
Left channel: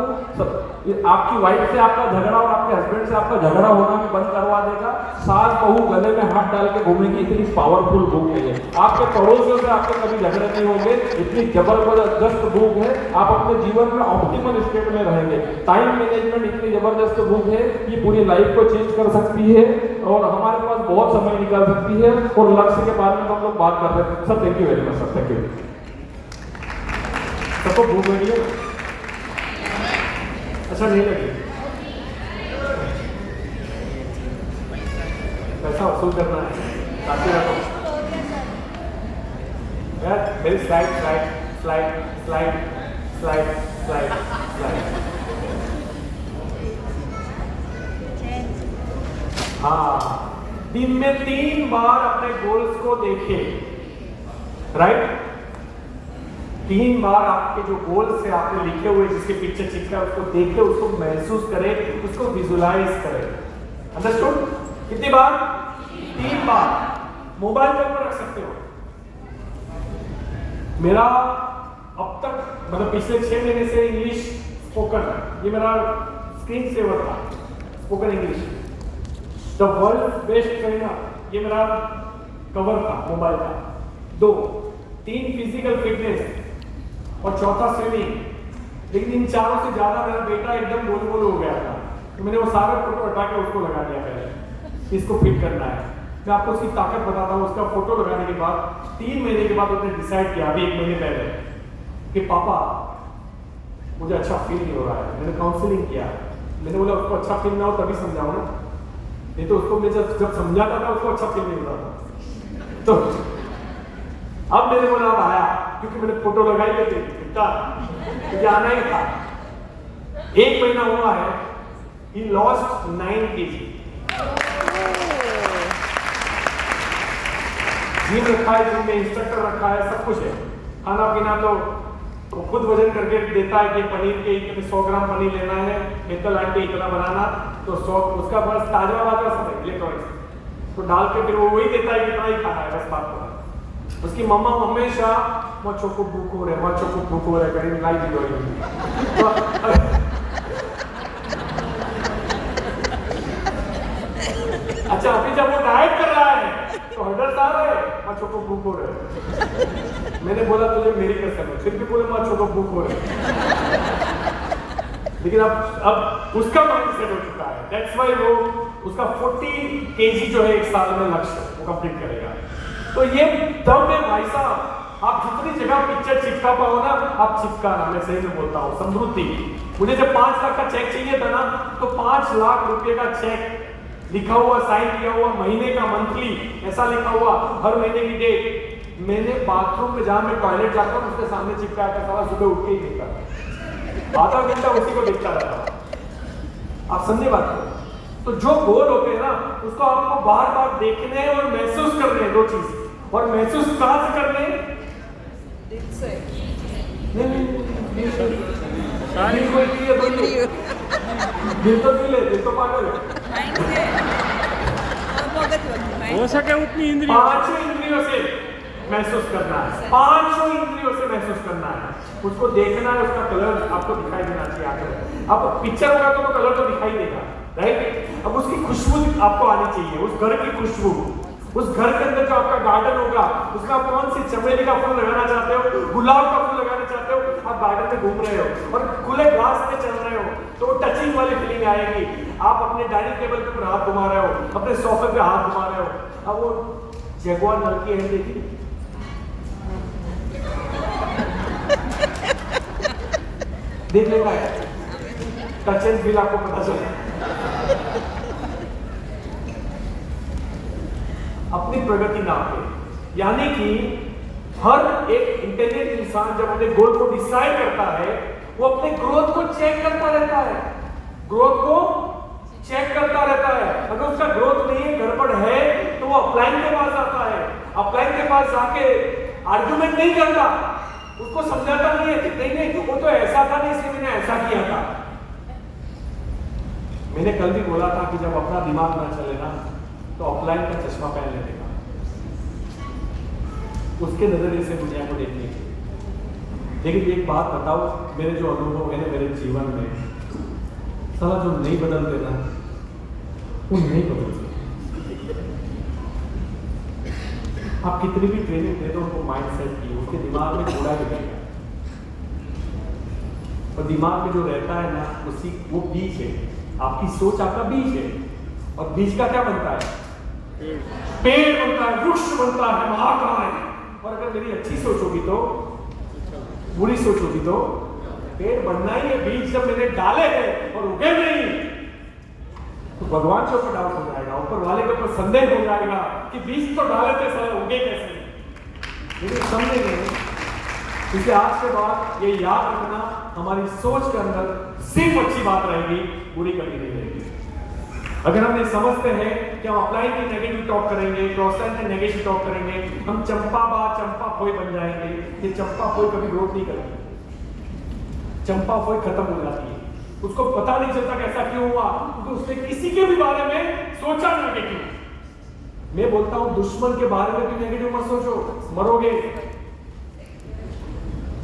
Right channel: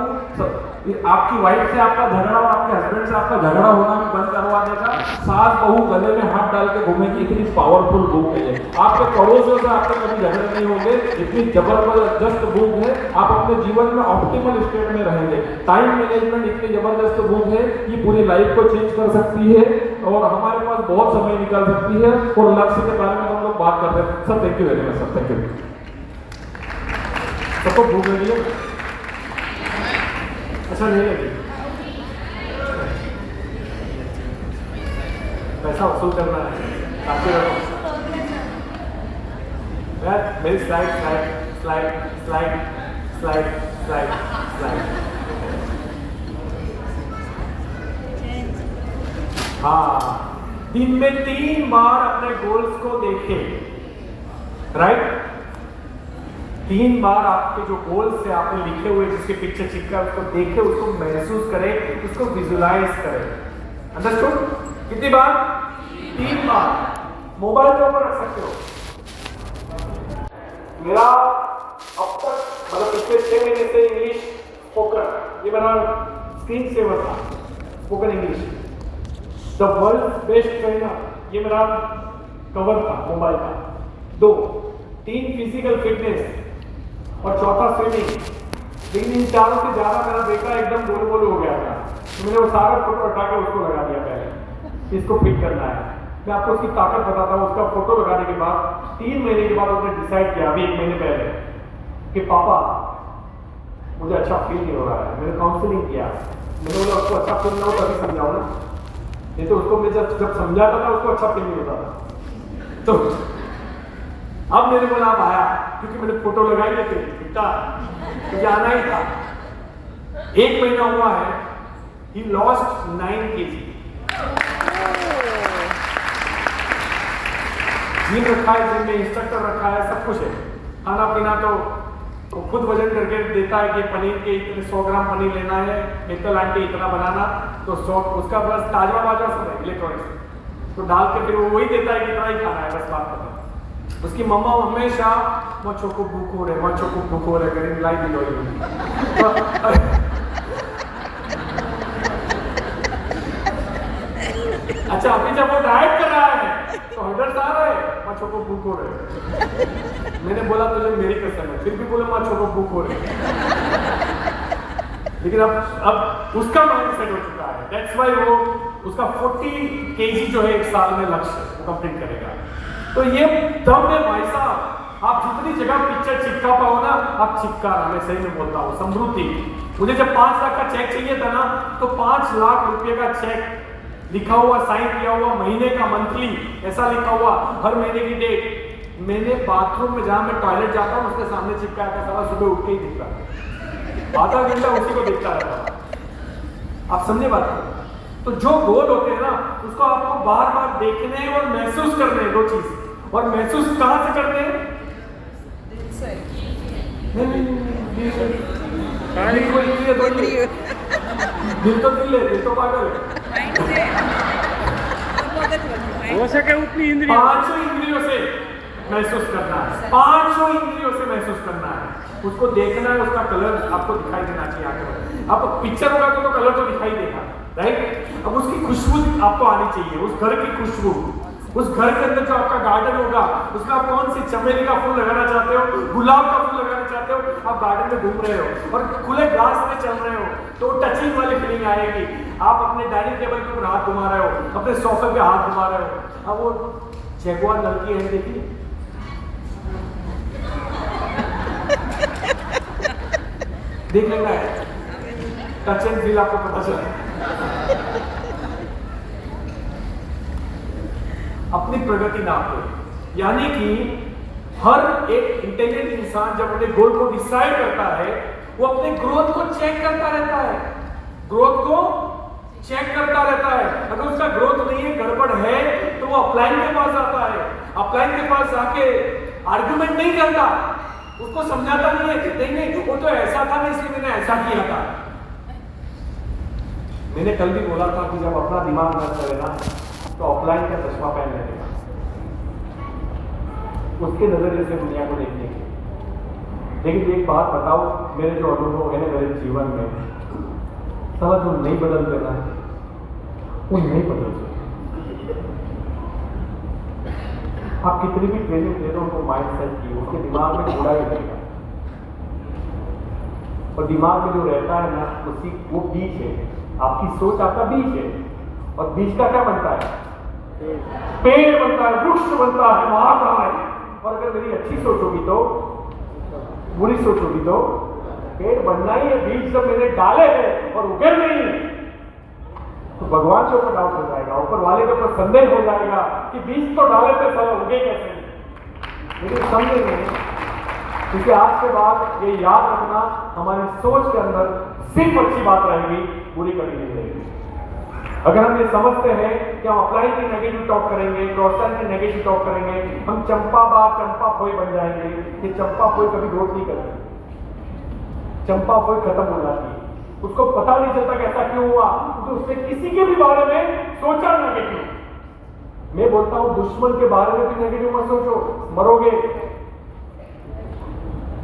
आपकी वाइफ से आपका झगड़ा और आपके हस्बैंड से आपका झगड़ा होना भी बंद करवा देगा। सास बहू गले में हाथ डाल के घूमेगी, इतनी पावरफुल बुक है ये। आपके पड़ोसियों से आपके कभी झगड़े नहीं होंगे, इतनी जबरदस्त बुक है। आप अपने जीवन में ऑप्टिमल स्टेट में रहेंगे। टाइम मैनेजमेंट इतनी जबरदस्त बुक है, ये पूरी लाइफ को चेंज कर सकती है और हमारे पास बहुत समय निकाल सकती है। और लक्ष्य के बारे में हम लोग बात कर रहे हैं। Sir thank you very much sir, thank you. सबको भूख लगी है? अच्छा नहीं लगी? पैसा वसूल करना है, काफी रकम। मेरी slide slide slide slide slide slide slide. हाँ, दिन में 3 बार अपने गोल्स को देखे, राइट? 3 बार आपके जो गोल्स है आपने लिखे हुए जिसके पिक्चर चिपका है उसको देखे, उसको महसूस करें, उसको विजुलाइज करें। अंडरस्टूड? कितनी बार? 3 बार। मोबाइल के ऊपर रख सकते हो। मेरा अब तक मतलब पिछले 6 महीने से इंग्लिश स्पोकन, ये मेरा स्क्रीन सेवर था, spoken English. The world best trainer, ये मेरा कवर था मोबाइल का। 2, 3 फिजिकल फिटनेस और 4था स्विमिंग। लेकिन इन चारों से ज्यादा मेरा बेटा एकदम गोल गोल हो गया था, तो मैंने वो सारे फोटो हटा के उसको लगा दिया पहले, इसको फिट करना है। मैं आपको उसकी ताकत बताता हूँ। उसका फोटो लगाने के बाद 3 महीने के बाद उसने डिसाइड किया, अभी 1 महीने पहले, कि पापा मुझे अच्छा फील नहीं हो रहा है। मैंने काउंसलिंग किया, मैंने बोला उसको अच्छा फील नहीं हो तभी समझाओ ना, नहीं तो उसको मैं जब समझाता था उसको अच्छा फील नहीं होता था। तो अब मैंने बोला अब आया, क्योंकि मैंने फोटो लगाई है इतना मुझे आना ही था। 1 महीना हुआ है, he lost 9 kg। जिम रखा है, जिम में इंस्ट्रक्टर रखा है, सब कुछ है। खाना पीना तो वो खुद वजन करके देता है कि पनीर के इतने 100 ग्राम पनीर लेना है, इतना लाइन पे इतना बनाना, तो 100 उसका बस ताजा बाजा सब है इलेक्ट्रॉनिक्स, तो डाल के फिर वो वही देता है कितना ही खाना है, बस बात पता। उसकी मम्मा हमेशा मच्छों को भूख हो रहे, मच्छों को भूख हो रहे करें लाई दी हो। अच्छा, अभी जब वो डाइट कर रहा है तो 100 आ रहे हैं, मच्छों को भूख हो रहे। मैंने बोला तुझे मेरी कसम है, फिर भी बोले मच्छों को भूख हो रहे। लेकिन अब उसका माइंडसेट हो चुका है, दैट्स व्हाई वो उसका 40 kg जो है 1 साल में लक्ष्य वो कंप्लीट करेगा। तो ये दम में भाई साहब, आप जितनी जगह पिक्चर चिपका पाओ ना, आप चिपकाना, मैं सही में बोलता हूँ। समृद्धि, मुझे जब 5 लाख का चेक चाहिए था ना, तो 5 लाख रुपए का चेक लिखा हुआ, साइन किया हुआ, महीने का, मंथली ऐसा लिखा हुआ, हर महीने की डेट, मैंने बाथरूम में जहां मैं टॉयलेट जाता हूँ उसके सामने चिपकाया था। साला सुबह उठ के ही देखता, आधा घंटा उसी को देखता रहता। आप समझे बात को? तो जो गोल होते हैं ना, उसको आपको बार बार देखने और महसूस करने, 2 चीज। और महसूस कहां से करने? दिल तो दिल है, दिल तो पागल है। हो सके उतनी इंद्रिय, 5 इंद्रियों से महसूस करना है, 5 इंद्रियों से महसूस करना है। उसको देखना है, उसका कलर आपको दिखाई देना चाहिए आगे। अब पिक्चर होगा तो कलर तो दिखाई देगा, राइट? अब उसकी खुशबू आपको आनी चाहिए, उस घर की खुशबू। उस घर के अंदर जो आपका गार्डन होगा, उसमें आप कौन सी चमेली का फूल लगाना चाहते हो, गुलाब का फूल लगाना चाहते हो, आप गार्डन में घूम रहे हो और खुले घास में चल रहे हो, तो टचिंग वाली फीलिंग आएगी। आप अपने डाइनिंग टेबल के ऊपर हाथ घुमा रहे हो, अपने सोफे पे हाथ घुमा रहे हो। अब वो जगुआर लड़की है, देखी, देख लेना है, टच एंड फील आपको पता चले। अपनी प्रगति नापे, यानी कि हर एक इंटेलिजेंट इंसान जब अपने गोल को डिसाइड करता है, वो अपने ग्रोथ को चेक करता रहता है, ग्रोथ को चेक करता रहता है। अगर उसका ग्रोथ नहीं है, गड़बड़ है, तो वो अपलाइन के पास आता है। अपलाइन के पास जाके आर्गुमेंट नहीं करता, उसको समझाता नहीं है, नहीं वो तो ऐसा था ना, इसलिए मैंने ऐसा किया था। मैंने कल भी बोला था कि जब अपना दिमाग न चले ना, तो ऑफलाइन का चश्मा पहन लेगा, उसके नजरिए से दुनिया को देखने की। लेकिन एक बात बताओ, मेरे जो अनुभव है ना मेरे जीवन में, साला जो नहीं बदलते ना, वो नहीं बदलते। आप कितनी भी ट्रेनिंग दे दो उनको माइंड सेट की, उसके दिमाग में घोड़ा ही रहेगा। और दिमाग में जो रहता है ना, उसी वो बीज है, आपकी सोच आपका बीज है। और बीज का क्या बनता है? पेड़ बनता है, वृक्ष बनता है, महाकाय। और अगर मेरी अच्छी सोच होगी तो, बुरी सोच होगी तो पेड़ बनना ही है। बीज जब मैंने डाले हैं और उगे नहीं, तो भगवान के ऊपर डाउट हो जाएगा, ऊपर वाले के ऊपर संदेह हो जाएगा कि बीज तो डाले थे, साला उगे कैसे नहीं। लेकिन समझेंगे, क्योंकि आज के बाद ये याद रखना, हमारी सोच के अंदर सिर्फ अच्छी बात रहेगी, बुरी कभी नहीं रहेगी। अगर हम ये समझते हैं कि हम अपलाइन की नेगेटिव टॉक करेंगे, क्रॉस लाइन की नेगेटिव टॉक करेंगे, हम चंपा फोई बन जाएंगे। ये चंपा फोई कभी ग्रोथ नहीं करेंगे, चंपा फोई खत्म हो जाती है, उसको पता नहीं चलता कि ऐसा क्यों हुआ, क्योंकि उसने किसी के भी बारे में सोचा नेगेटिव। मैं बोलता हूं दुश्मन के बारे में भी नेगेटिव मत सोचो, मरोगे।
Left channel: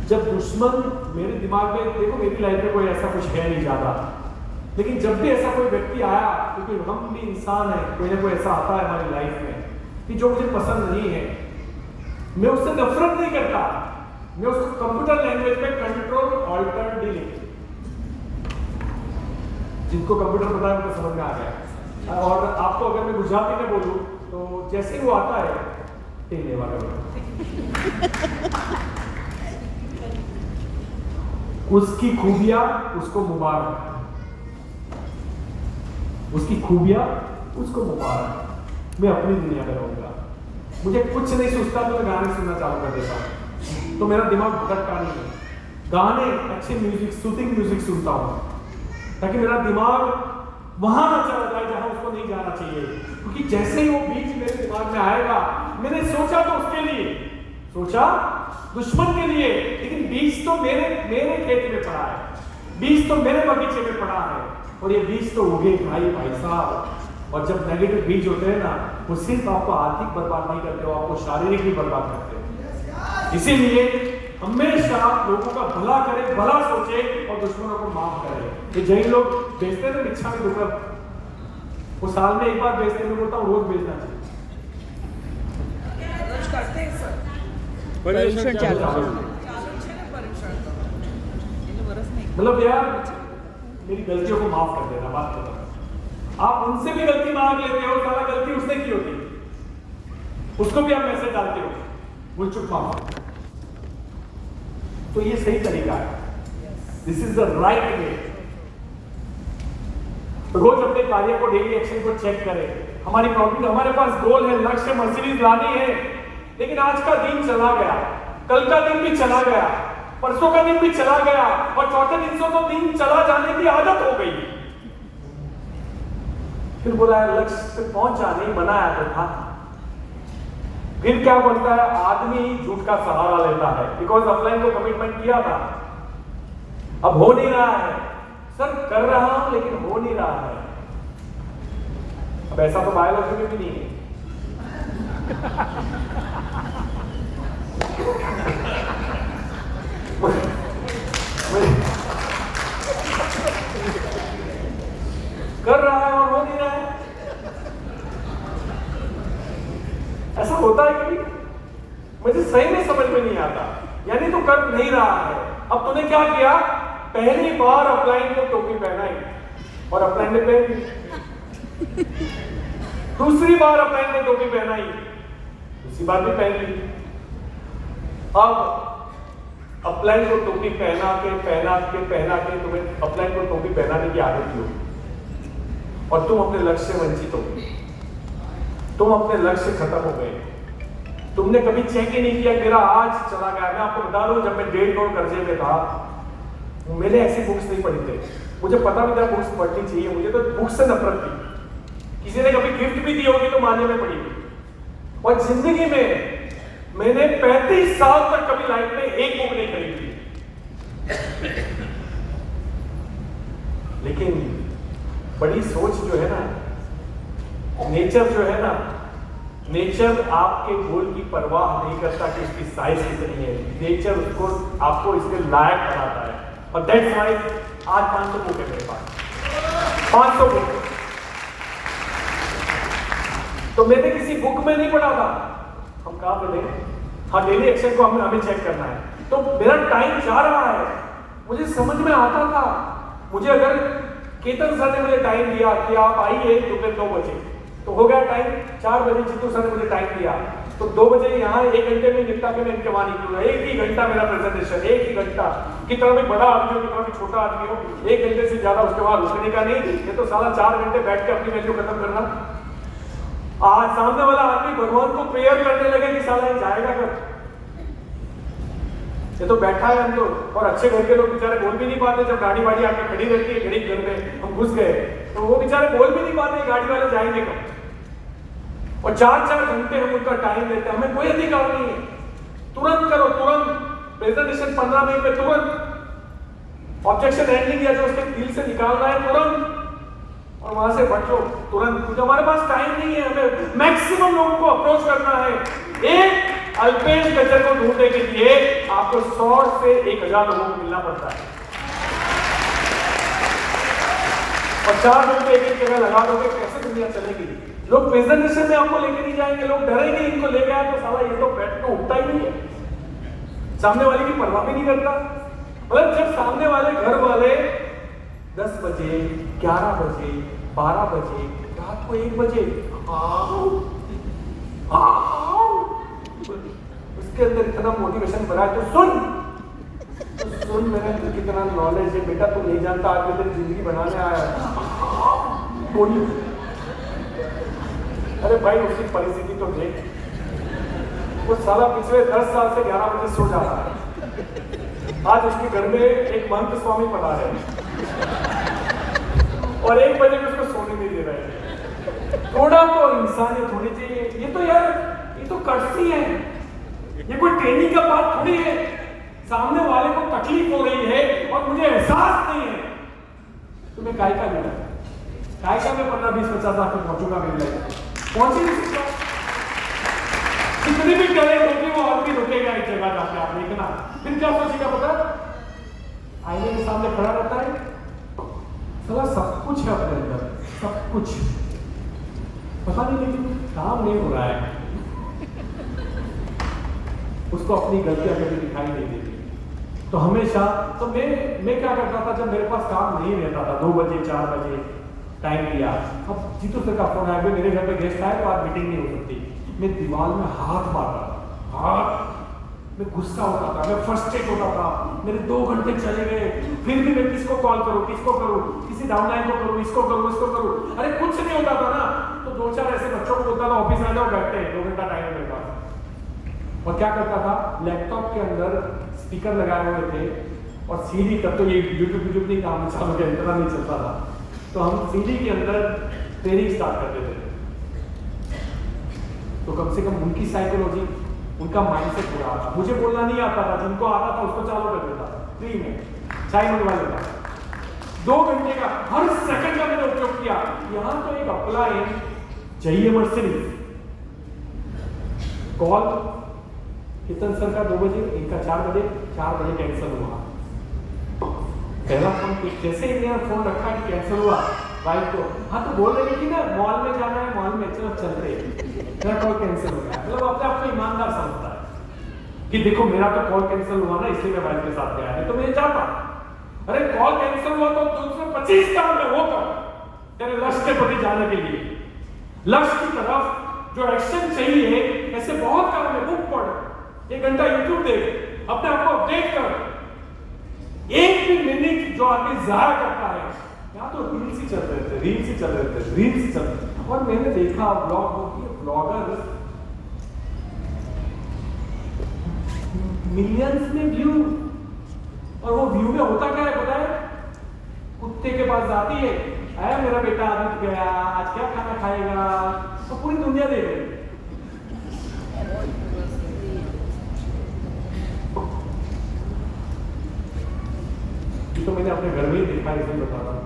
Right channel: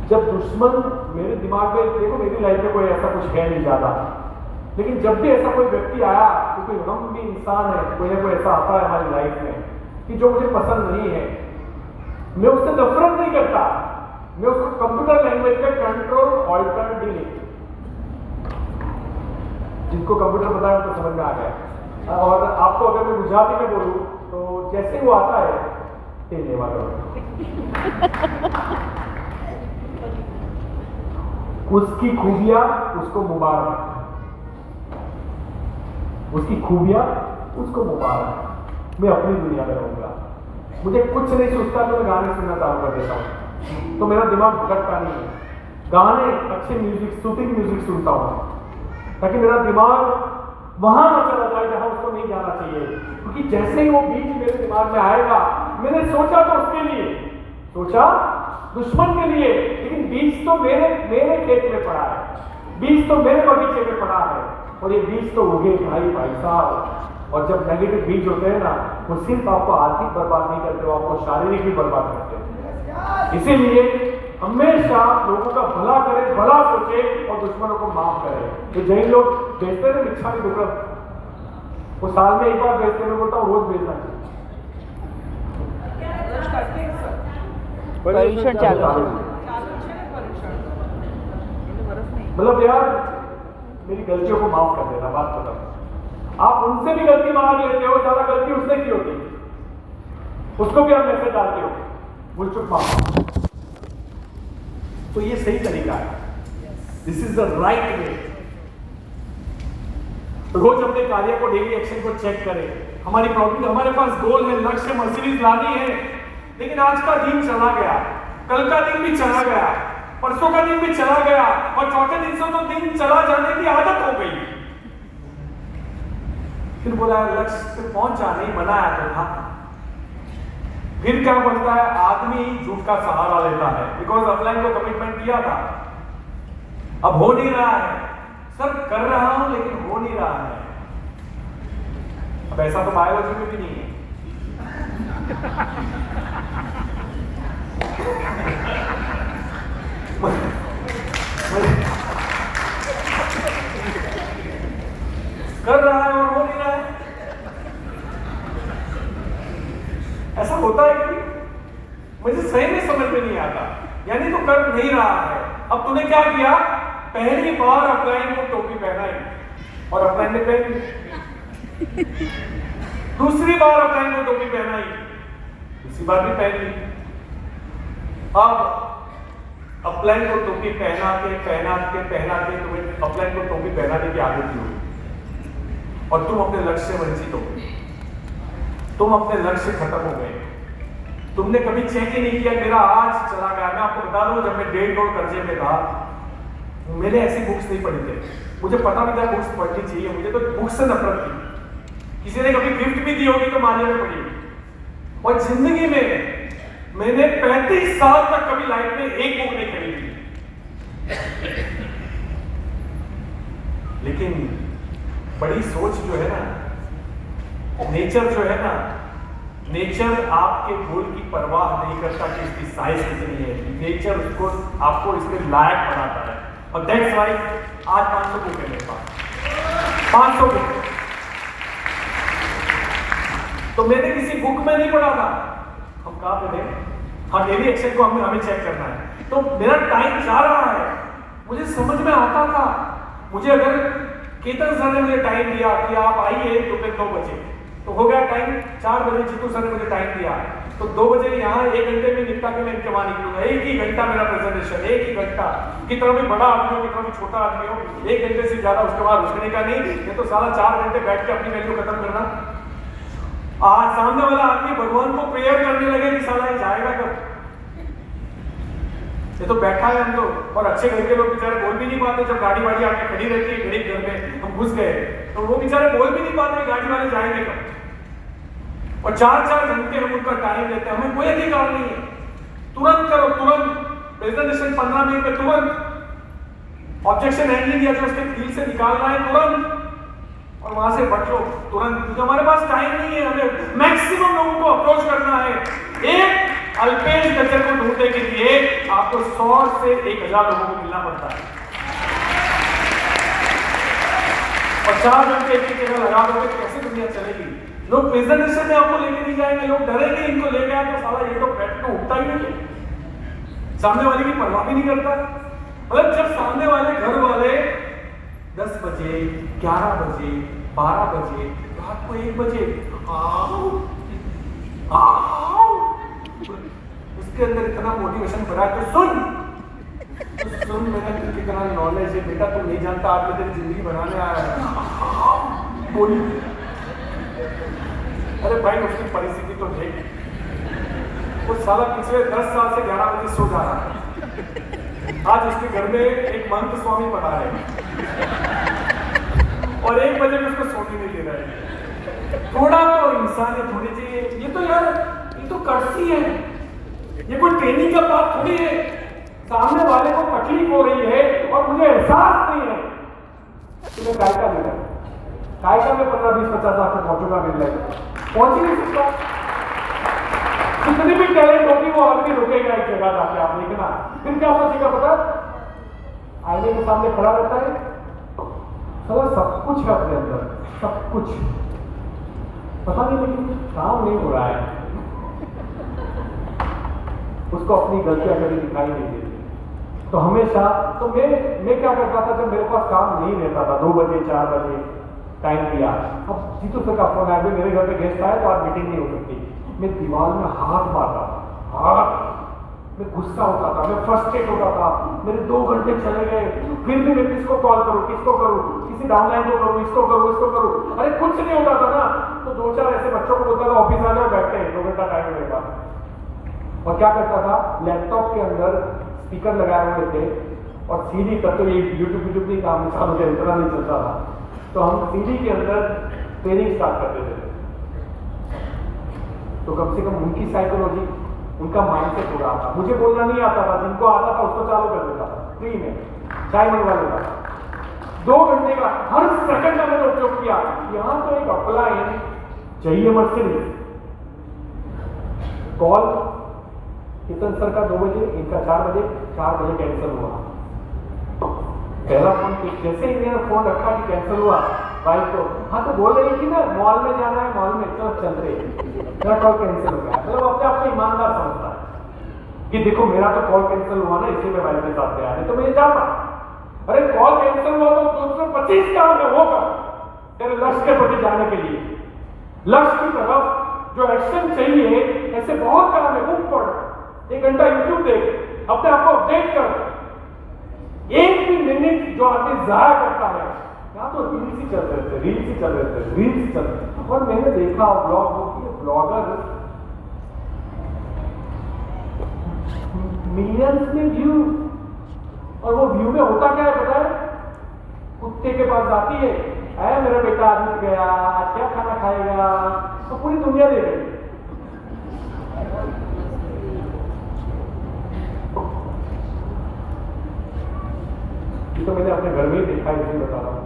जब दुश्मन मेरे दिमाग में, देखो मेरी लाइफ में कोई ऐसा कुछ है नहीं ज्यादा, लेकिन जब भी ऐसा कोई व्यक्ति आया, क्योंकि हम भी इंसान है, कोई ना कोई ऐसा आता है हमारी लाइफ में कि जो मुझे पसंद नहीं है, मैं उससे नफरत नहीं करता, मैं उसको कंप्यूटर लैंग्वेज में कंट्रोल ऑल्टर डिलीट, जिनको कंप्यूटर पता है उनको समझ में आ गया। और आपको अगर मैं गुजराती में बोलूं तो जैसे वो आता है तेले वाला उसकी खूबियां उसको मुबारक, उसकी खूबियां उसको मुबारक। मैं अपनी दुनिया में रहूंगा, मुझे कुछ नहीं सोचता तो मैं गाने सुनना चालू कर देता हूं, तो मेरा दिमाग भटकता नहीं है। गाने, अच्छे म्यूजिक, सूथिंग म्यूजिक सुनता हूं ताकि मेरा दिमाग वहां न चला जाए जहां उसको नहीं जाना चाहिए, क्योंकि जैसे ही वो बीज मेरे दिमाग में आएगा, मैंने सोचा तो उसके लिए, सोचा दुश्मन के लिए, लेकिन बीज तो मेरे खेत में पड़ा है, बीज तो मेरे बगीचे में पड़ा है, और ये बीज तो उगे भाई साहब। और जब नेगेटिव बीज होते हैं ना, वो सिर्फ आपको आर्थिक बर्बाद नहीं करते हो, आपको शारीरिक भी बर्बाद करते हो। इसीलिए हमेशा लोगों का भला करे, भला सोचे और दुश्मनों को माफ करे। ये जैन लोग बेचते हैं भिक्षा में दुर्लभ, वो साल में एक बार बेचते हैं, बोलता हूँ रोज बेचना चाहिए। परीक्षण चालू, मतलब यार मेरी गलतियों को माफ कर देना, बात खत्म। आप उनसे भी गलती मांग लेते हो, सारा गलती उसने की होती, उसको भी आप मैसेज डालते हो भूल चुक माफ। तो ये सही तरीका है, this is the right way. रोज अपने कार्य को, डेली एक्शन को चेक करें। हमारी प्रॉब्लम, हमारे पास गोल है, लक्ष्य, मर्सिडीज लानी है, लेकिन आज का दिन चला गया, कल का दिन भी चला गया, परसों का दिन भी चला गया, और चौथे दिन से तो दिन चला जाने की आदत हो गई। फिर बोला लक्ष्य पे पहुंच जाने ही बनाया तो था। फिर क्या बोलता है, आदमी झूठ का सहारा लेता है, बिकॉज ऑनलाइन को कमिटमेंट किया था, अब हो नहीं रहा है, सर कर रहा हूं लेकिन हो नहीं रहा है। अब ऐसा तो बायोलॉजी में भी नहीं है। कर रहा है और हो नहीं रहा है, ऐसा होता है कि मुझे सही में समझ में नहीं आता। यानी तो कर नहीं रहा है। अब तूने क्या किया, पहली बार अपलाइन को टोपी पहनाई और अपलाइन ने पहनी, दूसरी बार अपलाइन को टोपी पहनाई, दूसरी बार भी पहन ली। अब अपलाइन को टोपी पहना के तुम्हें अपलाइन को टोपी पहनाने की आदत क्यों, और तुम अपने लक्ष्य से वंचित हो, तुम अपने लक्ष्य से खत्म हो गए। तुमने कभी चेक ही नहीं किया मेरा आज चला गया। मैं आपको बता दूं, जब मैं 1.5 करोड़ कर्जे में था, मैंने ऐसी बुक्स नहीं पढ़ी थी, मुझे पता नहीं था बुक्स पढ़नी चाहिए, मुझे तो बुक्स से नफरत थी। किसी ने कभी गिफ्ट भी दी होगी तो मान्य में पढ़ी होगी। और जिंदगी में मैंने 35 साल तक कभी लाइफ में एक बुक नहीं खरीदी, लेकिन बड़ी सोच जो है ना, नेचर जो है ना, नेचर आपके गोल की परवाह नहीं करता कि इसकी साइज कितनी है, नेचर उसको आपको इसके लायक बनाता है। और दैट्स व्हाई आज 500 बुक है मेरे पास, 500 बुक। तो मैंने किसी बुक में नहीं पढ़ा था, हम कहां पे थे, हाँ डेली एक्शन को हमें चेक करना है। तो मेरा टाइम जा रहा है, मुझे समझ में आता था। मुझे अगर केतन सर ने मुझे टाइम दिया कि आप आइए दोपहर 2 बजे, तो हो गया टाइम 4 बजे। जीतू सर ने मुझे टाइम दिया तो 2 बजे यहाँ 1 घंटे में निपटा के मैं इनके वहां निकलूंगा। 1 ही घंटा मेरा प्रेजेंटेशन, 1 ही घंटा। कितना भी बड़ा आदमी हो, कितना भी छोटा आदमी हो, 1 घंटे से ज्यादा उसके बाद रुकने का नहीं, ये तो साला 4 घंटे बैठ के अपनी वैल्यू खत्म करना। आज सामने वाला आदमी भगवान को प्रेयर करने लगे कि साला ये जाएगा कब, ये तो बैठा है हम लोग, और अच्छे घर के लोग बेचारे बोल भी नहीं पाते। जब गाड़ी वाड़ी आके खड़ी रहती है गरीब घर में, हम घुस गए तो वो बेचारे बोल भी नहीं पाते गाड़ी वाले जाएंगे कब। और 4-4 घंटे हम उनका टाइम लेते हैं, हमें कोई अधिकार नहीं है। तुरंत करो, तुरंत प्रेजेंटेशन 15 मिनट में, तुरंत ऑब्जेक्शन हैंडलिंग या जो उसके दिल से निकालना है तुरंत, और वहां से बच लो तुरंत, क्योंकि हमारे पास टाइम नहीं है। हमें मैक्सिमम लोगों को अप्रोच करना है। एक अल्पेश गजर को ढूंढने के लिए आपको 100 से 1000 लोगों को मिलना पड़ता है, और 4 घंटे एक जगह लगा दोगे, कैसे दुनिया चलेगी? लोग प्रेजेंटेशन में आपको लेके नहीं जाएंगे, लोग डरेंगे इनको लेके आए तो साला ये तो बैठ तो उठता ही नहीं है, सामने वाले की परवाह भी नहीं करता। मतलब जब सामने वाले घर वाले 10 बजे, 11 बजे, 12 बजे, रात को 1 बजे उसके अंदर इतना मोटिवेशन भरा है, तो सुन मैंने तो कितना नॉलेज है बेटा, तू नहीं जानता, आज मैं तेरी जिंदगी बनाने आया है। बोली अरे भाई उसकी परिस्थिति तो देख, वो साला पिछले 10 साल से 11 बजे सो जा रहा है। आज उसके घर में एक महंत स्वामी पढ़ा है और 1 बजे में उसको सोने नहीं दे रहा है। थोड़ा तो इंसानियत होनी चाहिए। ये तो यार, ये तो कर्सी है, ये कोई ट्रेनिंग का बात थोड़ी है। सामने वाले को तकलीफ हो रही है और मुझे एहसास नहीं है, तुम्हें काय का मिला, काय का मैं 15, 20, 50 लाख तक पहुंचूंगा मेरी लाइफ, पहुंच ही नहीं सकता। कितनी भी टैलेंट होगी वो आदमी रुकेगा एक जगह जाके, आप देखना। फिर क्या सोचेगा पता, आईने के सामने खड़ा रहता है, साला सब कुछ है अपने अंदर, सब कुछ, पता नहीं लेकिन काम नहीं हो रहा है, उसको अपनी गलतियां कभी दिखाई नहीं देती। तो हमेशा तो मैं क्या करता था, जब मेरे पास काम नहीं रहता था, 2 बजे 4 बजे टाइम दिया, अब जीतू सर का फोन आया, मेरे घर पे गेस्ट आया तो आज मीटिंग नहीं हो सकती, मैं दीवार में हाथ मारता था, हाथ, मैं गुस्सा होता था, मैं फ्रस्ट्रेट होता था, मेरे 2 घंटे चले गए, फिर भी मैं किसको कॉल करूं, किसको करूं, किसी डाउनलाइन को करूं, इसको करूं, इसको करूं, अरे कुछ नहीं होता था ना। तो 2-4 ऐसे बच्चों को बोलता था ऑफिस आ जाओ, बैठते हैं, 2 घंटा टाइम है मेरे पास। और क्या करता था, लैपटॉप के अंदर स्पीकर लगाए हुए थे और सीडी, तब तो ये यूट्यूब नहीं काम चालू के इतना नहीं चलता था, तो हम सीडी के अंदर ट्रेनिंग स्टार्ट करते थे। तो कम से कम उनकी साइकोलॉजी, उनका माइंडसेट पूरा आता। मुझे बोलना नहीं आता था, जिनको आता था उसको चालू कर देता था, फ्री में चाय मंगवा लेता था। 2 घंटे का हर सेकंड का मैंने उपयोग किया। यहां तो एक अप्लायंस चाहिए मर्सिडीज, कॉल कितन सर का 2 बजे, इनका 4 बजे, 4 बजे कैंसिल हुआ। पहला फोन कैसे इन्होंने फोन रखा कि कैंसिल हुआ, भाई तो हाँ तो बोल रहे कि ना मॉल में जाना है, मॉल में चल रहे, मेरा कॉल कैंसिल हो गया। मतलब अपने आप को ईमानदार समझता है कि देखो मेरा तो कॉल कैंसिल हुआ ना, इसलिए मैं भाई के साथ गया है, तो मैं जाता। अरे कॉल कैंसिल हुआ तो 225 काम है वो कर, तेरे लक्ष्य के प्रति जाने के लिए, लक्ष्य की तरफ जो एक्शन चाहिए, ऐसे बहुत काम है। बुक पढ़, 1 घंटा यूट्यूब देख, अपने आप को अपडेट कर। एक भी मिनट जो आदमी जाया करता है, यहाँ तो रील्स ही चल रहे थे, रील्स ही चल रहे थे, रील्स ही चल रहे थे। और मैंने देखा ब्लॉगर मिलियंस में व्यू, और वो व्यू में होता क्या है पता है, कुत्ते के पास जाती है, आया मेरा बेटा आज उठ गया, आज क्या खाना खाएगा, तो पूरी दुनिया देख रही। तो मैंने अपने घर में ही देखा, इसलिए बता रहा हूं।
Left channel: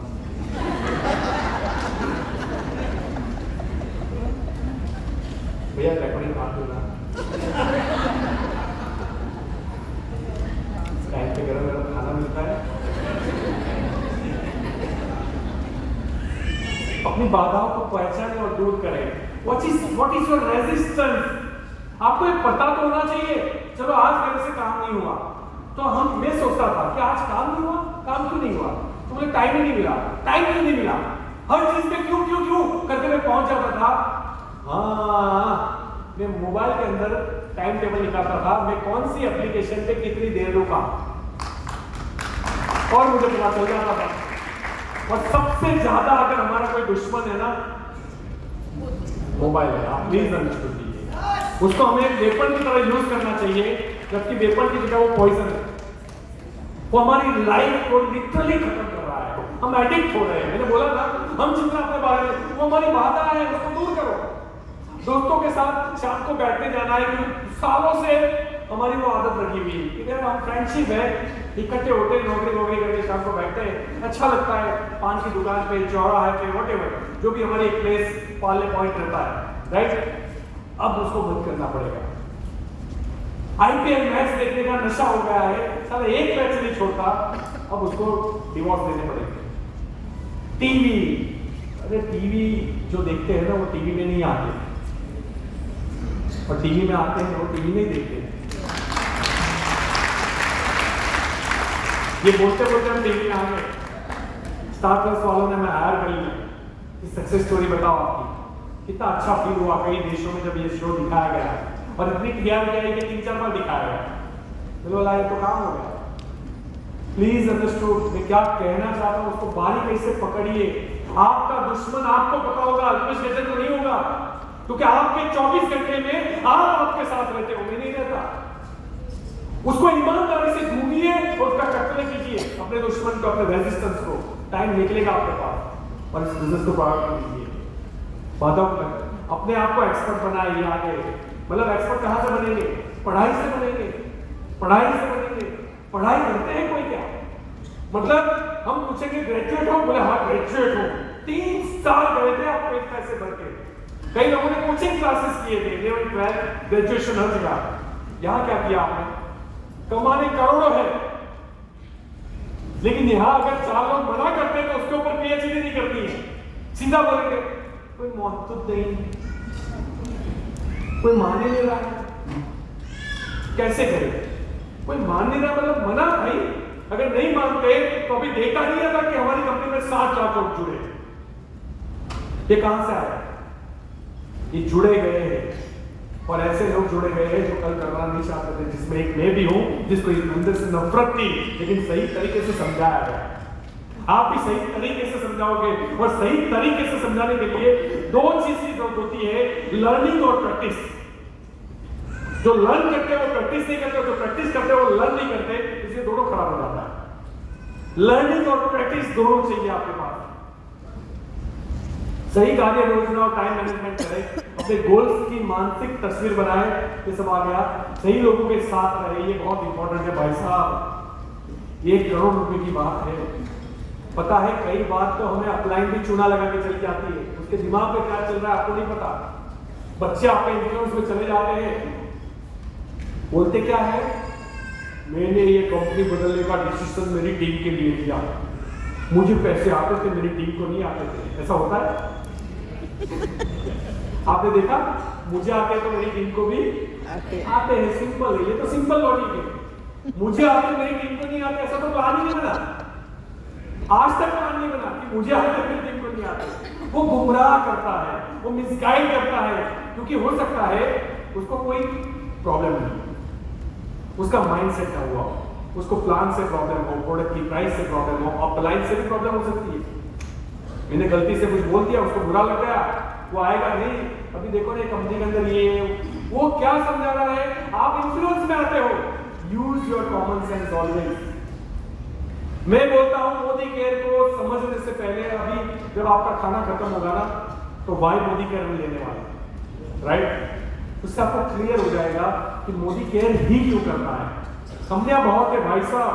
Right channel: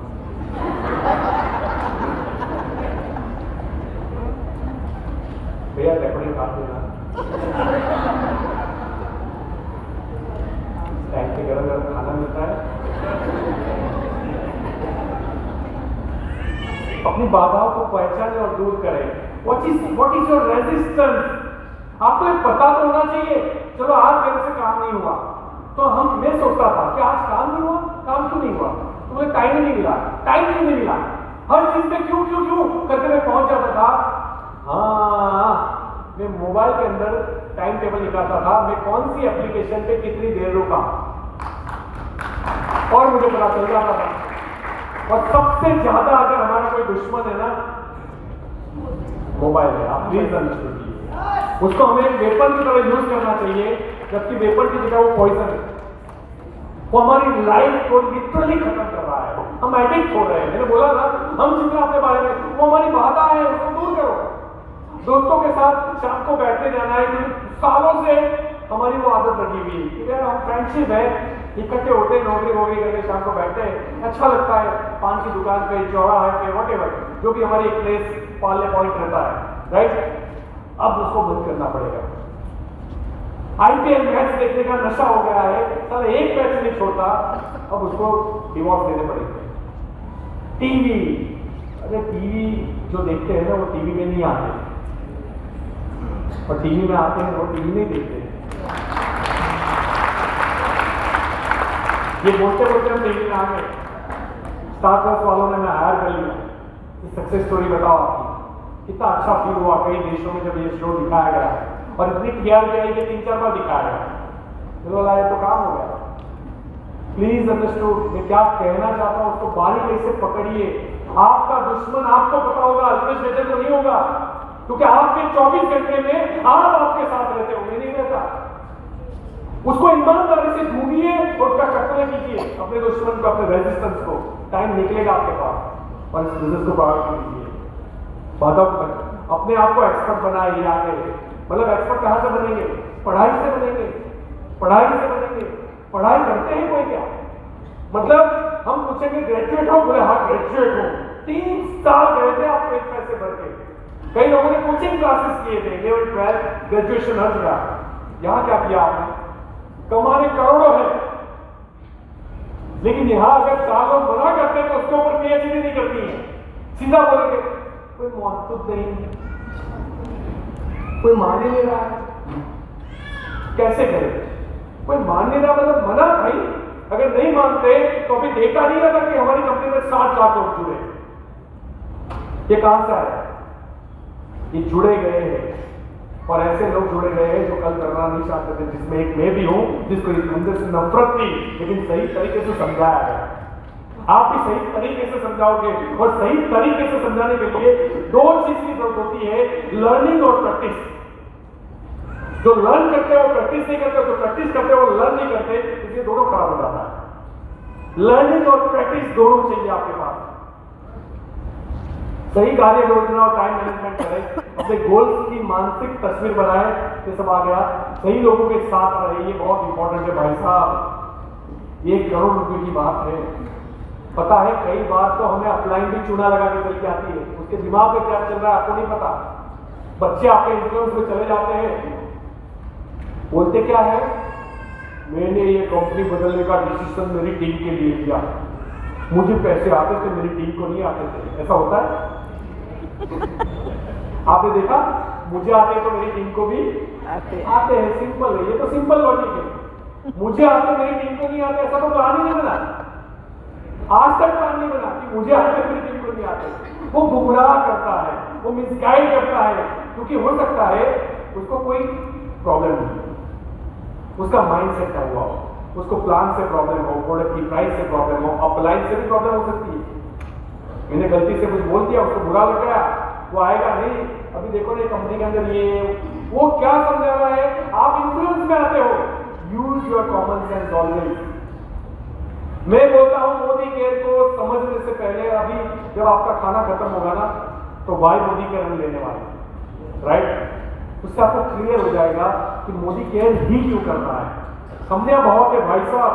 भैया रेकॉर्डिंग काट देना, टाइम पे गरम गरम खाना मिलता है। अपनी बाधाओं को पहचाने और दूर करें। What is your resistance? आपको एक पता तो होना चाहिए। चलो आज मेरे से काम नहीं हुआ, तो मैं सोचता था कि आज काम नहीं हुआ, काम क्यों नहीं हुआ, तो मुझे टाइम ही नहीं मिला, टाइम क्यों नहीं मिला, हर चीज में क्यों क्यों क्यों करके मैं पहुंच जाता था। हाँ, मैं मोबाइल के अंदर टाइम टेबल निकालता था, मैं कौन सी एप्लीकेशन पे कितनी देर रुका, और मुझे पता चल जाता था। और सबसे ज्यादा अगर हमारा कोई दुश्मन है ना, मोबाइल है। आप प्लीज अंडरस्टैंड कीजिए, उसको हमें वेपन की तरह यूज करना चाहिए, जबकि वेपन की जगह वो पॉइजन है। वो हमारी लाइफ को लिटरली खत्म कर रहा है। हम एडिक्ट हो रहे हैं। मैंने बोला ना, हम जितना अपने बारे में, वो हमारी बाधा है, उसको दूर करो। दोस्तों के साथ शाम को बैठने जाना है, क्योंकि सालों से हमारी वो आदत लगी हुई है कि यार हम फ्रेंडशिप है, इकट्ठे होते हैं, नौकरी वोकरी करके शाम को बैठते हैं, अच्छा लगता है, पान की दुकान पे, चौराहे पे, वॉटेवर जो भी हमारी एक प्लेस पालने पॉइंट रहता है, राइट। अब उसको बंद करना पड़ेगा। आईपीएल मैच देखने का नशा हो गया है, सारा एक मैच नहीं छोड़ता, अब उसको डिवोर्स देने पड़ेंगे। टीवी, अरे टीवी जो देखते हैं ना, वो टीवी में नहीं आते, और टीवी में आते हैं वो टीवी नहीं देखते। ये बोलते बोलते हम टीवी में आ गए। स्टार प्लस वालों ने मैं हायर कर लिया। सक्सेस स्टोरी बताओ आपकी, कितना अच्छा फील हुआ कई देशों में जब ये शो दिखाया गया है, और इतनी क्लियरिटी आई कि 3-4 बार दिखाया गया। मुझे बोला ये तो काम हो गया। प्लीज अंडरस्टूड, मैं क्या कहना चाहता हूं उसको बारीकी से पकड़िए। आपका दुश्मन आपको पता होगा, अल्पेश गजल को नहीं होगा, क्योंकि आपके 24 घंटे में आप आपके साथ रहते हो, मैं नहीं रहता। उसको ईमानदारी से ढूंढिए और उसका टक्कर कीजिए, अपने दुश्मन को, अपने रेजिस्टेंस को। टाइम निकलेगा आपके पास, और इस बिजनेस को बढ़ा कीजिए। अपने आप को एक्सपर्ट बनाइए आगे। मतलब एक्सपर्ट कहां से बनेंगे? पढ़ाई से बनेंगे, पढ़ाई से बनेंगे। पढ़ाई करते हैं कोई क्या? मतलब हम पूछेंगे ग्रेजुएट हो, बोले हाँ ग्रेजुएट हो। 3 साल गए थे आप एक पैसे भर के। कई लोगों ने कोचिंग क्लासेस किए थे, 11, 12 ग्रेजुएशन हर जगह। यहां क्या किया आपने? कमाने करोड़ों है, लेकिन यहां अगर 4 लोग मना करते हैं तो उसके ऊपर पीएचडी नहीं करनी है, सीधा बोलेंगे कोई महत्व नहीं, कोई मान ही नहीं रहा है, कैसे करे? कोई मान नहीं रहा मतलब मना भाई। अगर नहीं मानते तो अभी डेटा नहीं आता कि हमारी कंपनी में 7 लाख लोग जुड़े। ये कहां से आया? ये जुड़े गए हैं, और ऐसे लोग जुड़े गए हैं जो कल करना नहीं चाहते थे, जिसमें एक मैं भी हूं, जिसको इस धंधे से नफरत थी, लेकिन सही तरीके से समझाया गया। आप भी सही तरीके से समझाओगे, और सही तरीके से समझाने के लिए 2 चीज की जरूरत होती है, लर्निंग और प्रैक्टिस। जो लर्न करते हैं वो प्रैक्टिस नहीं करते, जो प्रैक्टिस करते हैं वो लर्न नहीं करते, इसलिए दोनों खराब हो जाता है। लर्निंग और प्रैक्टिस दोनों चाहिए आपके पास। सही कार्य योजना और टाइम मैनेजमेंट करें, अपने गोल्स की मानसिक तस्वीर बनाए, ये सब आ गया। सही लोगों के साथ रहे, ये बहुत इंपॉर्टेंट है भाई साहब। ये 1 करोड़ रुपए की बात है। पता है कई बार तो हमें अपलाइन भी चूना लगा के चली जाती है, उसके दिमाग में क्या चल रहा है आपको नहीं पता। बच्चे आपके इन्फ्लुएंस में चले जाते हैं, बोलते क्या है, मैंने ये कंपनी बदलने का डिसीजन मेरी टीम के लिए लिया, मुझे पैसे आते थे, मेरी टीम को नहीं आते थे। ऐसा होता है? आपने देखा? मुझे आते हैं तो मेरी टीम को भी आते हैं। सिंपल है, ये तो सिंपल लॉजिक है। मुझे आते मेरी टीम को नहीं आते, ऐसा तो प्लान ही नहीं बना, आज तक प्लान नहीं बना कि मुझे आते मेरी टीम को नहीं आते। वो गुमराह करता है, वो मिसगाइड करता है, क्योंकि हो सकता है उसको कोई प्रॉब्लम नहीं, उसका माइंड सेट का हुआ हो, उसको प्लान से प्रॉब्लम हो, प्रोडक्ट की प्राइस से प्रॉब्लम हो, अपलाइन से भी प्रॉब्लम हो सकती है। मैंने गलती से कुछ बोल दिया, उसको बुरा लग गया, वो आएगा नहीं, अभी देखो ना कंपनी के अंदर ये वो क्या समझा रहा है, आप इन्फ्लुएंस में आते हो। Use your common sense always. मैं बोलता हूं मोदी केयर को समझने से पहले, अभी जब आपका खाना खत्म होगा ना, तो वाई मोदी केयर हम लेने वाले, राइट? उससे आपको क्लियर हो जाएगा कि मोदी केयर ही क्यों करना है। कंपनियां बहुत है भाई साहब,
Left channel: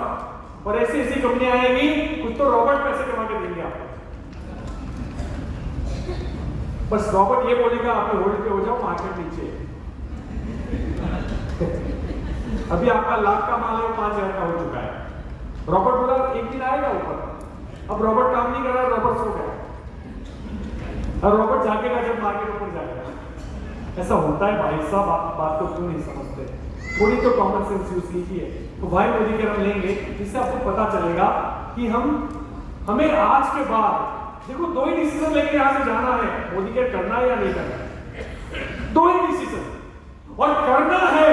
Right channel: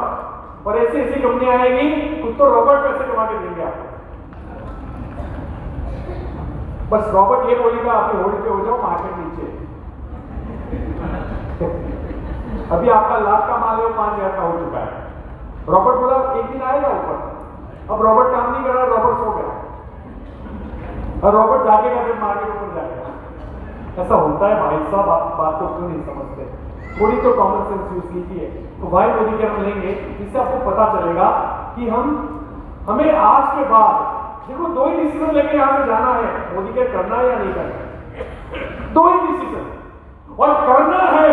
और ऐसी ऐसी कंपनियां आएंगी, कुछ तो रॉबर्ट पैसे कमा के देंगे आपको। बस रॉबर्ट ये बोलेगा आपके होल्ड पे हो जाओ, मार्केट नीचे। अभी आपका लाख का माल है 5,000 का हो चुका है। रॉबर्ट बोला एक दिन आएगा ऊपर। अब रॉबर्ट काम नहीं कर रहा, रॉबर्ट सो गया, और रॉबर्ट जागेगा जब मार्केट ऊपर जाएगा। ऐसा होता है भाई साहब, आप बात को क्यों नहीं समझते? थोड़ी तो कॉमन सेंस यूज कीजिए। तो वाई मोदी केयर लेंगे, इससे आपको पता चलेगा कि हमें आज के बाद देखो 2 ही डिसीजन लेके यहां से जाना है, मोदी केयर करना है या नहीं करना है। 2 ही डिसीजन, और करना है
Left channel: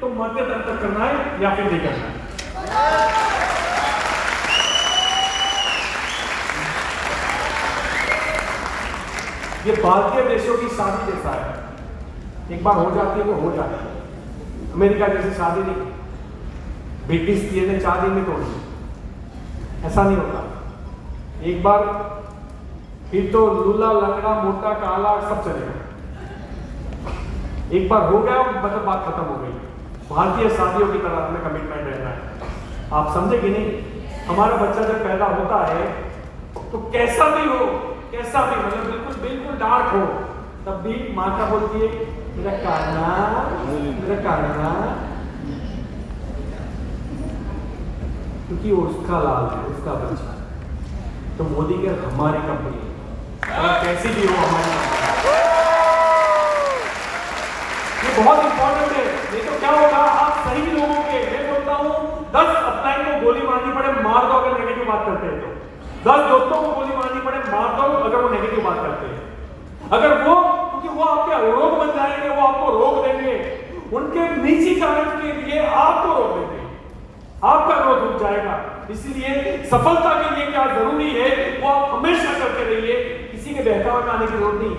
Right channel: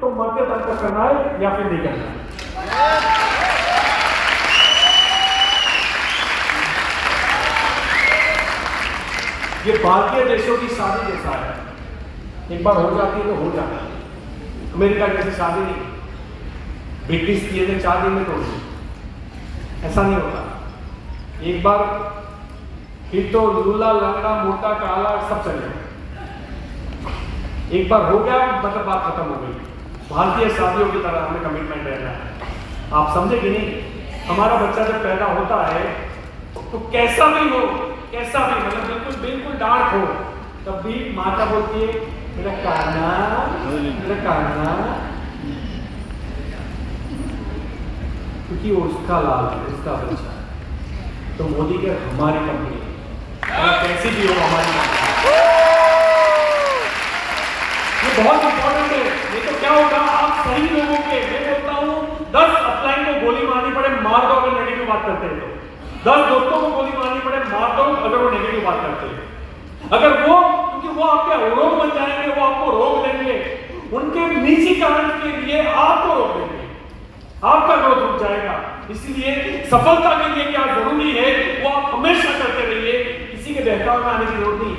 तो मरते दम तक करना है या फिर नहीं करना है। ये भारतीय देशों की शादी जैसा है। एक बार हो जाती है तो हो जाती है। अमेरिका जैसी शादी नहीं, ब्रिटिश किए थे 4 दिन में तोड़ दी, ऐसा नहीं होता। एक बार फिर तो लूला लंगड़ा मोटा काला सब चले, एक बार हो गया मतलब बात खत्म हो गई। भारतीय शादियों की तरह हमें कमिटमेंट रहना है। आप समझे कि नहीं? हमारा बच्चा जब पैदा होता है तो कैसा भी हो, कैसा भी मतलब बिल्कुल बिल्कुल डार्क हो, तब भी माँ क्या बोलती है, मेरा कान्हा, मेरा कान्हा, क्योंकि उसका लाल है, उसका बच्चा। तो मोदी के हमारी कंपनी और कैसी भी हो हमारी कंपनी, ये बहुत इंपॉर्टेंट है। नहीं तो क्या होगा, आप सही लोगों के, मैं बोलता हूँ 10 अपलाइन को गोली मारनी पड़े मार दो अगर नेगेटिव बात करते हैं तो, 10 दोस्तों को गोली मारनी पड़े मार दो अगर वो नेगेटिव बात करते हैं। अगर वो, क्योंकि वो आपके अवरोध बन जाएंगे, वो आपको रोक देंगे, उनके निजी कारण के लिए आपको रोक देंगे, आपका ग्रोथ रुक जाएगा। इसलिए सफलता के लिए क्या जरूरी है, वो आप हमेशा करते रहिए, किसी के बहकावे में आने की जरूरत नहीं।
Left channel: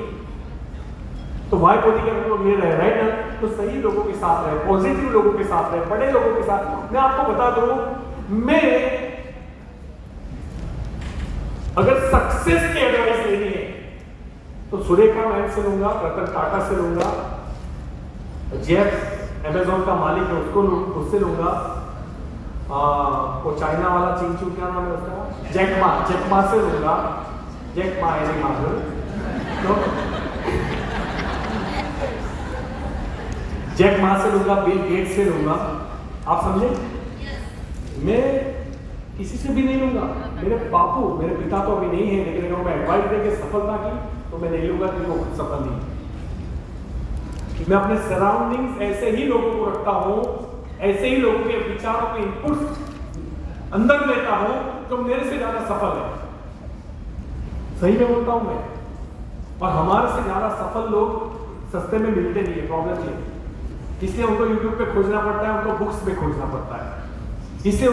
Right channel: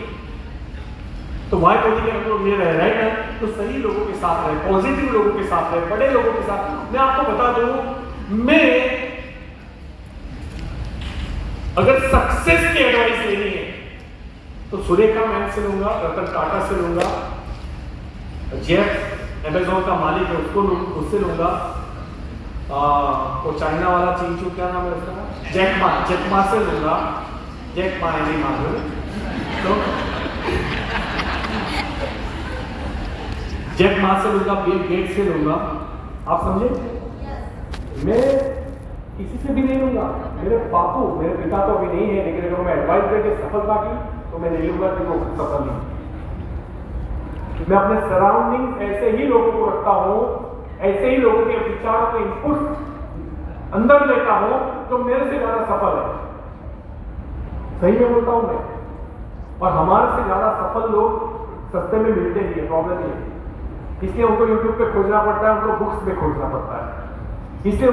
तो वाई पोजी के लोग ले रहे राइट ना, तो सही लोगों के साथ रहे, पॉजिटिव लोगों के साथ रहे, बड़े लोगों के साथ। मैं आपको बता दूं, मैं अगर सक्सेस की एडवाइस लेनी है तो सुरेखा मैम से लूंगा, रतन टाटा से लूंगा, जेफ अमेजोन का मालिक है उससे लूंगा, वो चाइना वाला चीचू क्या नाम है उसका, जैकमा से लूंगा, जैकमा है नहीं मालूम तो जैक मा से लूंगा, बिल गेट्स से लूंगा। आप समझे? मैं किसी से भी नहीं लूंगा। मेरे बापू, मेरे पिता तो अभी नहीं है, लेकिन अगर मैं एडवाइस देके सफलता की तो मैं नहीं लूंगा कि वो सफल नहीं। मैं अपने सराउंडिंग्स ऐसे ही लोगों को रखता हूं, ऐसे ही लोगों के विचारों के इनपुट अंदर लेता हूं जो मेरे से ज्यादा सफल है। सही में बोलता हूं मैं। और हमारे से ज्यादा सफल लोग सस्ते में मिलते नहीं है, प्रॉब्लम ये है। इसलिए उनको यूट्यूब पे खोजना पड़ता है, उनको बुक्स में खोजना पड़ता है। इसलिए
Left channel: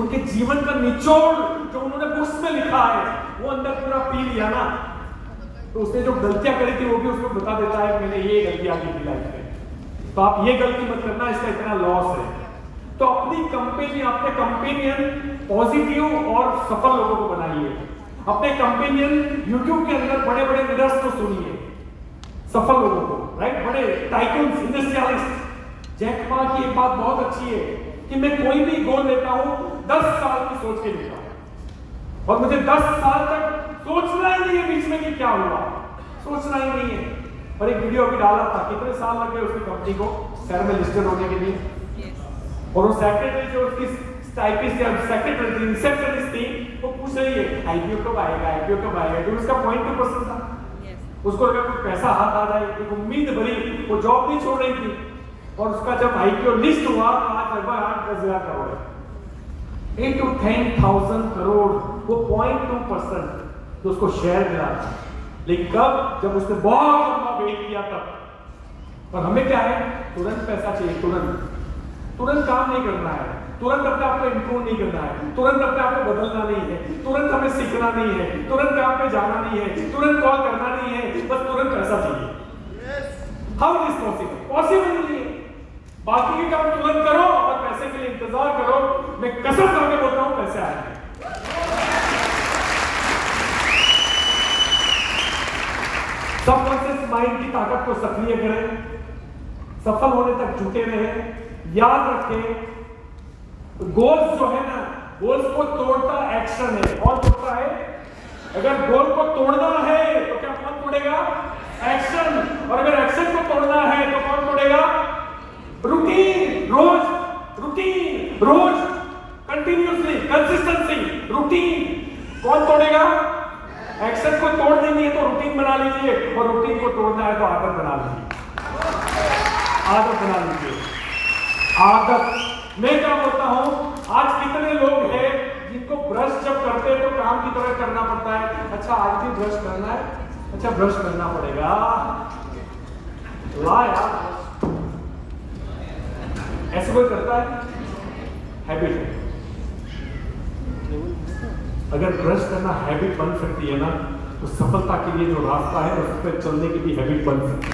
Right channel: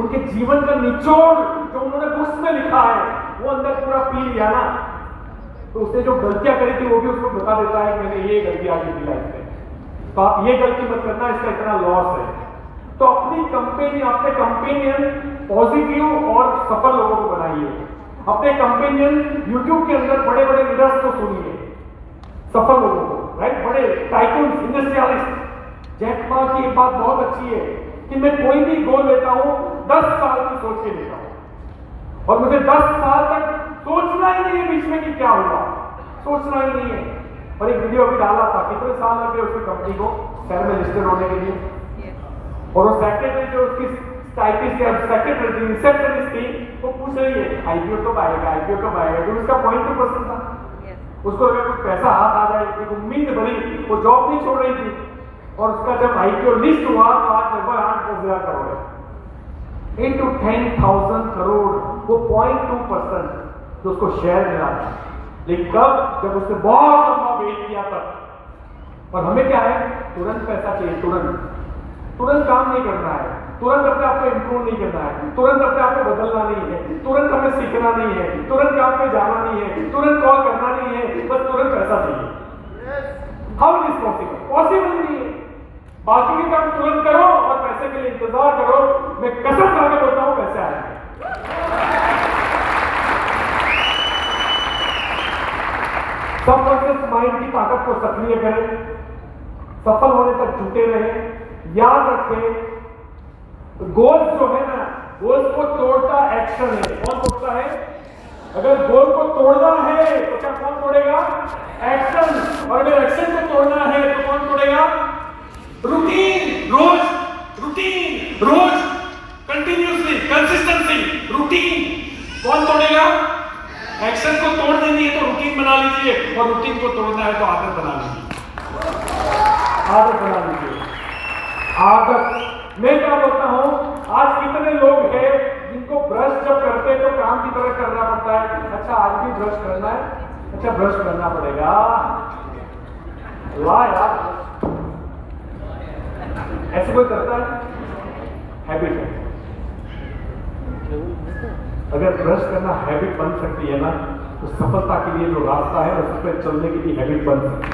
उनके जीवन का निचोड़ जो उन्होंने बुक्स में लिखा है वो अंदर पूरा पी लिया ना, तो उसने जो गलतियां करी थी वो भी उसको बता देता है कि मैंने ये गलतियां की थी लाइफ में, तो आप ये गलती मत करना, इसका इतना लॉस है। तो अपनी कंपनी, अपने कंपेनियन पॉजिटिव और सफल लोगों को बनाइए। अपने कंपेनियन यूट्यूब के अंदर बड़े बड़े लीडर्स को सुनिए, सफल लोगों को, राइट, बड़े टाइकून्स, इंडस्ट्रियलिस्ट। जैक मा की एक बात बहुत अच्छी है कि मैं कोई भी गोल लेता हूं 10 साल की सोच के लेता हूं, और मुझे 10 साल तक सोचना ही नहीं है बीच में कि क्या हुआ, सोचना ही नहीं है। और एक वीडियो अभी डाला था, कितने साल लगे उसकी कंपनी को शेयर में लिस्टेड होने के लिए, और वो सेक्रेटरी जो उसकी टाइपिस्ट या सेक्रेटरी थी, रिसेप्शनिस्ट थी, वो पूछ रही है आईपीओ कब आएगा, आईपीओ कब आएगा, तो उसका पॉइंट 2% था। उसको अगर कुछ पैसा हाथ आ जाए, एक उम्मीद भरी, वो जॉब नहीं छोड़ रही थी, और उसका जब आईपीओ लिस्ट हुआ तो आज लगभग 8-10 हजार करोड़ है, into 10,000 करोड़, वो 0.2% जो उसको शेयर मिला था। लेकिन कब? जब उसने बहुत लंबा वेट किया तब। और हमें क्या है, तुरंत पैसा चाहिए, तुरंत काम नहीं करना है, तुरंत अपने आप को इंप्रूव नहीं करना है, तुरंत अपने आप को बदलना नहीं है, तुरंत हमें सीखना नहीं है, तुरंत काम पे जाना नहीं है, तुरंत कॉल करना नहीं है, बस तुरंत पैसा चाहिए। How is possible? पॉसिबल नहीं है। बाकी के काम तुरंत करो और पैसे के लिए इंतजार करो। मैं कसम खा के बोलता हूं, पैसे आएंगे। सबकॉन्शियस माइंड की ताकत को सक्रिय करें, सफल होने तक जुटे रहे। याद रखें, गोल्स जो है ना, गोल्स को तोड़ता एक्शन है। कौन तोड़ता है? अगर गोल को तोड़ना है तो क्या कौन तोड़ेगा? एक्शन। और अगर एक्शन को तोड़ना है तो कौन तोड़ेगा? रूटीन, रोज कंटिन्यूअसली, कंसिस्टेंसी, रूटीन। कौन तोड़ेगा? एक्शन को तोड़ देनी है तो रूटीन बना लीजिए, और रूटीन को तोड़ना है तो आदत बना लीजिए। आदत बना लीजिए, आदत। मैं क्या बोलता हूं, आज कितने लोग हैं जिनको ब्रश जब करते हैं तो काम की तरह करना पड़ता है। अच्छा आज भी ब्रश करना है, अच्छा ब्रश करना पड़ेगा, ला यार, ऐसे कोई करता है? हैबिट है। अगर ब्रश करना हैबिट बन सकती है ना, तो सफलता के लिए जो रास्ता है उस पर चलने की भी हैबिट बन सकती है।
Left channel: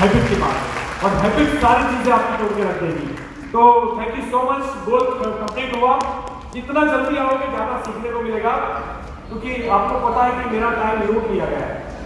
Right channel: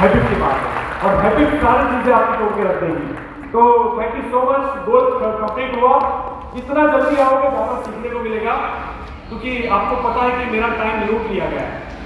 हैबिट की बात है, और हैबिट सारी चीजें आपकी तोड़ के रख देगी। तो thank you so much, goal complete हुआ। जितना जल्दी आओगे ज्यादा सीखने को मिलेगा, क्योंकि आपको पता है कि मेरा टाइम लूट लिया गया है।